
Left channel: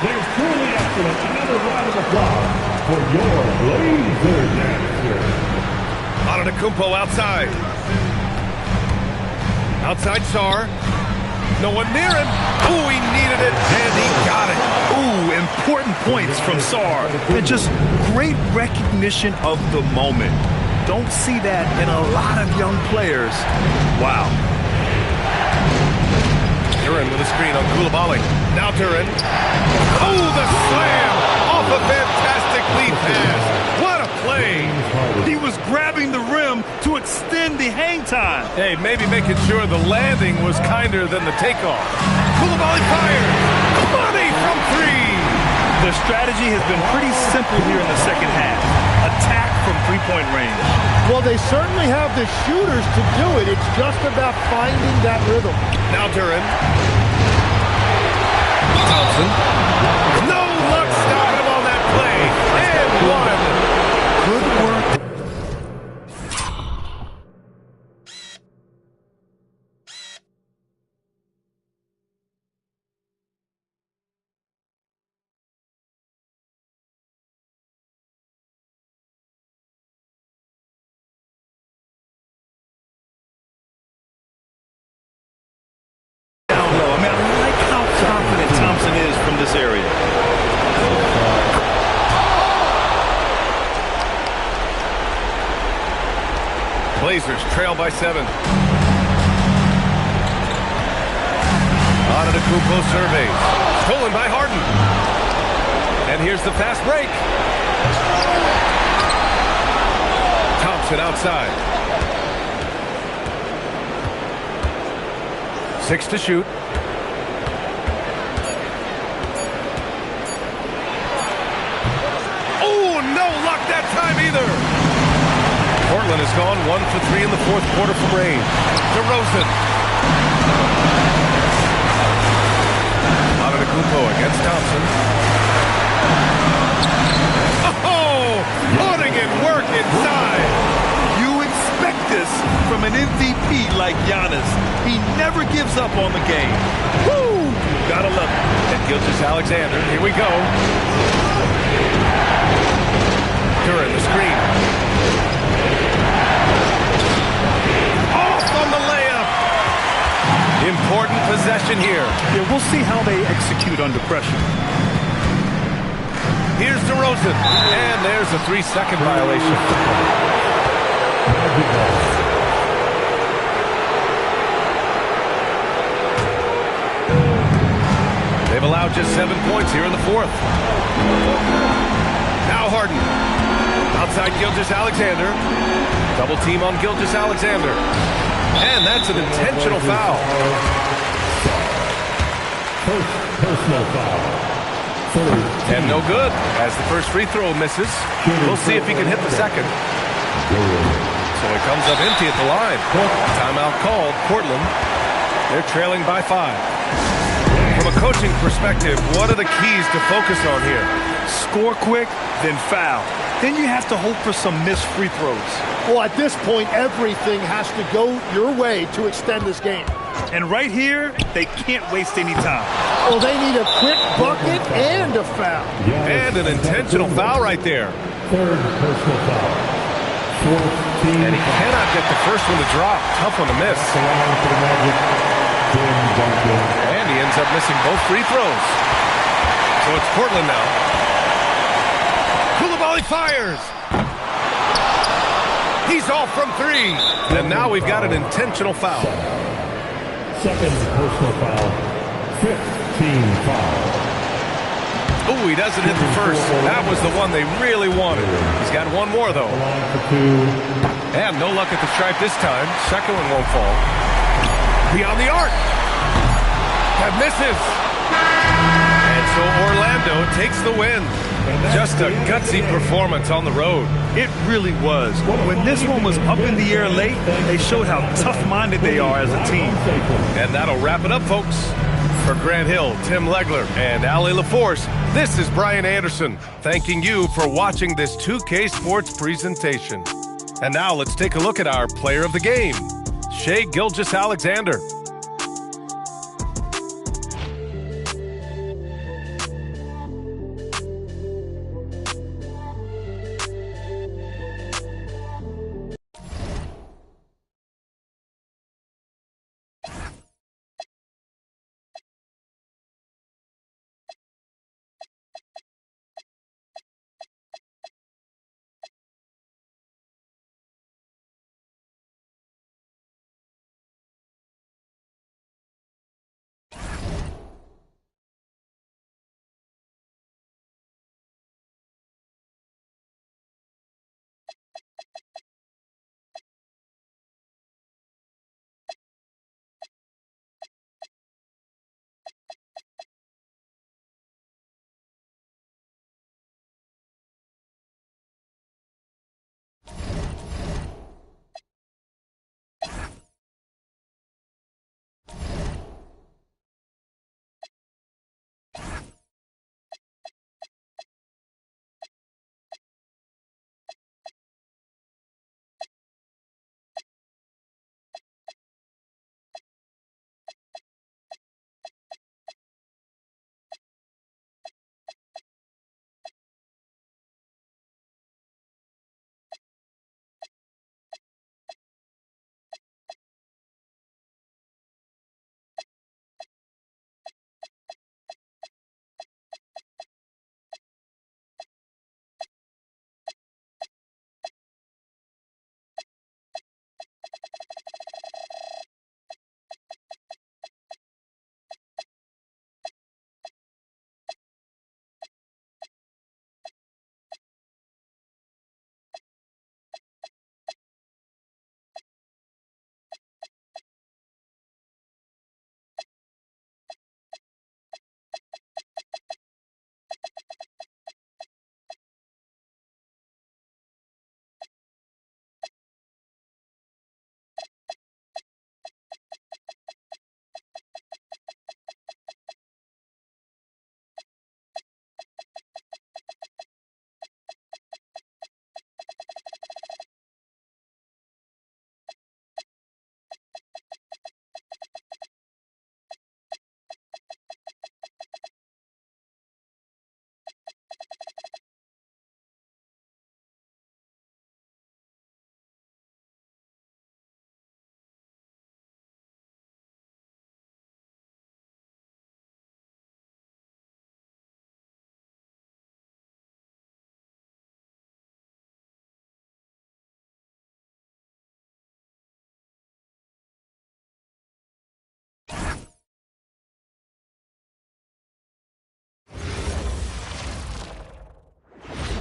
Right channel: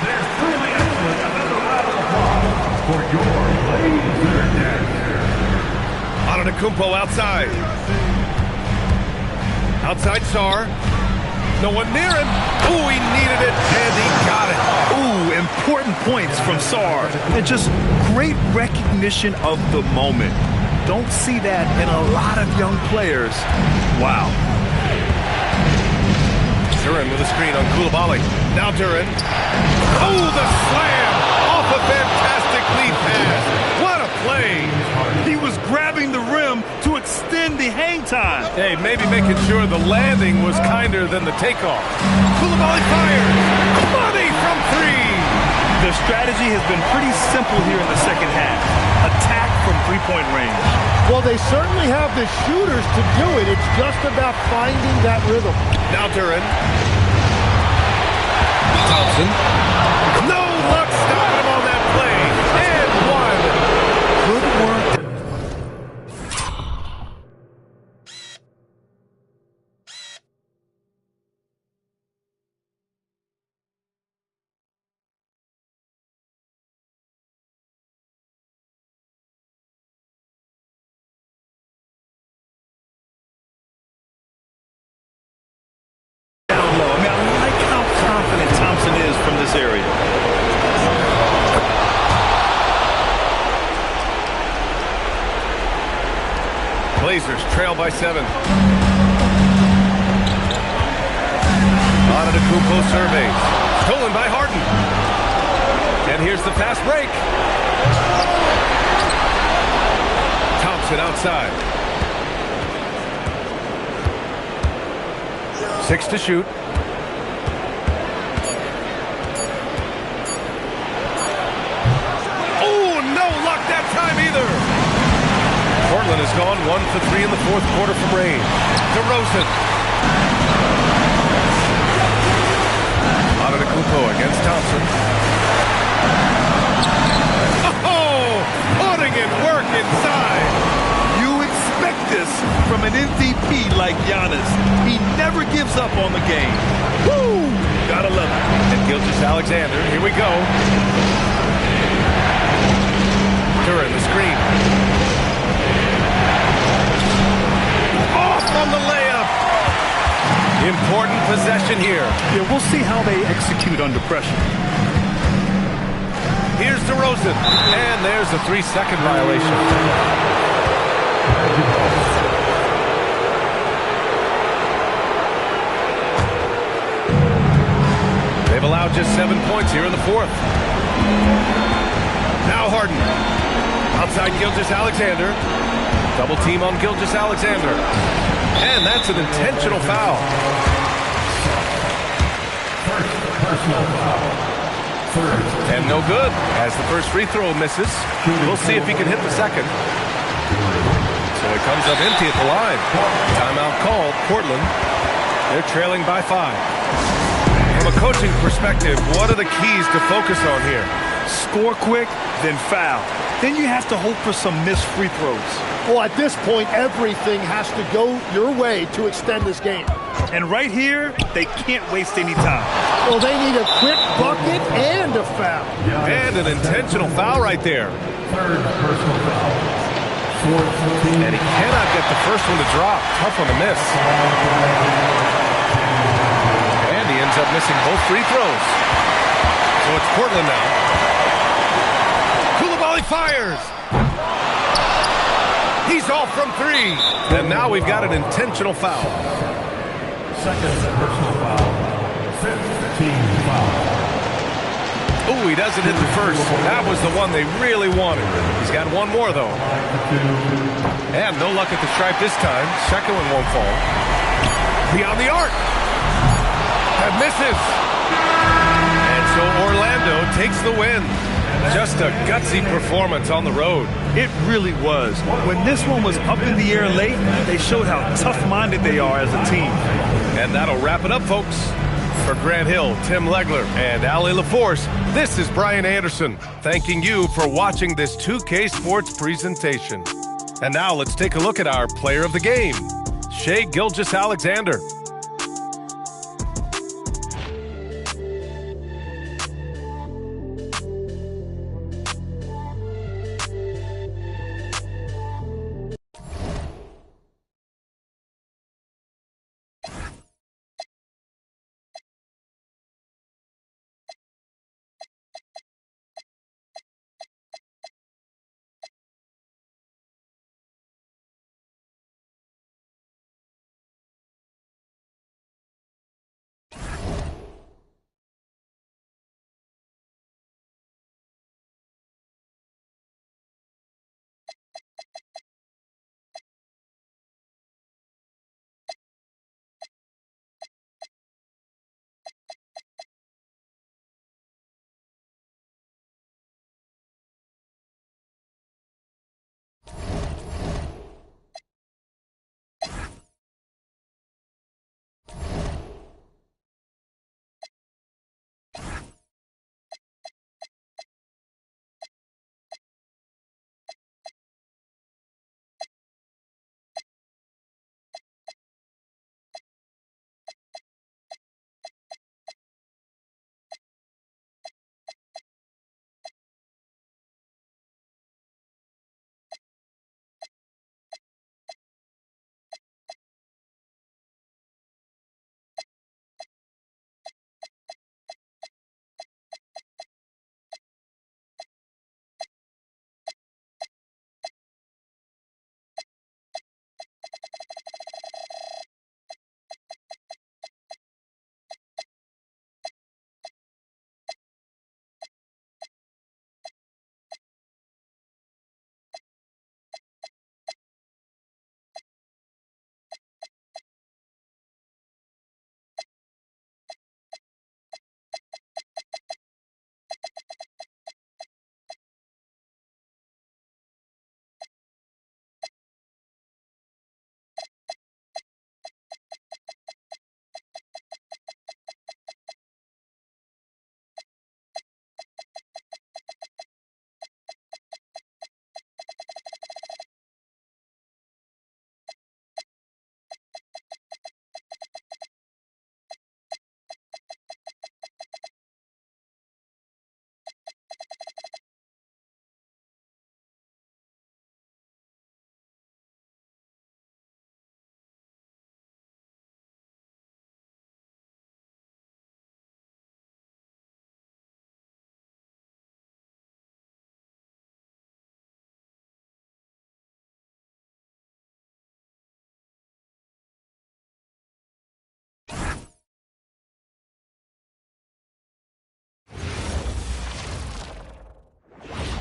They're truly excellent. Another round of applause for your Blazer dancers. Antetokounmpo outside. Outside Sarr. No one near him. Ooh, he needed it, and he got it. Ooh, important points from Sarr. And just great recognition of the moment. Don't see that in a lot of young players. Wow. Duran with a screen on Coulibaly. Now Duran. Oh, the slam off a fantastic lead pass. What a play. He was grabbing the rim to extend the hang time. Hey, maybe making sure the landing was kinder than the takeoff. Coulibaly fires. Money from 3. Their strategy has been pretty simple here in the second half. Attack from 3-point range. Well, they certainly have the shooters to do it. It's just about finding that rhythm. Now Duran. Thompson. No luck stopping him on that play. And 1. Good work. Down low. I mean, I like how confident Thompson is from this area. Blazers trail by 7. Antetokounmpo surveys. Stolen by Harden. And here's the fast break. Thompson outside. 6 to shoot. Oh, no luck that time either. Portland has gone 1 for 3 in the fourth quarter from range. DeRozan. Antetokounmpo against Thompson. Oh, putting in work inside. You expect this from an MVP like Giannis. He never gives up on the game. Woo! Gotta love it. And Gilgeous-Alexander, here we go. During the screen. Off on the layup. Important possession here. Yeah, we'll see how they execute under pressure. Here's DeRozan. And there's a 3-second violation. They've allowed just 7 points here in the fourth. Now Harden. Outside Gilgeous-Alexander. Double team on Gilgeous-Alexander. And that's an intentional foul. First personal foul. And no good, as the first free throw misses. We'll see if he can hit the second. So he comes up empty at the line. Timeout called. Portland. They're trailing by 5. From a coaching perspective, what are the keys to focus on here? Score quick, then foul. Then you have to hope for some missed free throws. Well, at this point, everything has to go your way to extend this game. And right here, they can't waste any time. Well, they need a quick bucket and a foul. And an intentional foul right there. Third personal foul. And he cannot get the first one to drop. Tough one to miss. And he ends up missing both free throws. So it's Portland now. Koulibaly fires. He's off from 3. And now we've got an intentional foul. Second personal foul. 15 foul. Oh, he doesn't hit the first. That was the one they really wanted. He's got one more, though. And no luck at the stripe this time. Second one won't fall. Beyond the arc. That misses. And so Orlando takes the win. Just a gutsy performance on the road. It really was. When this one was up in the air late, they showed how tough-minded they are as a team. And that'll wrap it up, folks. For Grant Hill, Tim Legler, and Allie LaForce, this is Brian Anderson, thanking you for watching this 2K Sports presentation. And now let's take a look at our player of the game, Shai Gilgeous-Alexander.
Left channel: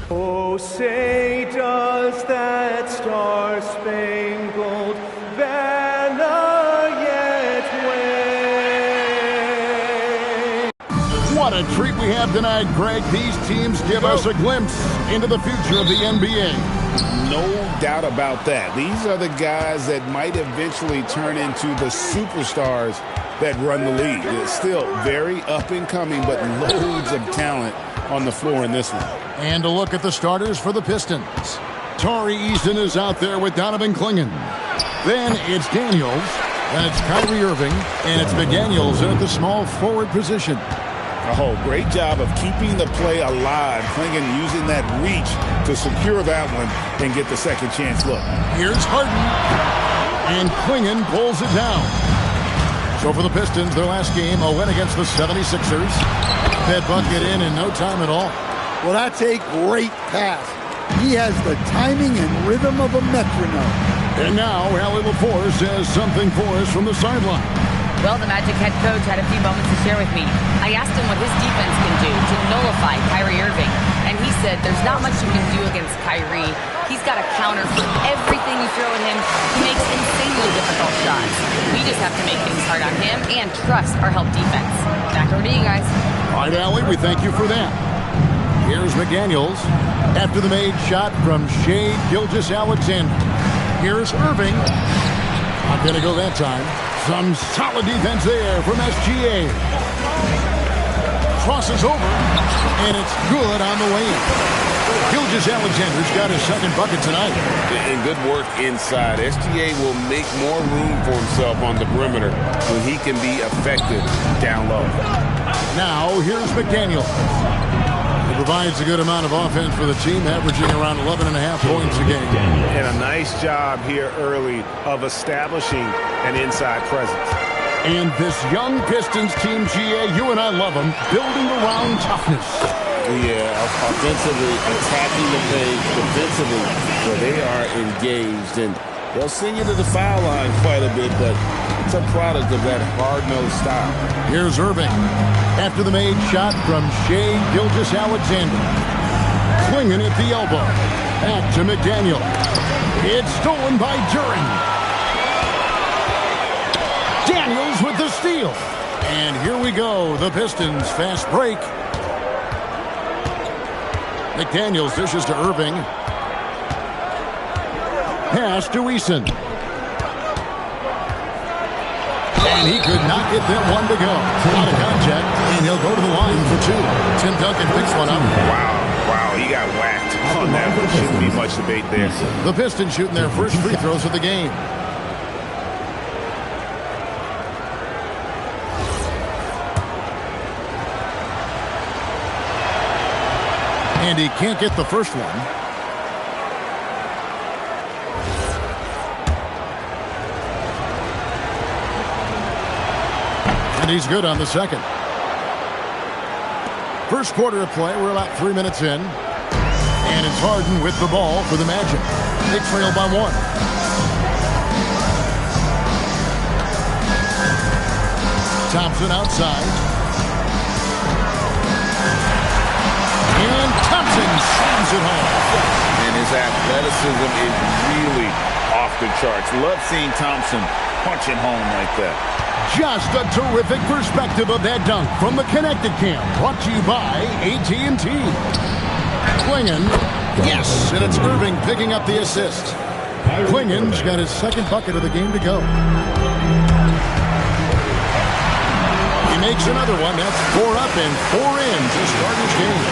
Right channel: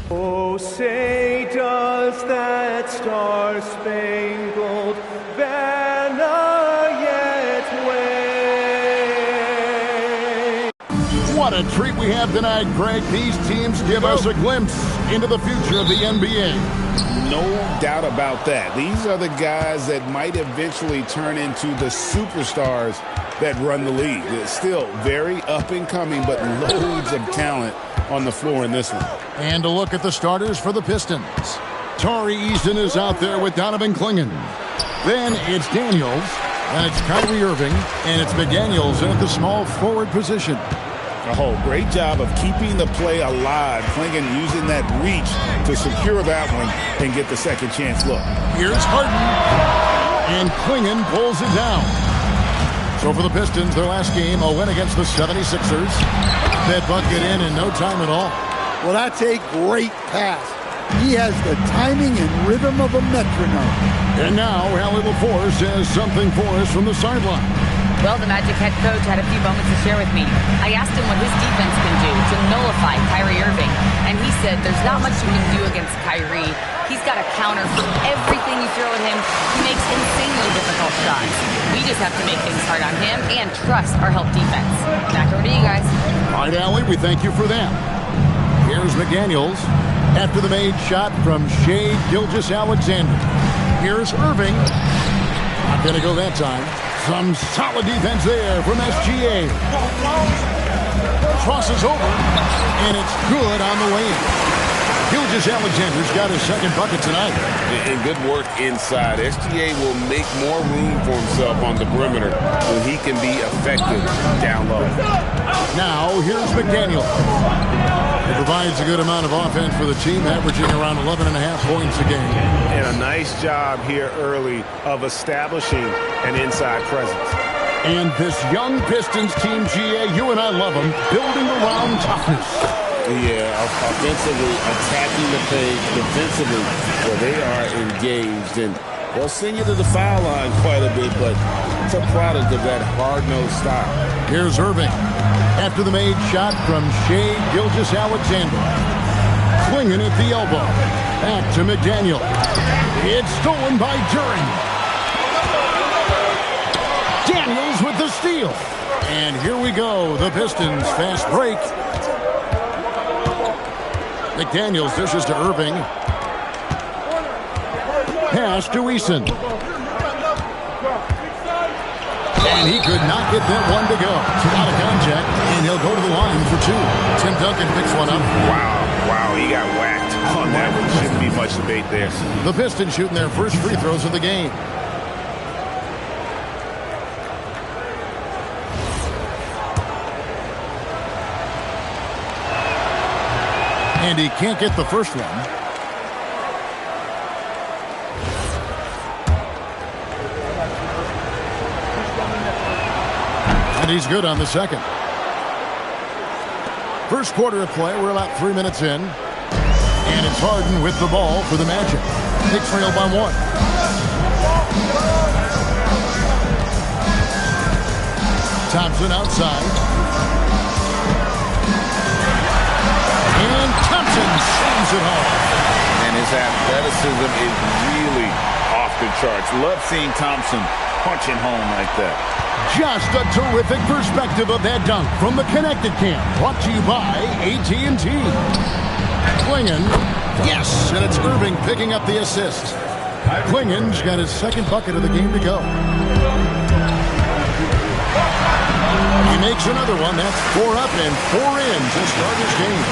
Oh, say does that star-spangled banner yet wave? What a treat we have tonight, Greg. These teams give us a glimpse into the future of the NBA. No doubt about that. These are the guys that might eventually turn into the superstars that run the league. It's still very up and coming, but loads of talent on the floor in this one. And a look at the starters for the Pistons. Tari Eason is out there with Donovan Clingan. Then it's Daniels, and it's Kyrie Irving, and it's McDaniels at the small forward position. Oh, great job of keeping the play alive. Clingan using that reach to secure that one and get the second chance look. Here's Harden, and Clingan pulls it down. So for the Pistons, their last game, a win against the 76ers. That bucket in no time at all. Well, that's a great pass. He has the timing and rhythm of a metronome. And now, Allie LaForce has something for us from the sideline. Well, the Magic head coach had a few moments to share with me. I asked him what his defense can do to nullify Kyrie Irving, and he said there's not much you can do against Kyrie. He's got a counter for everything you throw at him. He makes insanely difficult shots. We just have to make things hard on him and trust our help defense. Back over to you guys. All right, Allie, we thank you for that. Here's McDaniels after the made shot from Shai Gilgeous-Alexander. Here's Irving. Not going to go that time. Some solid defense there from SGA. Crosses over, and it's good on the way in. Gilgeous-Alexander's got his second bucket tonight. And good work inside. SGA will make more room for himself on the perimeter when he can be effective down low. Now, here's McDaniel. He provides a good amount of offense for the team, averaging around 11.5 points a game. And a nice job here early of establishing an inside presence. And this young Pistons team, GA, you and I love them, building around toughness. Yeah, offensively, attacking the paint, defensively, where they are engaged. And they'll send you to the foul line quite a bit, but it's a product of that hard-nosed style. Here's Irving. After the made shot from Shai Gilgeous-Alexander. Clingan at the elbow. Back to McDaniel. It's stolen by Duren. Daniels with the steal. And here we go. The Pistons fast break. McDaniels dishes to Irving. Pass to Eason. And he could not get that one to go. Out of contact, and he'll go to the line for two. Tim Duncan picks one up. Wow, he got whacked on that one. Shouldn't be much debate there. The Pistons shooting their first free throws of the game. And he can't get the first one. And he's good on the second. First quarter of play, we're about 3 minutes in. And it's Harden with the ball for the Magic. They trail by one. Thompson outside. And Thompson slams it home. And his athleticism is really off the charts. Love seeing Thompson punching home like that. Just a terrific perspective of that dunk from the Connected Cam. Brought to you by AT&T. Clingan. Yes, and it's Irving picking up the assist. Clingan's got his second bucket of the game to go. He makes another one. That's 4 up and 4 in to start his game.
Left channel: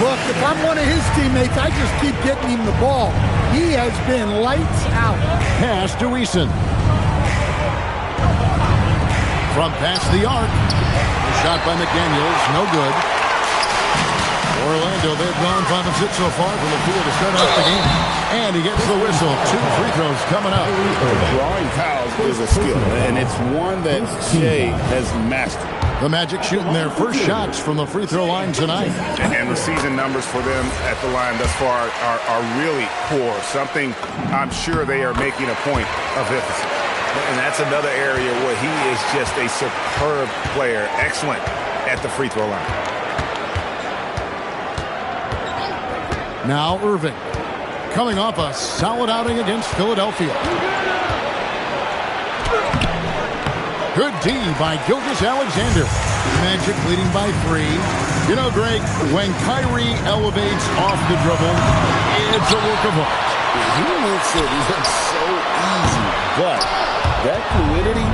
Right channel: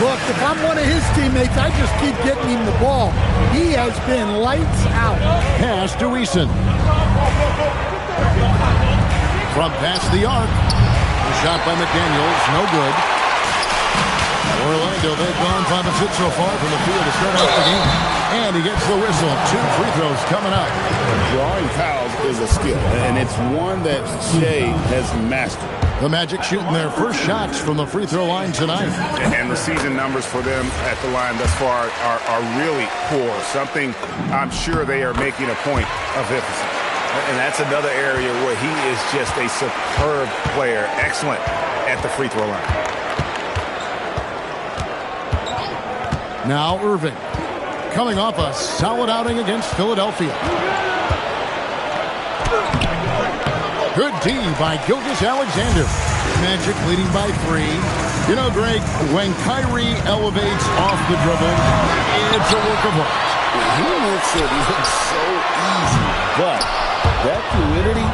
Look, if I'm one of his teammates, I just keep getting him the ball. He has been lights out. Pass to Eason. From past the arc. A shot by McDaniels. No good. Orlando, they've gone 5 of 6 so far from the field to start off the game. And he gets the whistle. 2 free throws coming up. Drawing fouls is a skill, and it's one that Shai has mastered. The Magic shooting their first shots from the free throw line tonight. And the season numbers for them at the line thus far are really poor. Something I'm sure they are making a point of emphasis. And that's another area where he is just a superb player. Excellent at the free throw line. Now Irving, coming off a solid outing against Philadelphia. Good D by Gilgeous-Alexander. Magic leading by 3. You know, Greg, when Kyrie elevates off the dribble, it's a work of art. He makes it look so easy, but that fluidity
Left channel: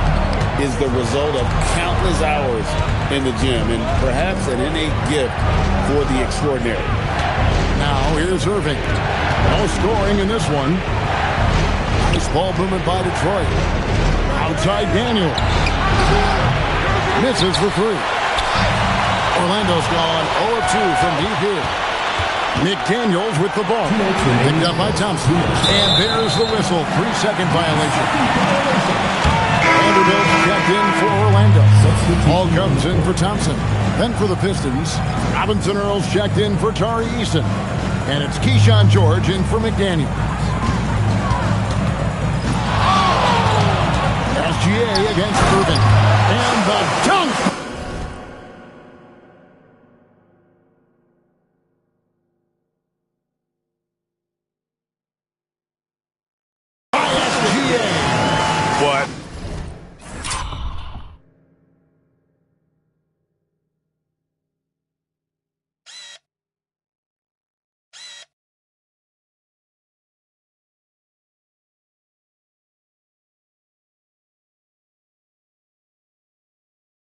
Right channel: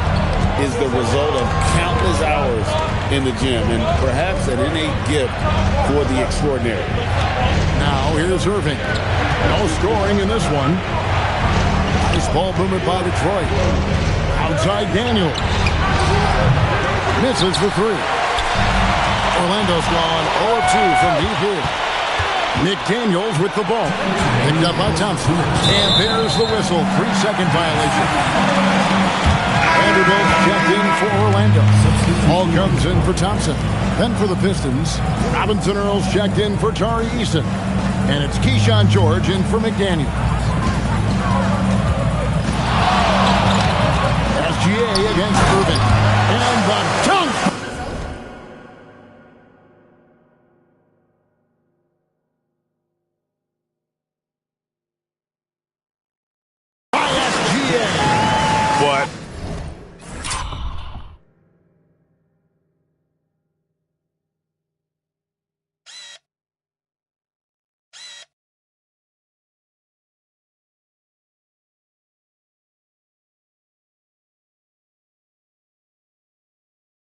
is the result of countless hours in the gym and perhaps an innate gift for the extraordinary. Now here's Irving. No scoring in this one. Nice ball movement by Detroit. Outside Daniel. Misses for 3. Orlando's gone 0-2 from deep here. McDaniels with the ball. Picked up by Thompson. And there's the whistle. 3-second violation. Vanderbilt checked in for Orlando. Ball comes in for Thompson. Then for the Pistons, Robinson Earls checked in for Tari Eason. And it's Keyshawn George in for McDaniel. SGA against Irving. And the dunk! By SGA. But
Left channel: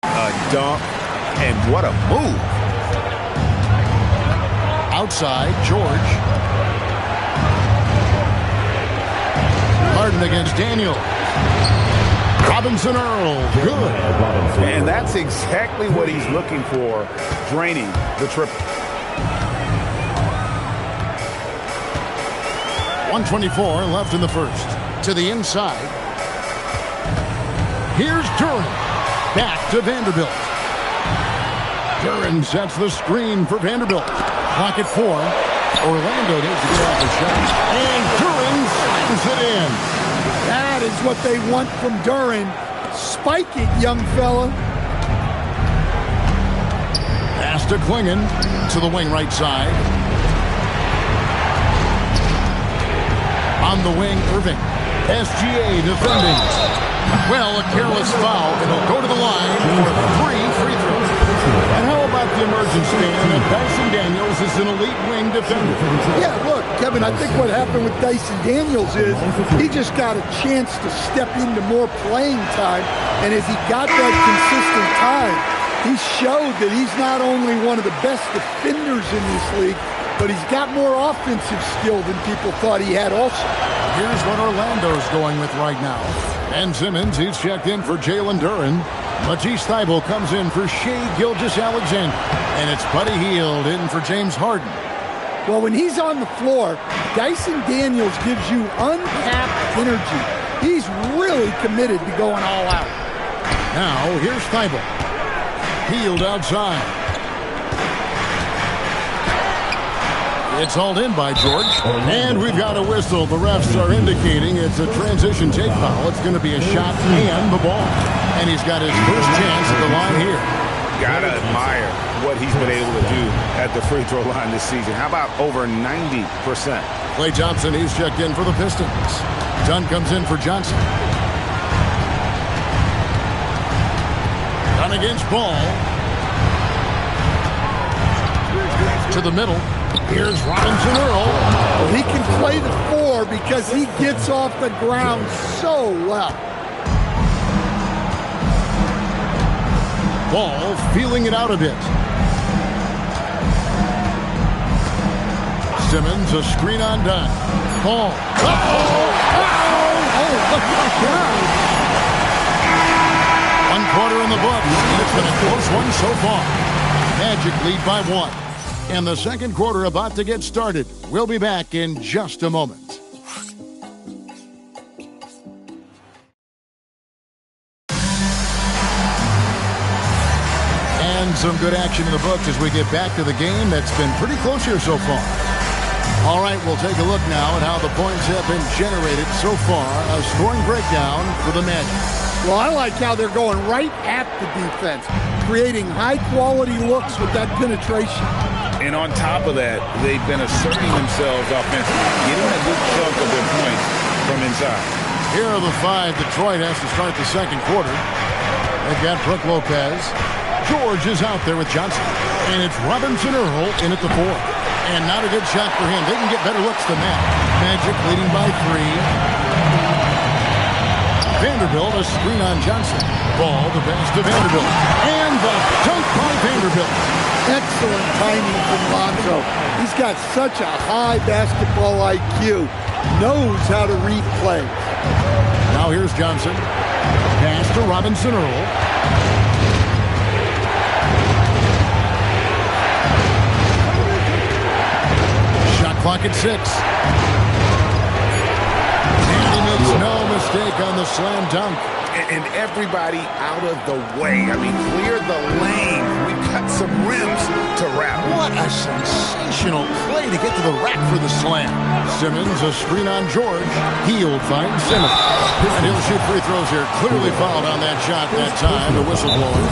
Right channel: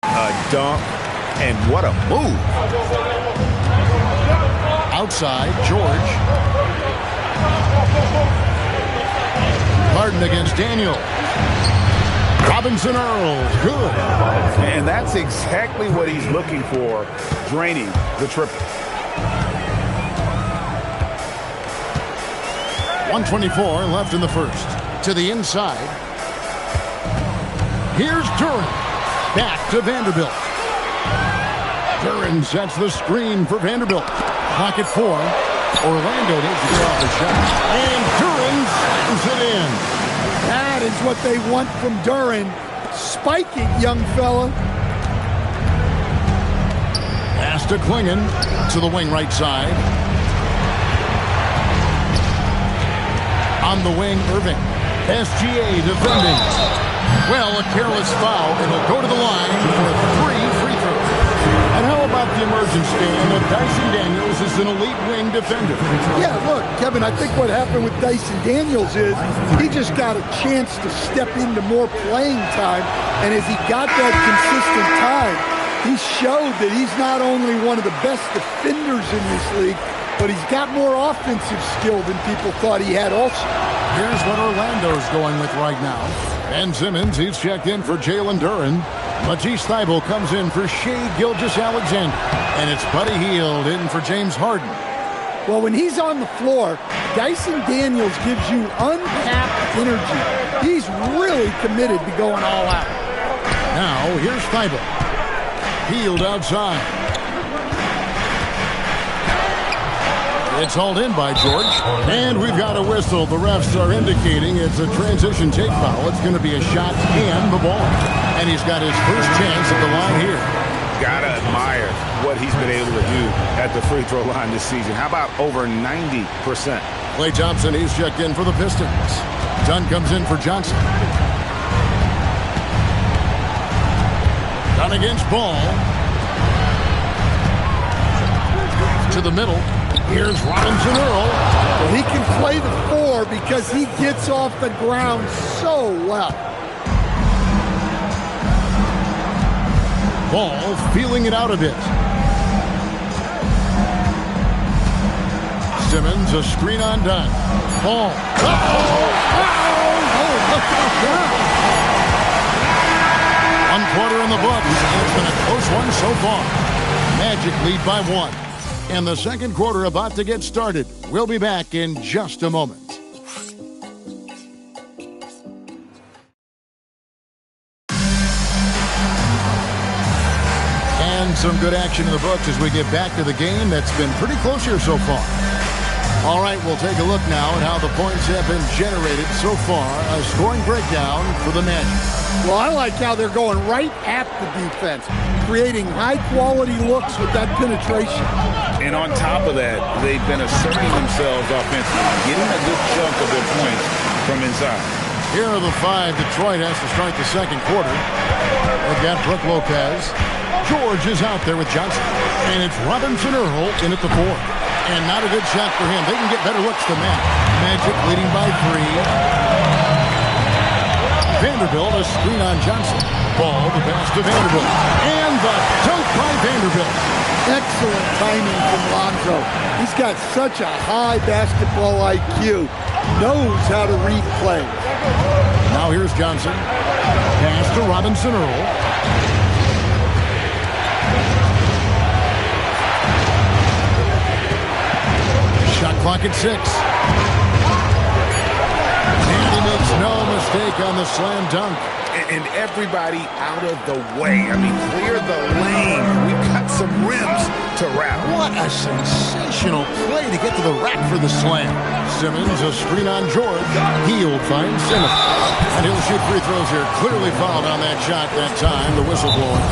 a dunk, and what a move. Outside, George. Harden against Daniel. Robinson Earls, good. And that's exactly what he's looking for, draining the triple. 1:24 left in the first. To the inside. Here's Duren. Back to Vanderbilt. Duren sets the screen for Vanderbilt. Clock at 4. Orlando needs to get off the shot. And Duren slams it in. That is what they want from Duren. Spike it, young fella. Pass to Klingon to the wing right side. On the wing, Irving. SGA defending. Well, a careless foul. It'll go to the line for 3 free throws. And how about the emergence, Stan, of Dyson Daniels is an elite wing defender? Yeah, look, Kevin, I think what happened with Dyson Daniels is he just got a chance to step into more playing time. And as he got that consistent time, he showed that he's not only one of the best defenders in this league, but he's got more offensive skill than people thought he had also. Here's what Orlando's going with right now. Ben Simmons, he's checked in for Jalen Duren. Matisse Thybulle comes in for Shai Gilgeous-Alexander. And it's Buddy Hield in for James Harden. Well, when he's on the floor, Dyson Daniels gives you untapped energy. He's really committed to going all out. Now, here's Thybulle. Hield outside. It's hauled in by George. And we've got a whistle. The refs are indicating it's a transition take foul. It's going to be a shot and the ball. And he's got his first chance at the line here. Gotta admire what he's been able to do at the free throw line this season. How about over 90%? Klay Thompson, he's checked in for the Pistons. Dunn comes in for Johnson. Dunn against Ball. To the middle. Here's Robinson Earl. Well, he can play the 4 because he gets off the ground so well. Ball feeling it out a bit. Simmons, a screen on Dunn. Ball. Look at that. 1 quarter in the books, and it's been a close one so far. Magic lead by 1. And the second quarter about to get started. We'll be back in just a moment. And some good action in the books as we get back to the game that's been pretty close here so far. All right, we'll take a look now at how the points have been generated so far. A scoring breakdown for the Magic. Well, I like how they're going right at the defense, creating high-quality looks with that penetration. And on top of that, they've been asserting themselves offensively, getting a good chunk of their points from inside. Here are the 5 Detroit has to start the second quarter. They've got Brook Lopez. George is out there with Johnson. And it's Robinson Earl in at the 4. And not a good shot for him. They can get better looks than that. Magic leading by 3. Vanderbilt, a screen on Johnson. Ball, the pass to Vanderbilt. And the dunk by Vanderbilt. Excellent timing from Lonzo. He's got such a high basketball IQ. Knows how to read plays. Now here's Johnson. Pass to Robinson Earl. Shot clock at 6. And he makes no mistake on the slam dunk. And everybody out of the way. I mean, clear the lane. We've got some rims to rattle. What a sensational play to get to the rack for the slam. Simmons, a screen on George. He'll find Simmons. And he'll shoot free throws here. Clearly fouled on that shot that time. The whistle blowing.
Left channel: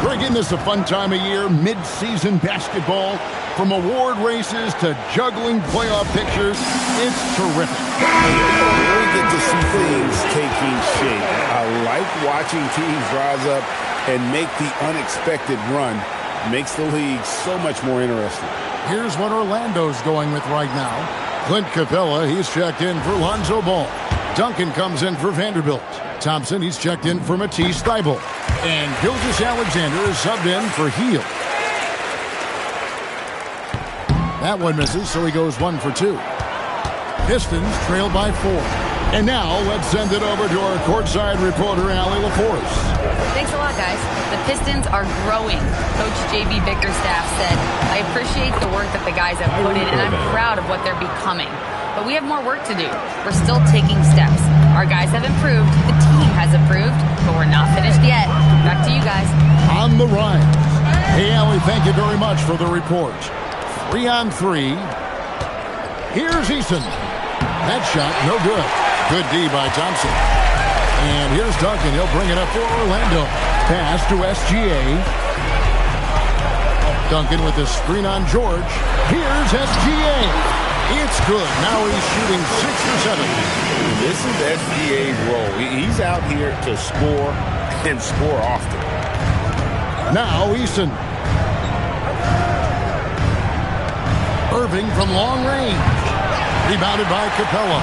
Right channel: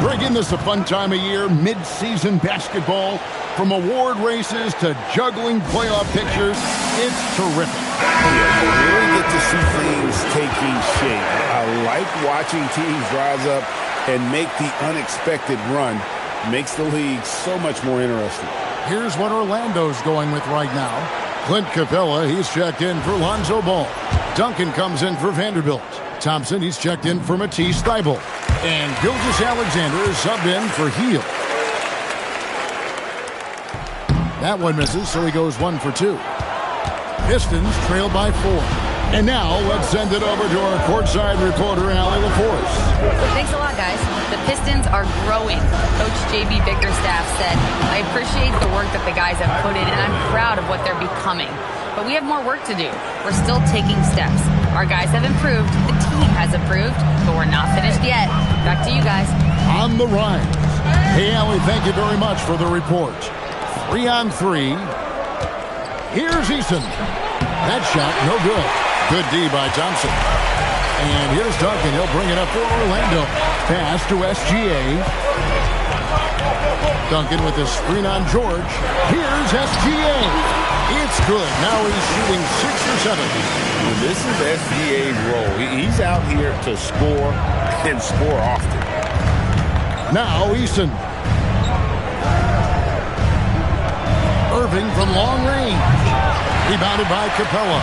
Greg, isn't this a fun time of year? Mid-season basketball. From award races to juggling playoff pictures. It's terrific. Yeah, you really get to see things taking shape. I like watching teams rise up and make the unexpected run. Makes the league so much more interesting. Here's what Orlando's going with right now. Clint Capella, he's checked in for Lonzo Ball. Duncan comes in for Vanderbilt. Thompson, he's checked in for Matisse Thybulle. And Gilgeous-Alexander is subbed in for Heel. That one misses, so he goes 1 for 2. Pistons trail by 4. And now let's send it over to our courtside reporter, Allie LaForce. Thanks a lot, guys. The Pistons are growing. Coach J.B. Bickerstaff said, I appreciate the work that the guys have put in, and I'm proud of what they're becoming. But we have more work to do. We're still taking steps. Our guys have improved. The team has improved, but we're not finished yet. Back to you guys. On the rise. Hey, Allie, thank you very much for the report. 3 on 3. Here's Eason. That shot, no good. Good D by Thompson. And here's Duncan. He'll bring it up for Orlando. Pass to SGA. Duncan with the screen on George. Here's SGA. It's good. Now he's shooting 6 or 7. This is SGA's role. He's out here to score and score often. Now Eason. Irving from long range. Rebounded by Capella.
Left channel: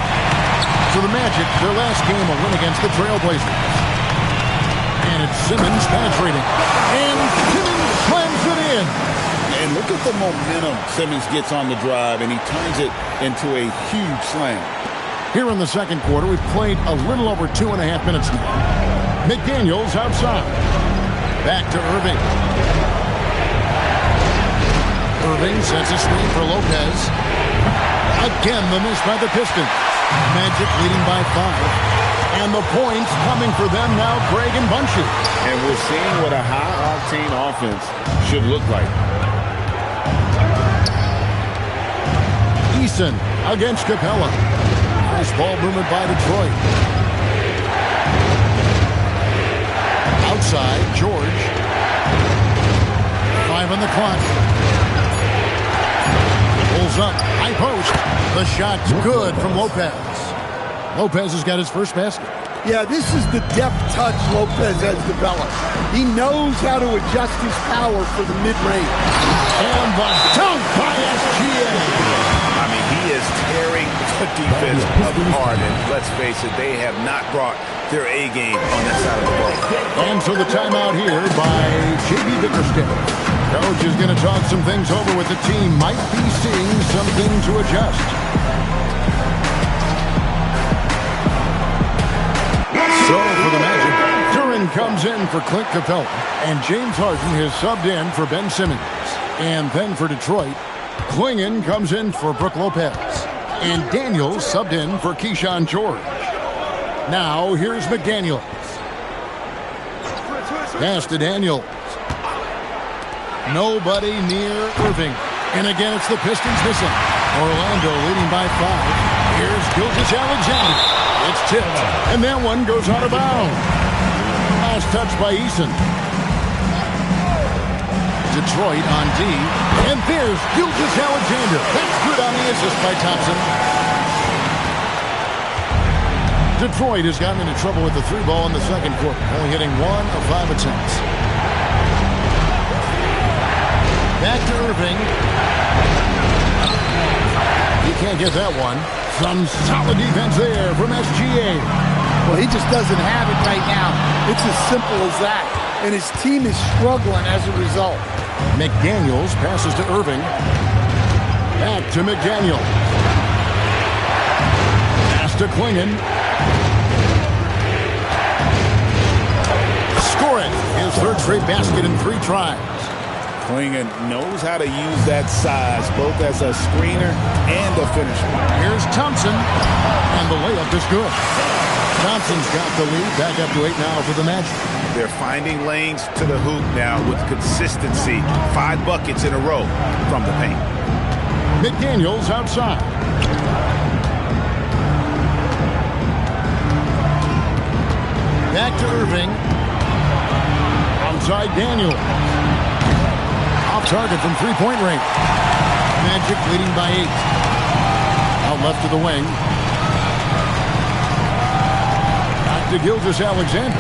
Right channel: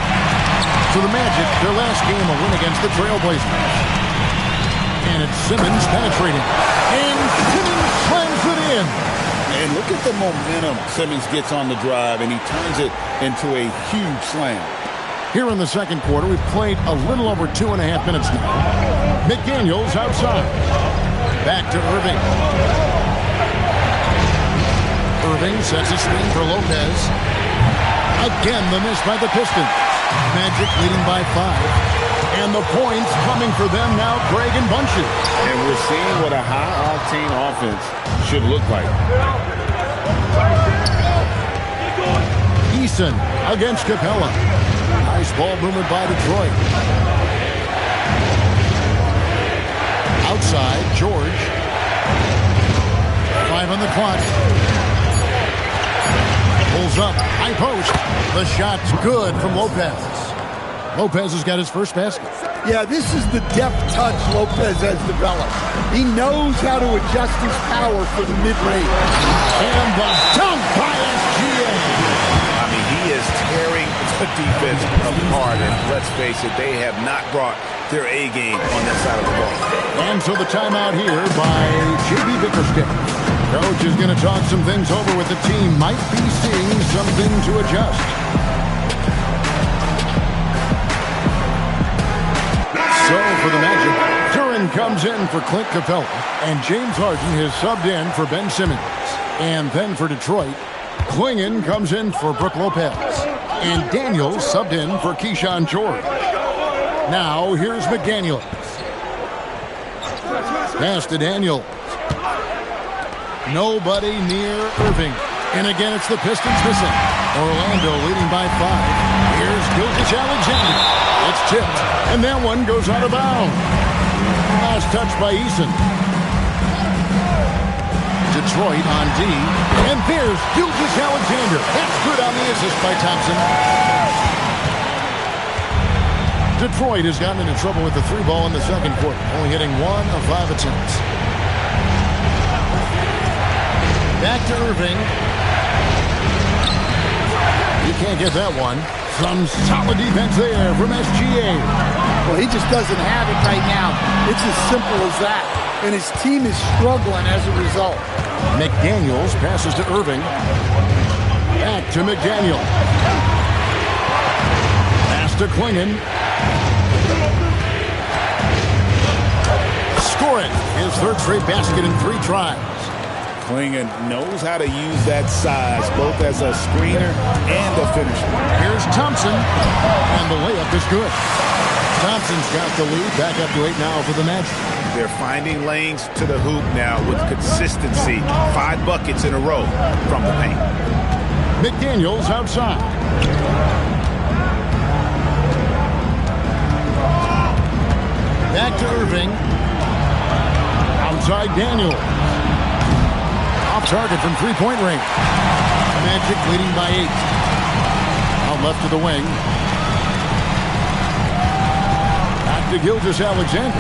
So the Magic, their last game, a win against the Trailblazers. And it's Simmons penetrating. And Simmons slams it in. And look at the momentum Simmons gets on the drive, and he turns it into a huge slam. Here in the second quarter, we've played a little over 2.5 minutes now. McDaniels outside. Back to Irving. Irving sets a screen for Lopez. Again, the miss by the Pistons. Magic leading by 5. And the points coming for them now, Greg and Bunches. And we're seeing what a high-octane offense should look like. Eason against Capella. Nice ball movement by Detroit. Outside, George. 5 on the clock. Pulls up, high post. The shot's good from Lopez. Lopez has got his first basket. Yeah, this is the deft touch Lopez has developed. He knows how to adjust his power for the mid-range. And the dunk by SGA. I mean, he is tearing the defense apart, and let's face it, they have not brought their A game on that side of the ball. And so the timeout here by J.B. Bickerstaff. Coach is going to talk some things over with the team. Might be seeing something to adjust. So for the Magic, Duran comes in for Clint Capella, and James Harden has subbed in for Ben Simmons. And then for Detroit, Klingon comes in for Brook Lopez, and Daniels subbed in for Keyshawn George. Now here's McDaniels. Pass to Daniels. Nobody near Irving. And again, it's the Pistons missing. Orlando leading by 5. Here's Gilgeous-Alexander. It's tipped. And that one goes out of bounds. Last touch by Eason. Detroit on D. And there's Gilgeous-Alexander. That's good on the assist by Thompson. Detroit has gotten into trouble with the 3 ball in the second quarter, only hitting 1 of 5 attempts. Back to Irving. You can't get that one. Some solid defense there from SGA. Well, he just doesn't have it right now. It's as simple as that. And his team is struggling as a result. McDaniels passes to Irving. Back to McDaniel. Pass to Klingon. Score it. His 3rd straight basket in 3 tries. Klingon knows how to use that size, both as a screener and a finisher. Here's Thompson, and the layup is good. Thompson's got the lead, back up to 8 now for the Magic. They're finding lanes to the hoop now with consistency. 5 buckets in a row from the paint. McDaniels outside. Back to Irving. Outside Daniels. Off target from 3-point range. Magic leading by 8. Out left to the wing. Back to Gilgeous-Alexander.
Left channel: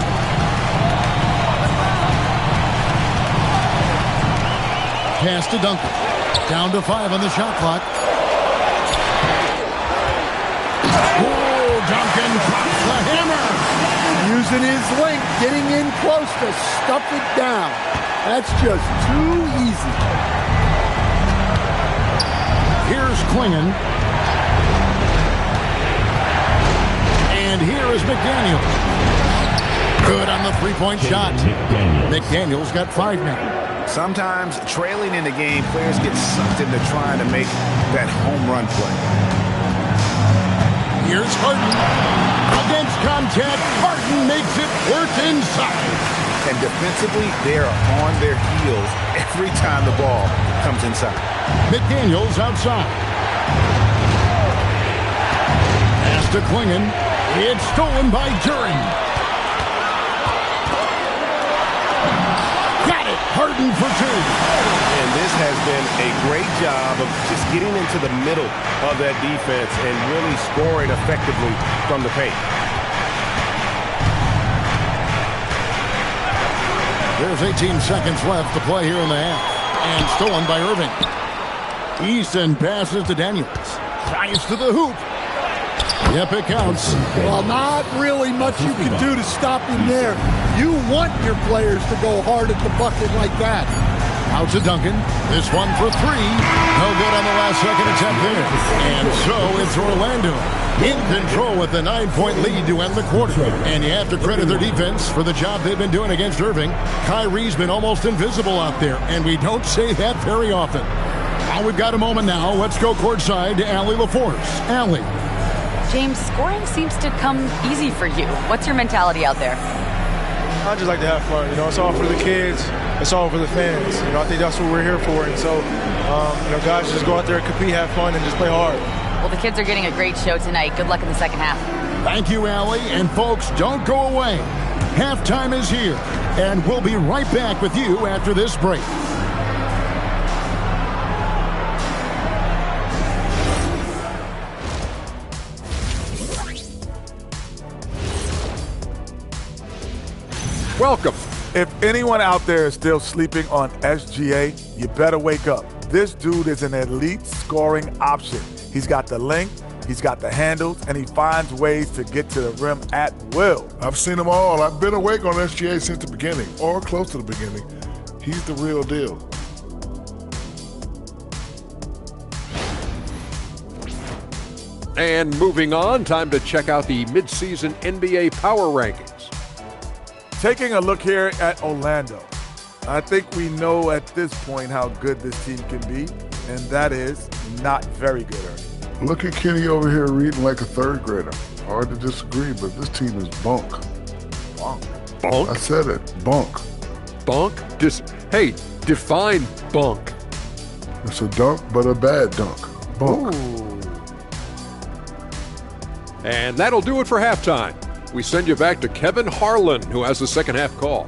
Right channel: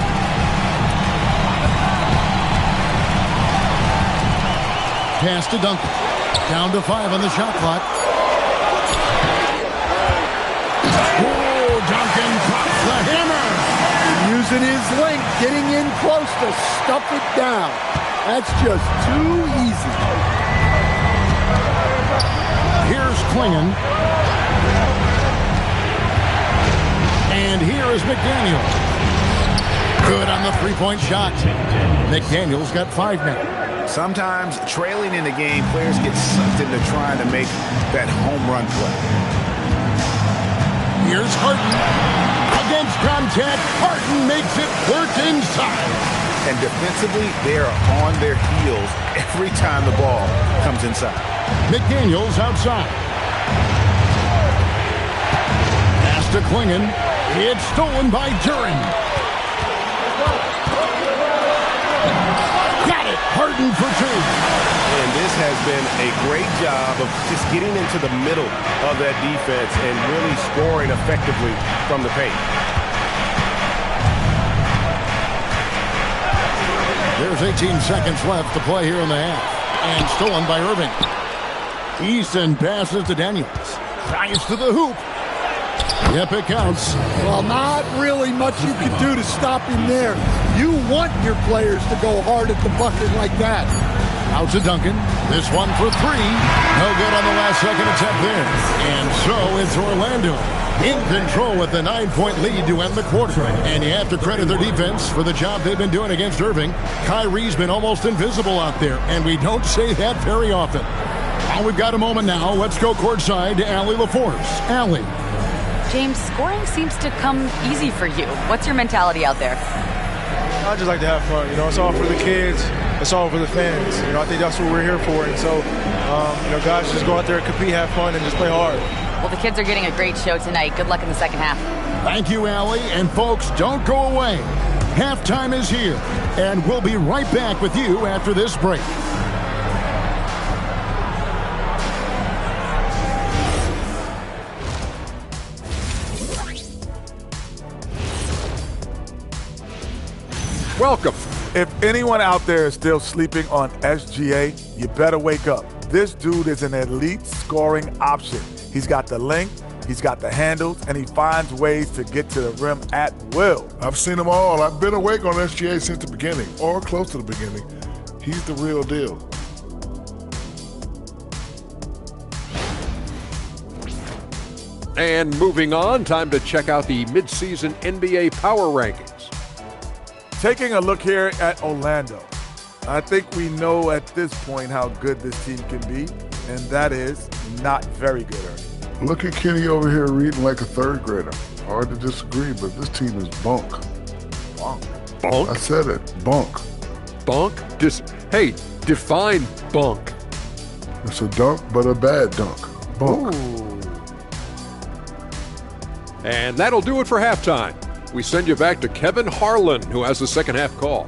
Pass to Duncan. Down to 5 on the shot clock. Oh, Duncan drops the hammer. Using his length, getting in close to stuff it down. That's just too easy. Here's Klingon. And here is McDaniels. Good on the 3-point shot. McDaniels got 5 now. Sometimes trailing in the game, players get sucked into trying to make that home run play. Here's Harden. Against contact, Harden makes it work inside. And defensively, they are on their heels every time the ball comes inside. McDaniels outside. Pass to Klingon. It's stolen by Duren. Got it. Harden for 2. And this has been a great job of just getting into the middle of that defense and really scoring effectively from the paint. There's 18 seconds left to play here in the half. And stolen by Irving. Easton passes to Daniels. Tries to the hoop. Yep, it counts. Well, not really much you can do to stop him there. You want your players to go hard at the bucket like that. Out to Duncan. This one for 3. No good on the last second attempt there. And so it's Orlando in control with the 9-point lead to end the quarter. And you have to credit their defense for the job they've been doing against Irving. Kyrie's been almost invisible out there, and we don't say that very often. Well, we've got a moment now. Let's go courtside to Allie LaForce. Allie. James, scoring seems to come easy for you. What's your mentality out there? I just like to have fun. It's all for the kids. It's all for the fans. I think that's what we're here for. And so, guys, just go out there and compete, have fun, and just play hard. Well, the kids are getting a great show tonight. Good luck in the second half. Thank you, Allie. And folks, don't go away. Halftime is here, and we'll be right back with you after this break. Welcome. If anyone out there is still sleeping on SGA, you better wake up. This dude is an elite scoring option. He's got the length, he's got the handles, and he finds ways to get to the rim at will. I've seen them all. I've been awake on SGA since the beginning, or close to the beginning. He's the real deal. And moving on, time to check out the midseason NBA Power Rankings. Taking a look here at Orlando, I think we know at this point how good this team can be, and that is not very good. Look at Kenny over here reading like a 3rd grader. Hard to disagree, but this team is bunk. Bunk? Bunk? I said it, bunk. Bunk? Hey, define bunk. It's a dunk, but a bad dunk. Bunk. Ooh. And that'll do it for halftime. We send you back to Kevin Harlan, who has the second half call.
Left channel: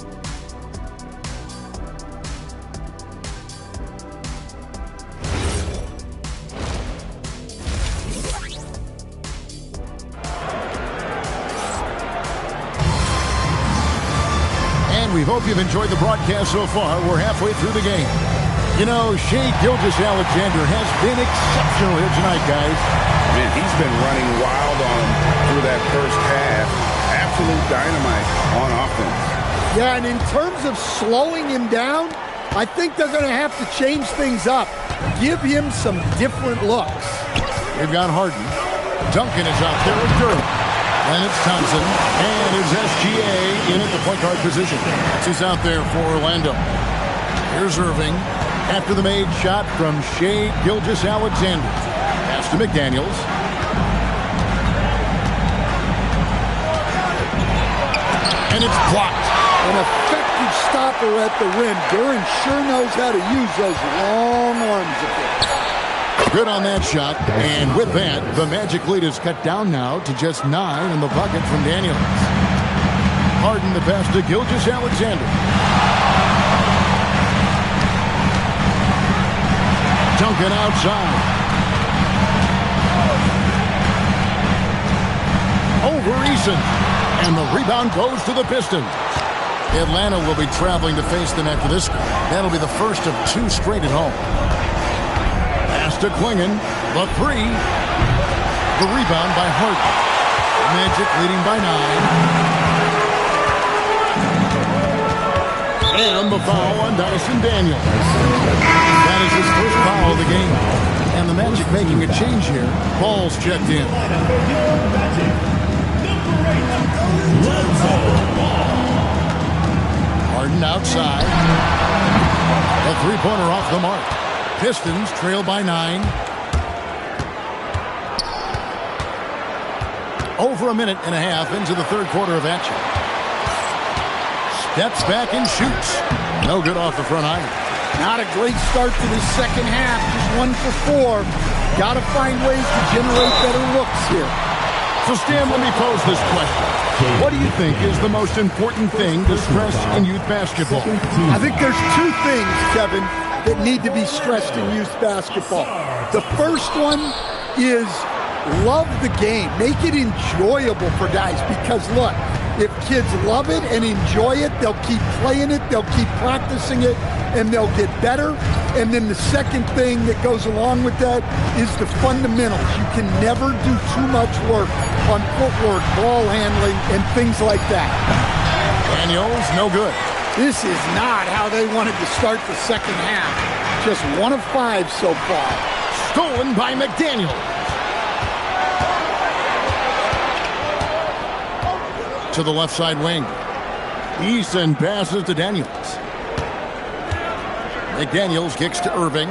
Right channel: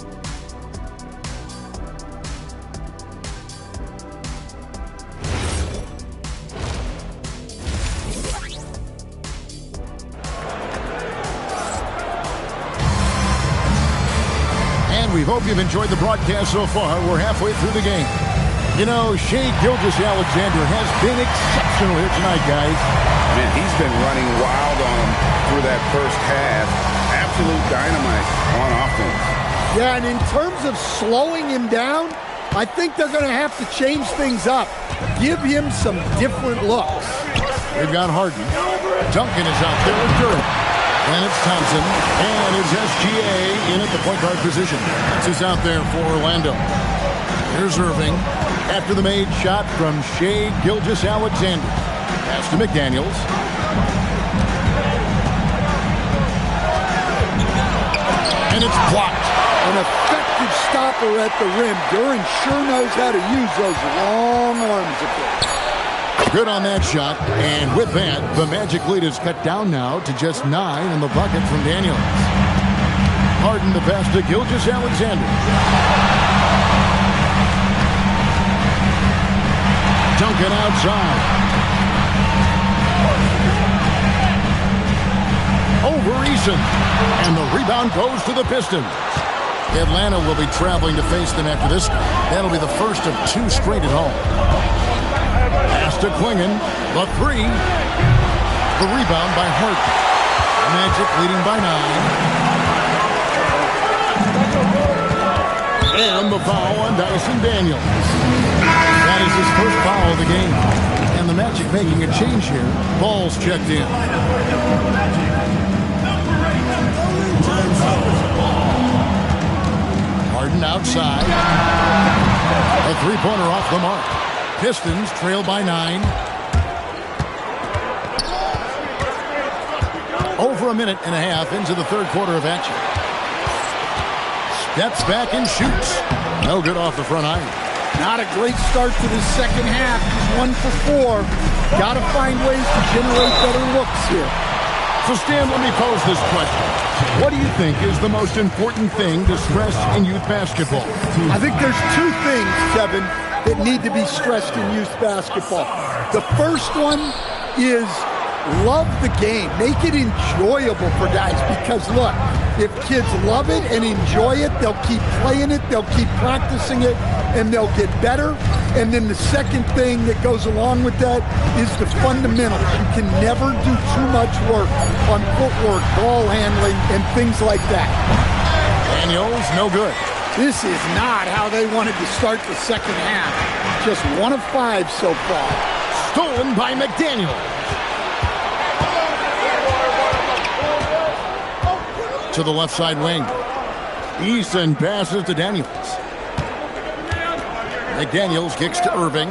And we hope you've enjoyed the broadcast so far. We're halfway through the game. You know, Shea Gilgeous-Alexander has been exceptional here tonight, guys. Man, he's been running wild on him through that first half. Absolute dynamite on offense. Yeah, and in terms of slowing him down, I think they're going to have to change things up. Give him some different looks. We've got Harden. Duncan is out there with Durham. And it's Thompson. And it's SGA in at the point guard position. That's who's out there for Orlando. Here's Irving. After the made shot from Shea Gilgeous-Alexander. Pass to McDaniels. And it's blocked. An effective stopper at the rim. Duran sure knows how to use those long arms of his. Good on that shot. And with that, the Magic lead is cut down now to just 9 in the bucket from Daniels. Harden the pass to Gilgeous-Alexander. Duncan outside. Over Eason. And the rebound goes to the Pistons. Atlanta will be traveling to face them after this game. That'll be the first of 2 straight at home. Pass to Klingon. The 3. The rebound by Harden. Magic leading by 9. And the foul on Dyson Daniels. That is his first foul of the game. And the Magic making a change here. Ball's checked in. Harden outside. A three-pointer off the mark. Pistons trail by 9. Over a minute and a half into the third quarter of action. Steps back and shoots. No good off the front iron. Not a great start to this second half. Just 1 for 4. Got to find ways to generate better looks here. So, Stan, let me pose this question. What do you think is the most important thing to stress in youth basketball? I think there's 2 things, Kevin, that need to be stressed in youth basketball. The first one is love the game. Make it enjoyable for guys because, look, if kids love it and enjoy it, they'll keep playing it, they'll keep practicing it, and they'll get better. And then the second thing that goes along with that is the fundamentals. You can never do too much work on footwork, ball handling, and things like that. Daniels, no good. This is not how they wanted to start the second half. Just 1 of 5 so far. Stolen by McDaniels. To the left side wing. Eason passes to Daniels. McDaniels kicks to Irving.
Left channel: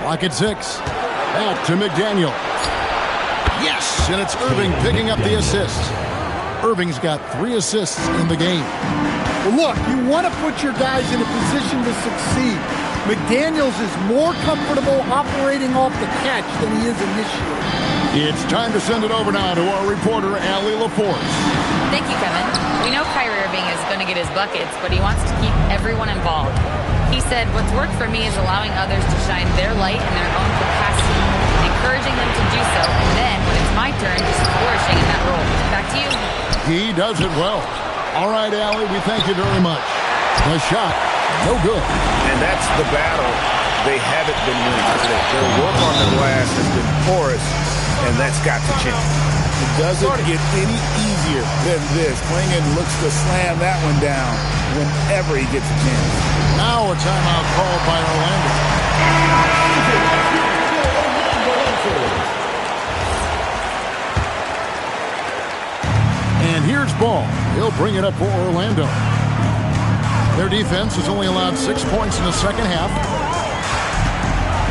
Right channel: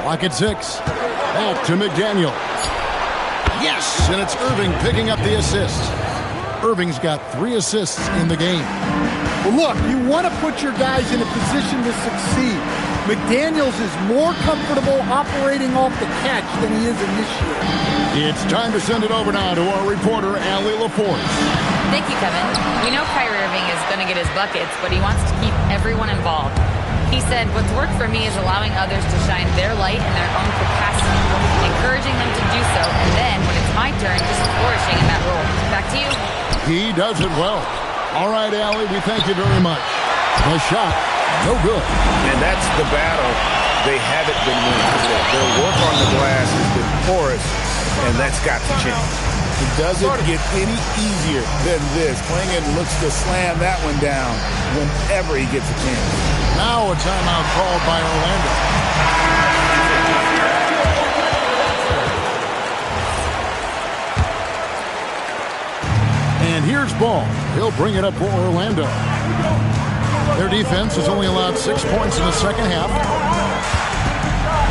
Clock at 6. Back to McDaniel. Yes, and it's Irving picking up the assist. Irving's got 3 assists in the game. Well, look, you want to put your guys in a position to succeed. McDaniels is more comfortable operating off the catch than he is initiating. It's time to send it over now to our reporter, Allie LaForce. Thank you, Kevin. We know Kyrie Irving is going to get his buckets, but he wants to keep everyone involved. He said, what's worked for me is allowing others to shine their light in their own capacity, encouraging them to do so, and then, when it's my turn, just flourishing in that role. Back to you. He does it well. All right, Allie, we thank you very much. The shot, no good. And that's the battle they haven't been winning today. Their work on the glass has been porous, and that's got to change. It doesn't get any easier than this. Klingon looks to slam that one down whenever he gets a chance. Now a timeout called by Orlando. And here's Ball. He'll bring it up for Orlando. Their defense has only allowed 6 points in the second half.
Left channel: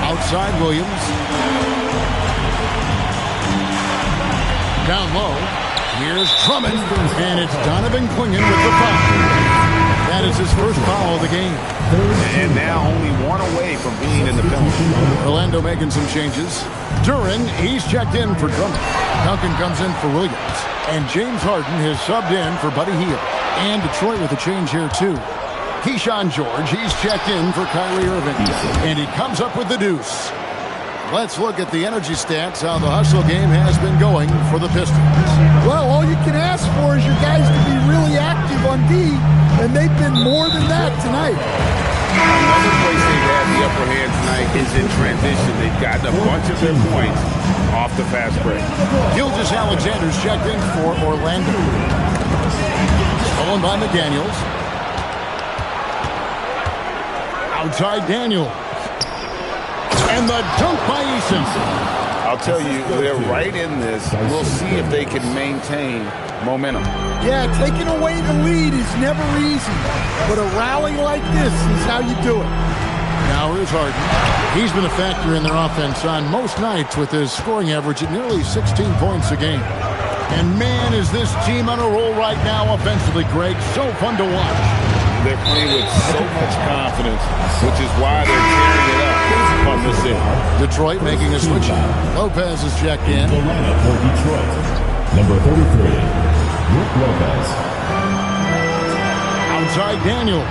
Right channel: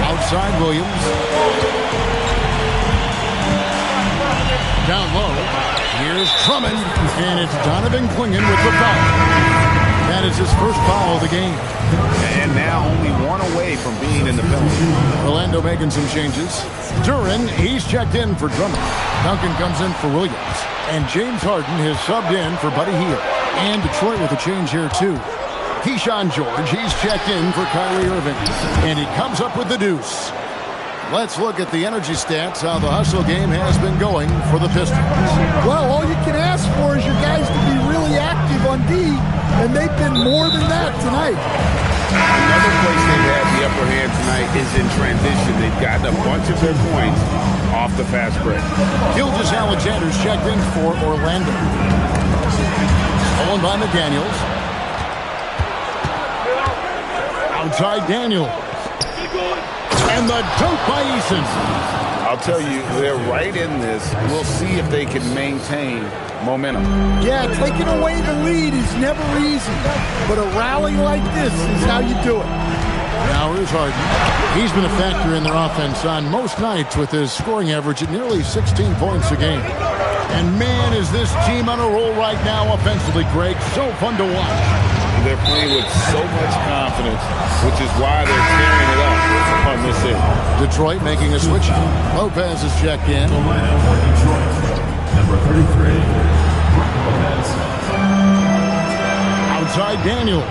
Outside Williams. Down low. Here's Drummond. And it's Donovan Klingon with the foul. That is his first foul of the game. And now only 1 away from being in the penalty. Orlando making some changes. Duran, he's checked in for Drummond. Duncan comes in for Williams. And James Harden has subbed in for Buddy Hield. And Detroit with a change here, too. Keyshawn George, he's checked in for Kyrie Irving. And he comes up with the deuce. Let's look at the energy stats, how the hustle game has been going for the Pistons. Well, all you can ask for is your guys to be really active on D, and they've been more than that tonight. Another place they've had the upper hand tonight is in transition. They've gotten a bunch of their points off the fast break. Gilgeous-Alexander's checked in for Orlando. Stolen by McDaniels. Outside Daniels. And the dunk by Eason. I'll tell you, they're right in this. We'll see if they can maintain momentum. Yeah, taking away the lead is never easy, but a rally like this is how you do it. Now here's Harden. He's been a factor in their offense on most nights with his scoring average at nearly 16 points a game. And man, is this team on a roll right now offensively, Greg. So fun to watch. They're playing with so much confidence, which is why they're tearing it up on this end. Detroit making a switch. Lopez is checked in. The lineup for Detroit. Number 33, Brook Lopez. Outside Daniel.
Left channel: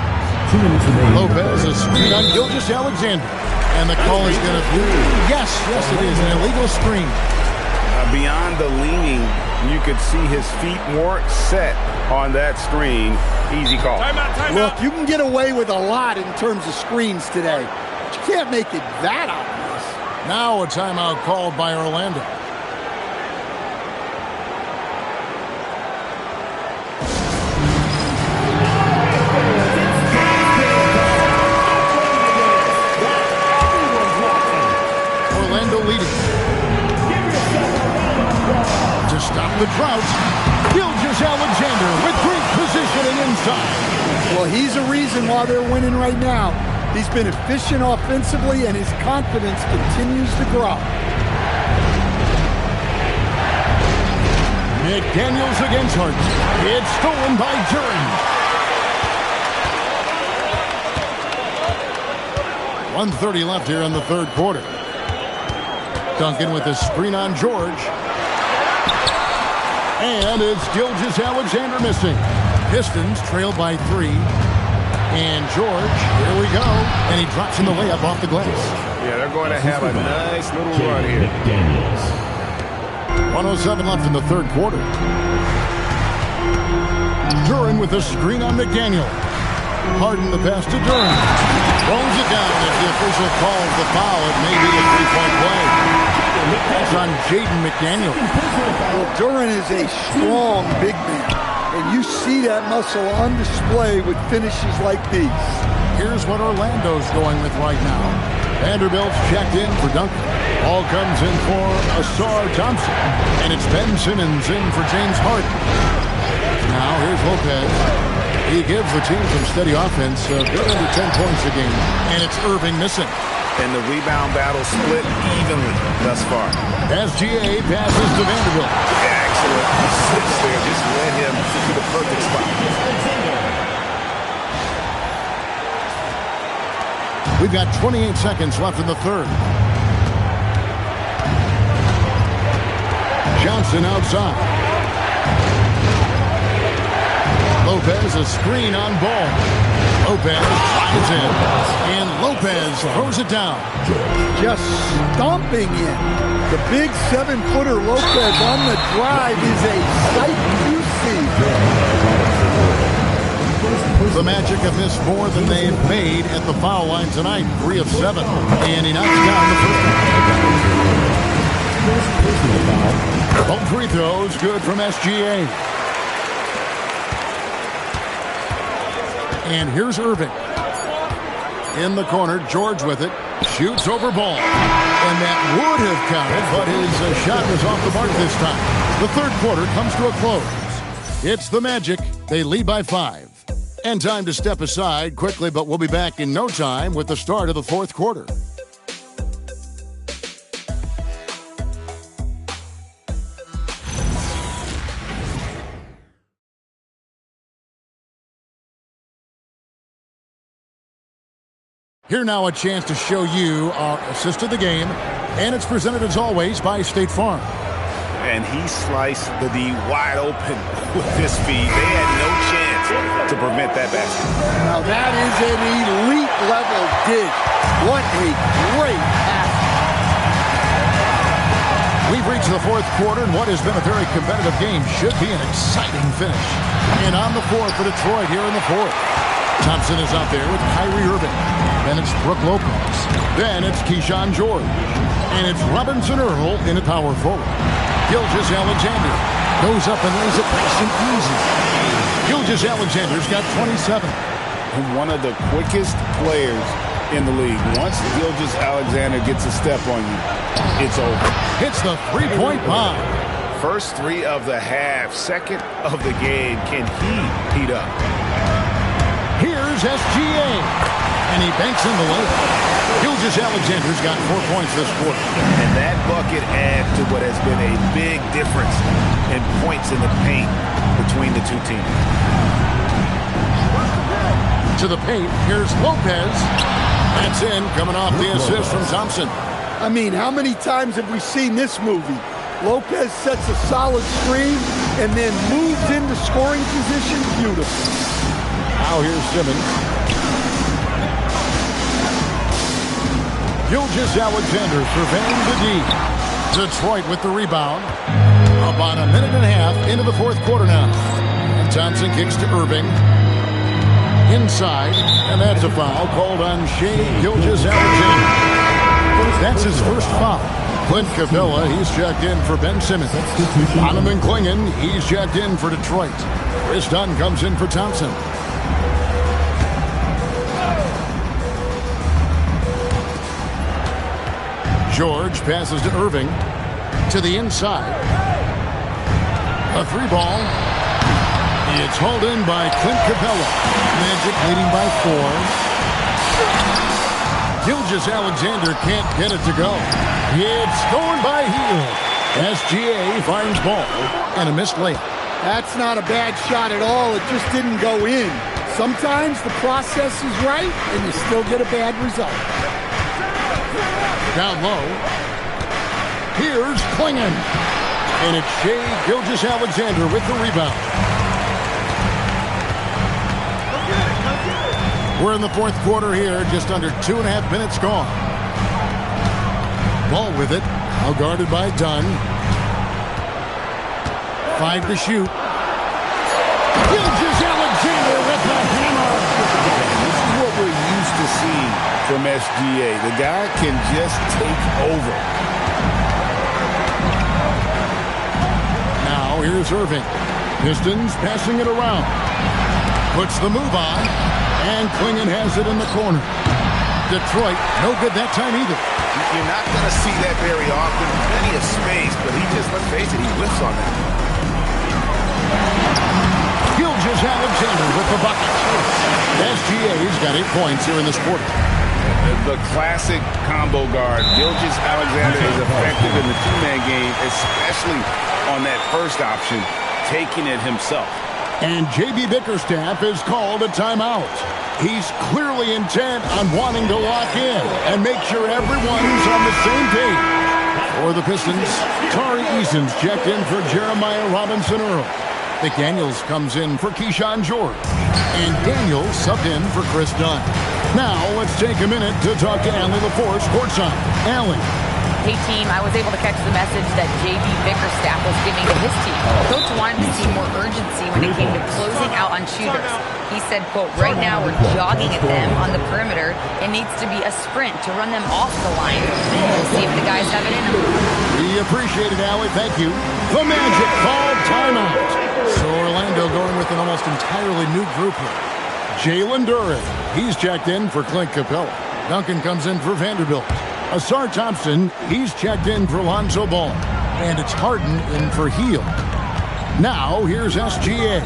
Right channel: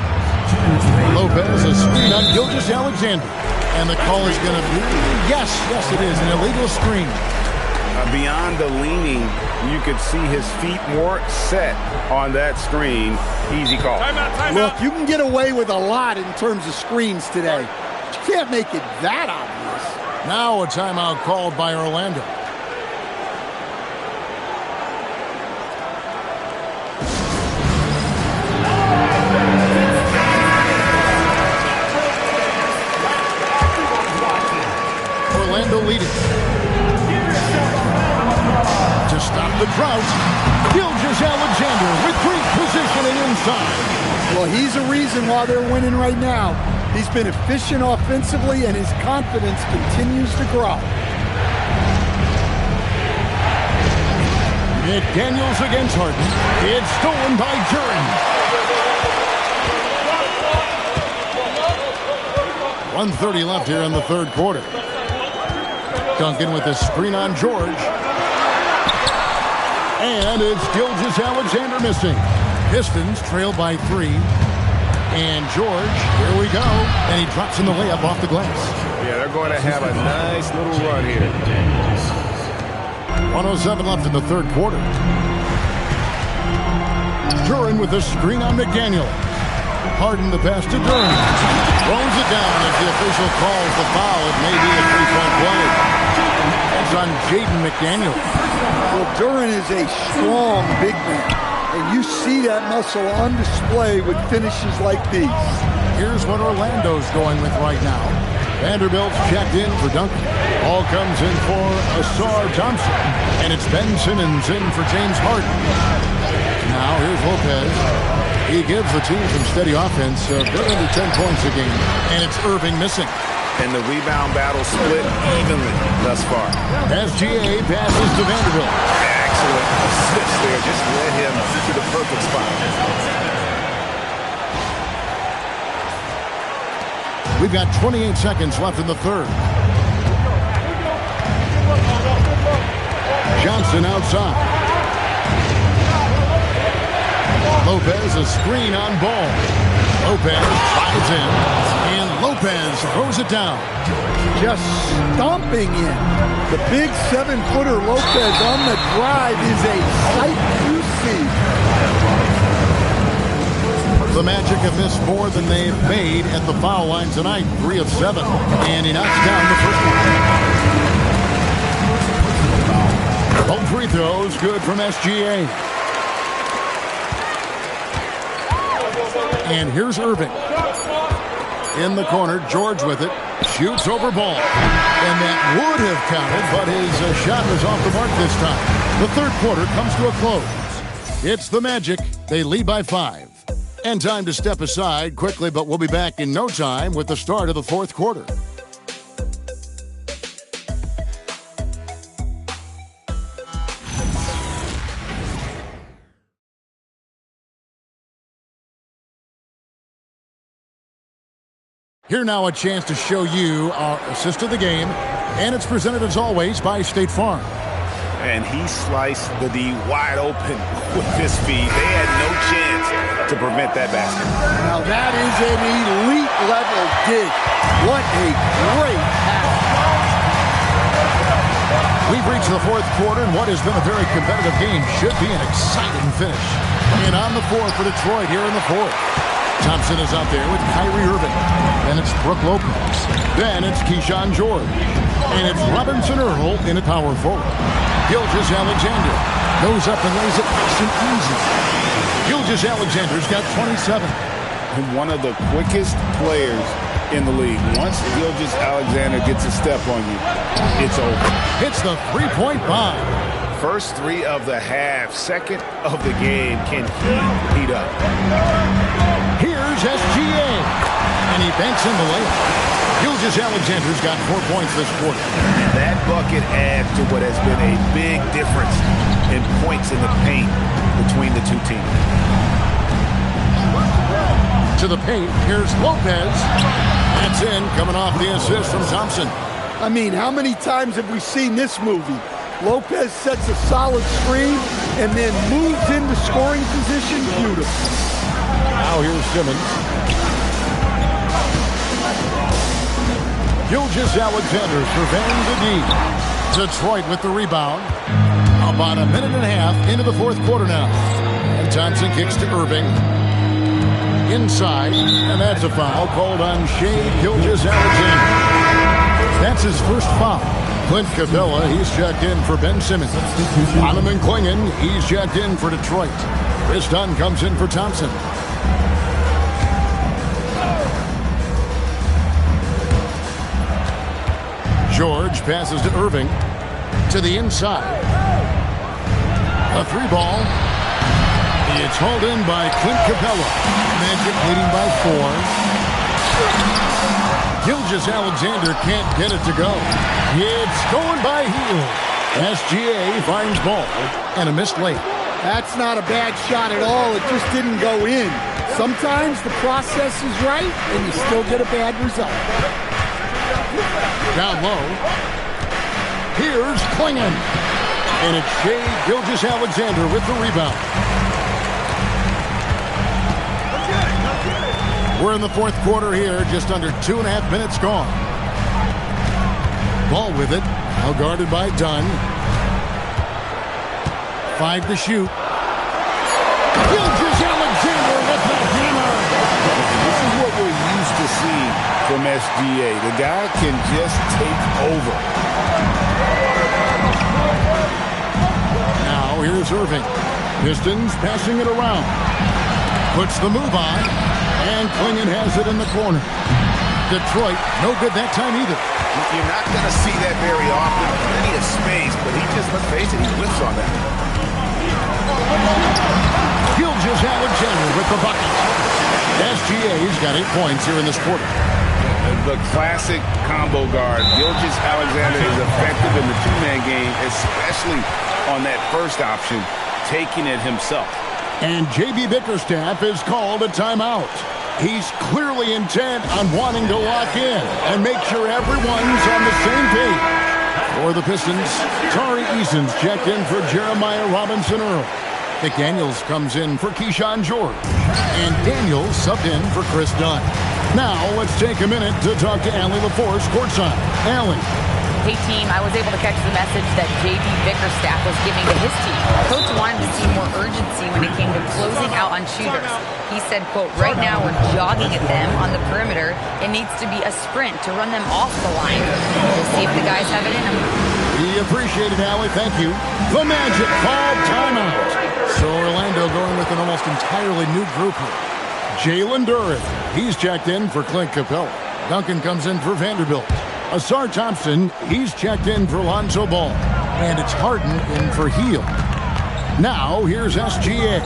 Lopez, a screen on Gilgeous-Alexander. And the call is going to be, yes, it is, an illegal screen. Beyond the leaning, you could see his feet weren't set on that screen. Easy call. Timeout. Look, you can get away with a lot in terms of screens today. But you can't make it that obvious. Now a timeout called by Orlando. Orlando leading. To stop the drought, Gilgeous-Alexander with great positioning inside. Well, he's a reason why they're winning right now. He's been efficient offensively, and his confidence continues to grow. McDaniels against Harden. It's stolen by Duren. 1:30 left here in the third quarter. Duncan with a screen on George. And it's Gilgeous-Alexander missing. Pistons trail by 3. And George, here we go. And he drops in the layup off the glass. Yeah, they're going to have a nice little run here. 1:07 left in the third quarter. Duren with a screen on McDaniel. Harden the pass to Duren. Throws it down. If the official calls the foul, it may be a three-point play. That's on Jaden McDaniel. Well, Duren is a strong big man, and you see that muscle on display with finishes like these. Here's what Orlando's going with right now. Vanderbilt's checked in for Duncan. Ball comes in for Asar Thompson, and it's Ben Simmons in for James Harden. Now here's Lopez. He gives the team some steady offense, a bit under 10 points a game, and it's Irving missing. And the rebound battle split evenly thus far. SGA passes to Vanderbilt. Excellent assist there. Just led him to the perfect spot. We've got 28 seconds left in the third. Johnson outside. Lopez, a screen on Ball. Lopez drives in, and Lopez throws it down. Just stomping in. The big 7-footer Lopez on the drive is a sight to see. The Magic have missed more than they've made at the foul line tonight. 3 of 7, and he knocks down the first one. Both free throws good from SGA. And here's Irving. In the corner, George with it. Shoots over Ball. And that would have counted, but his shot was off the mark this time. The third quarter comes to a close. It's the Magic. They lead by 5. And time to step aside quickly, but we'll be back in no time with the start of the fourth quarter. Here now a chance to show you our assist of the game, and it's presented as always by State Farm. And he sliced the D wide open with his feet. They had no chance to prevent that basket. Now that is an elite level dig. What a great pass. We've reached the fourth quarter, and what has been a very competitive game should be an exciting finish. And on the floor for Detroit here in the fourth. Thompson is out there with Kyrie Irving. Then it's Brook Lopez. Then it's Keyshawn George. And it's Robinson Earl in a power forward. Gilgeous-Alexander goes up and lays it nice and easy. Gilgeous-Alexander's got 27. One of the quickest players in the league. Once Gilgeous-Alexander gets a step on you, it's over. Hits the three-point bomb. First three of the half, second of the game. Can he heat up? Here's SGA. And he banks in the layup. Gilgeous-Alexander's got 4 points this quarter. And that bucket adds to what has been a big difference in points in the paint between the two teams. To the paint, here's Lopez. That's in, coming off the assist from Thompson. I mean, how many times have we seen this movie? Lopez sets a solid screen and then moves into scoring position. Beautiful. Now here's Simmons. Gilgeous-Alexander surveying the D. Detroit with the rebound. About a minute and a half into the fourth quarter now. And Thompson kicks to Irving. Inside, and that's a foul called on Shea Gilgeous-Alexander. That's his first foul. Clint Capella, he's checked in for Ben Simmons. Donovan Clingan, he's checked in for Detroit. Chris Dunn comes in for Thompson. George passes to Irving. To the inside. A three ball. It's hauled in by Clint Capella. Magic leading by 4. Gilgeous-Alexander can't get it to go. It's going by heel. SGA finds ball and a missed layup. That's not a bad shot at all. It just didn't go in. Sometimes the process is right and you still get a bad result. Down low. Here's Clingan. And it's Shea Gilgeous-Alexander with the rebound. We're in the fourth quarter here, just under 2.5 minutes gone. Ball with it, now guarded by Dunn. 5 to shoot. Gilgeous-Alexander with the hammer. And this is what we're used to seeing from SGA. The guy can just take over. Now here's Irving. Pistons passing it around. Puts the move on. And Clingan has it in the corner. Detroit, no good that time either. You're not going to see that very often. Plenty of space, but he just, let's face it, he whiffs on that. Gilgeous-Alexander with the bucket. SGA's got 8 points here in this quarter. The classic combo guard. Gilgeous-Alexander is effective in the two-man game, especially on that first option, taking it himself. And J.B. Bickerstaff is called a timeout. He's clearly intent on wanting to lock in and make sure everyone's on the same page. For the Pistons, Tari Eason's checked in for Jeremiah Robinson Earl. McDaniels comes in for Keyshawn George. And Daniels subbed in for Chris Dunn. Now let's take a minute to talk to Allie LaForce courtside. Allie. Hey, team, I was able to catch the message that J.B. Bickerstaff was giving to his team. Coach wanted to see more urgency when it came to closing out on shooters. He said, quote, right now we're jogging at them on the perimeter. It needs to be a sprint to run them off the line. We'll see if the guys have it in them. We appreciate it, Allie. Thank you. The Magic called timeout. So Orlando going with an almost entirely new group here. Jalen Duren, he's checked in for Clint Capella. Duncan comes in for Vanderbilt. Asar Thompson, he's checked in for Lonzo Ball. And it's Harden in for Heel. Now, here's SGA.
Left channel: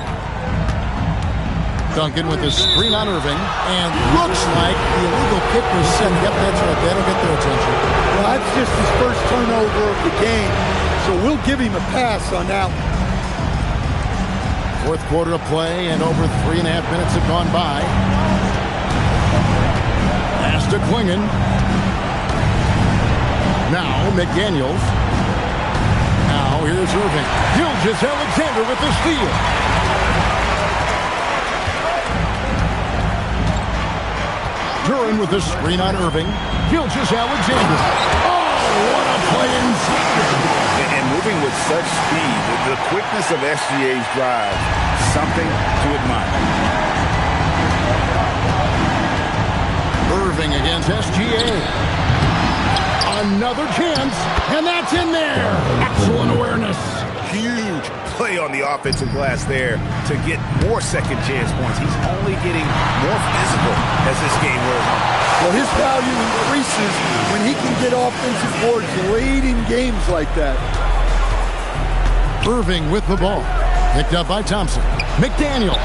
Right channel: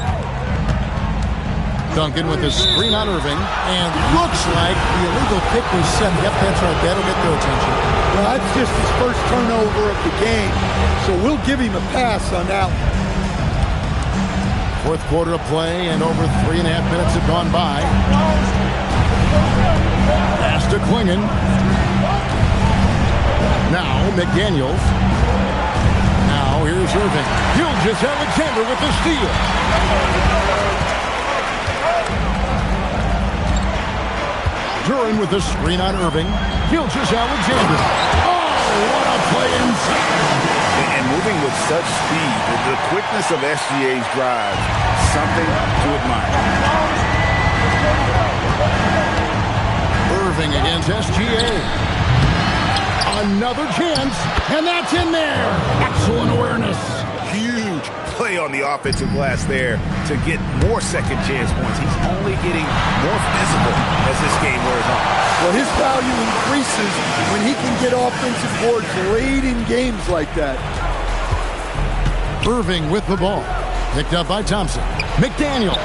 Duncan with his screen on Irving. And looks like the illegal kick was sent. Yep, that's right. That'll get their attention. Well, that's just his first turnover of the game. So we'll give him a pass on that one. Fourth quarter of play, and over 3.5 minutes have gone by. Pass to Clingan. Now McDaniels. Now here's Irving. Gilgeous-Alexander with the steal. Duren with the screen on Irving. Gilgeous-Alexander. Oh, what a play inside. and moving with such speed. The quickness of SGA's drive, something to admire. Irving against SGA. Another chance, and that's in there. Excellent awareness. Huge play on the offensive glass there to get more second chance points. He's only getting more physical as this game wears on. Well, his value increases when he can get offensive boards late in games like that. Irving with the ball. Picked up by Thompson. McDaniel.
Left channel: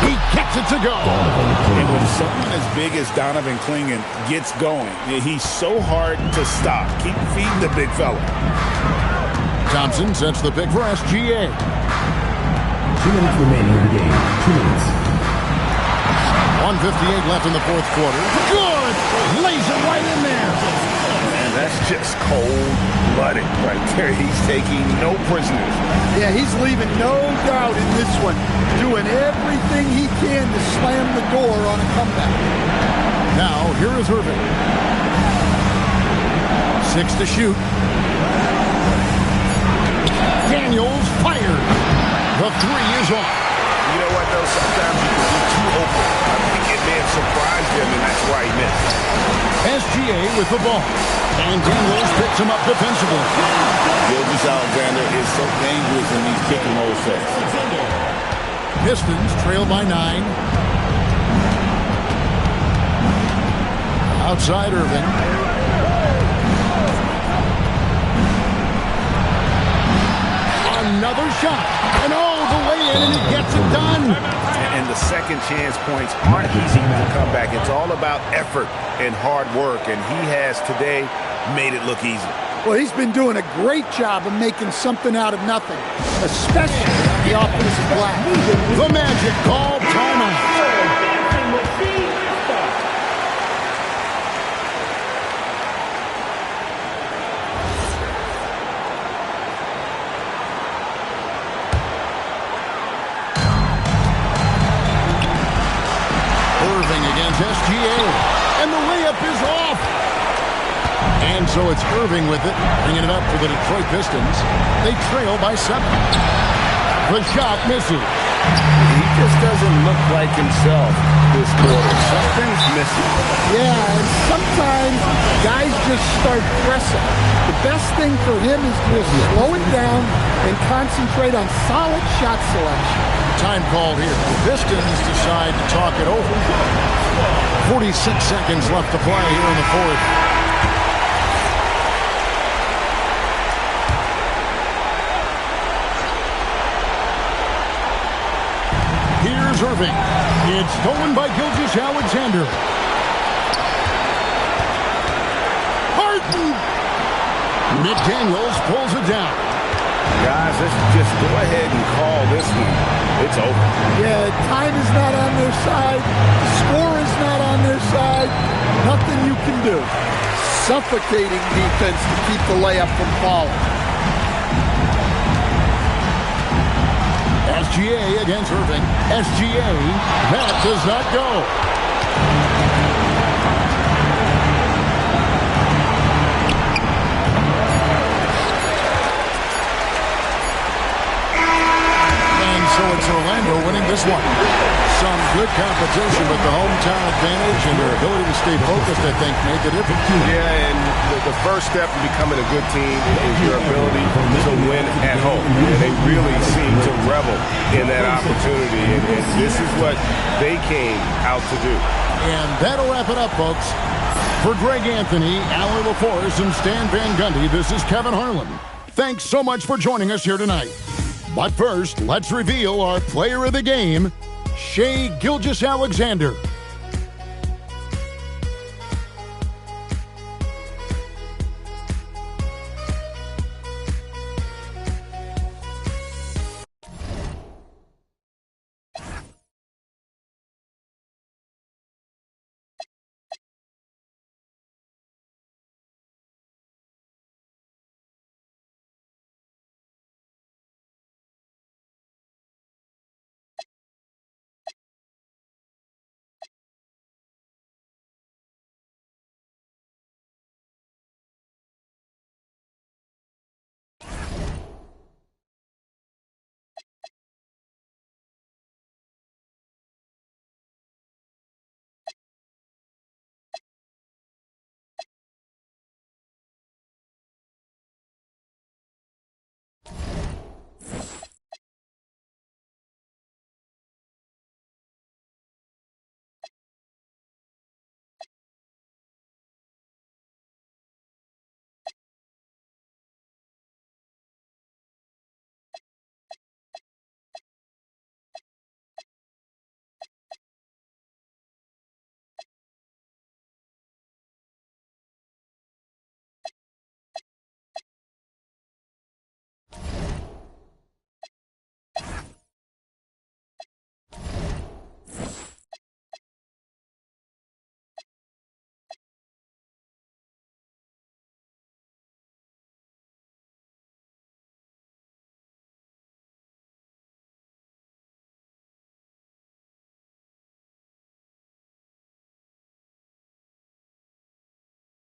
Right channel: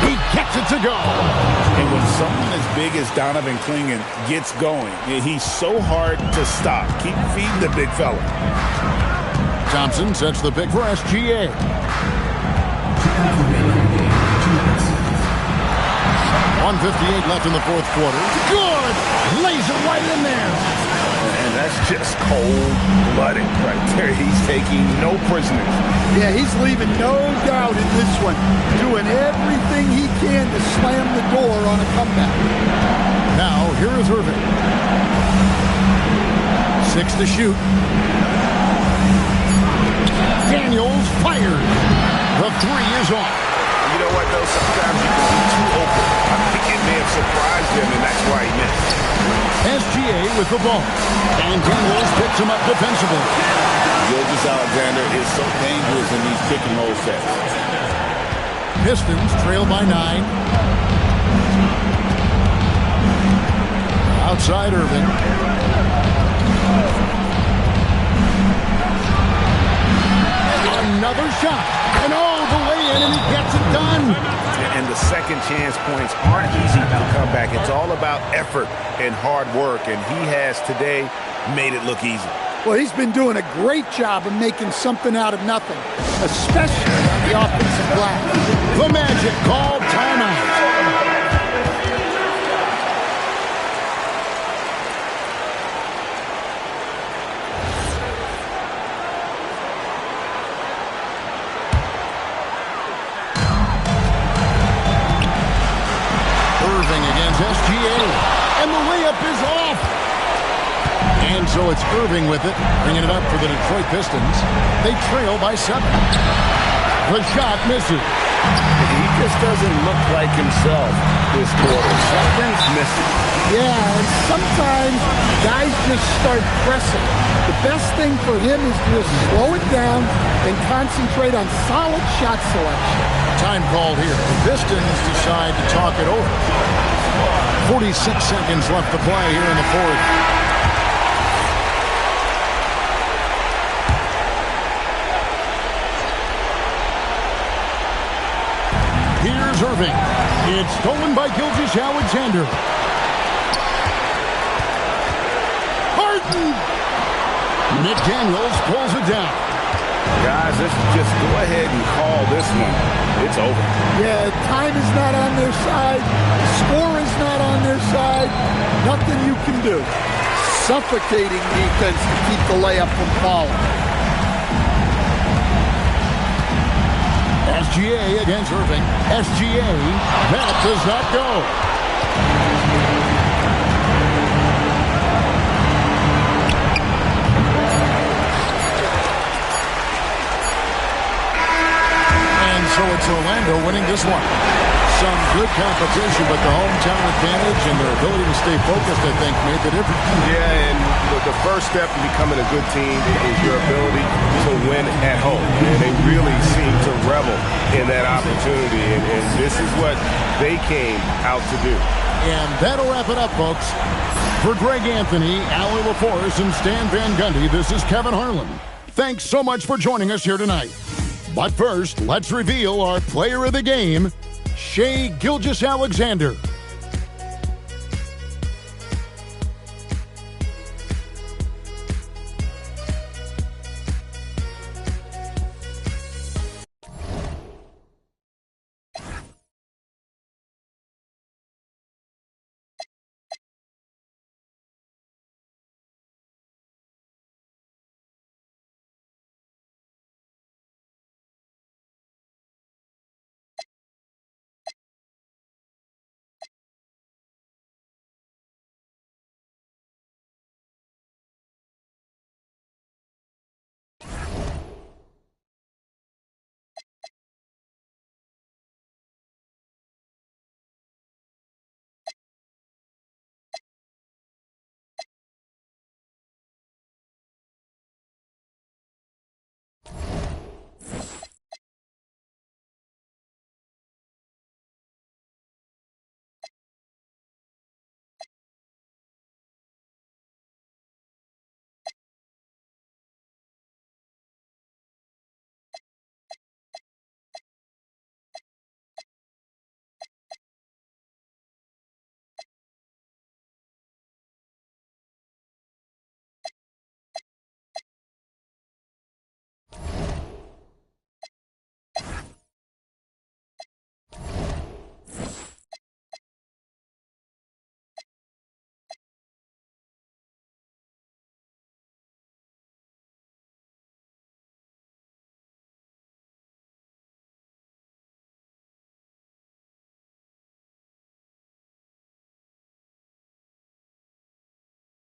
He gets it to go. And when someone as big as Donovan Clingan gets going, he's so hard to stop. Keep feeding the big fella. Thompson sets the pick for SGA. 2 minutes remaining in the game. 2 minutes. 1:58 left in the fourth quarter. Good! Lays it right in there. And that's just cold-blooded right there. He's taking no prisoners. Yeah, he's leaving no doubt in this one. Doing everything he can to slam the door on a comeback. Now, here is Irving. 6 to shoot. Daniels fired. The three is off. You know what, though? Sometimes you can be too open. I think it may have surprised him, and that's why he missed. SGA with the ball. And Daniels picks him up defensively. Gilgeous-Alexander is so dangerous in these pick-and-roll sets. Pistons trail by 9. Outside Irving. Another shot. And the way in, and he gets it done. And the second chance points aren't easy to come back. It's all about effort and hard work, and he has today made it look easy. Well, he's been doing a great job of making something out of nothing, especially on the offensive glass. The Magic called timeout. Irving against SGA, and the layup is off. And so it's Irving with it, bringing it up for the Detroit Pistons. They trail by 7. The shot misses. He just doesn't look like himself this quarter. Something's missing. Yeah, and sometimes guys just start pressing. The best thing for him is to just slow it down and concentrate on solid shot selection. Time called here. The Pistons decide to talk it over. 46 seconds left to play here in the fourth. Here's Irving. It's stolen by Gilgeous-Alexander. Harden! McDaniels pulls it down. Guys, let's just go ahead and call this one. It's over. Yeah, time is not on their side. The score is not on their side. Nothing you can do. Suffocating defense to keep the layup from falling. SGA against Irving. SGA, that does not go. And so it's Orlando winning this one. Some good competition, but the hometown advantage and their ability to stay focused, I think, made the difference. Yeah, and the first step in becoming a good team is your ability to win at home. And they really seem to revel in that opportunity, and this is what they came out to do. And that'll wrap it up, folks. For Greg Anthony, Allie LaForce, and Stan Van Gundy, this is Kevin Harlan. Thanks so much for joining us here tonight. But first, let's reveal our player of the game, Shai Gilgeous-Alexander.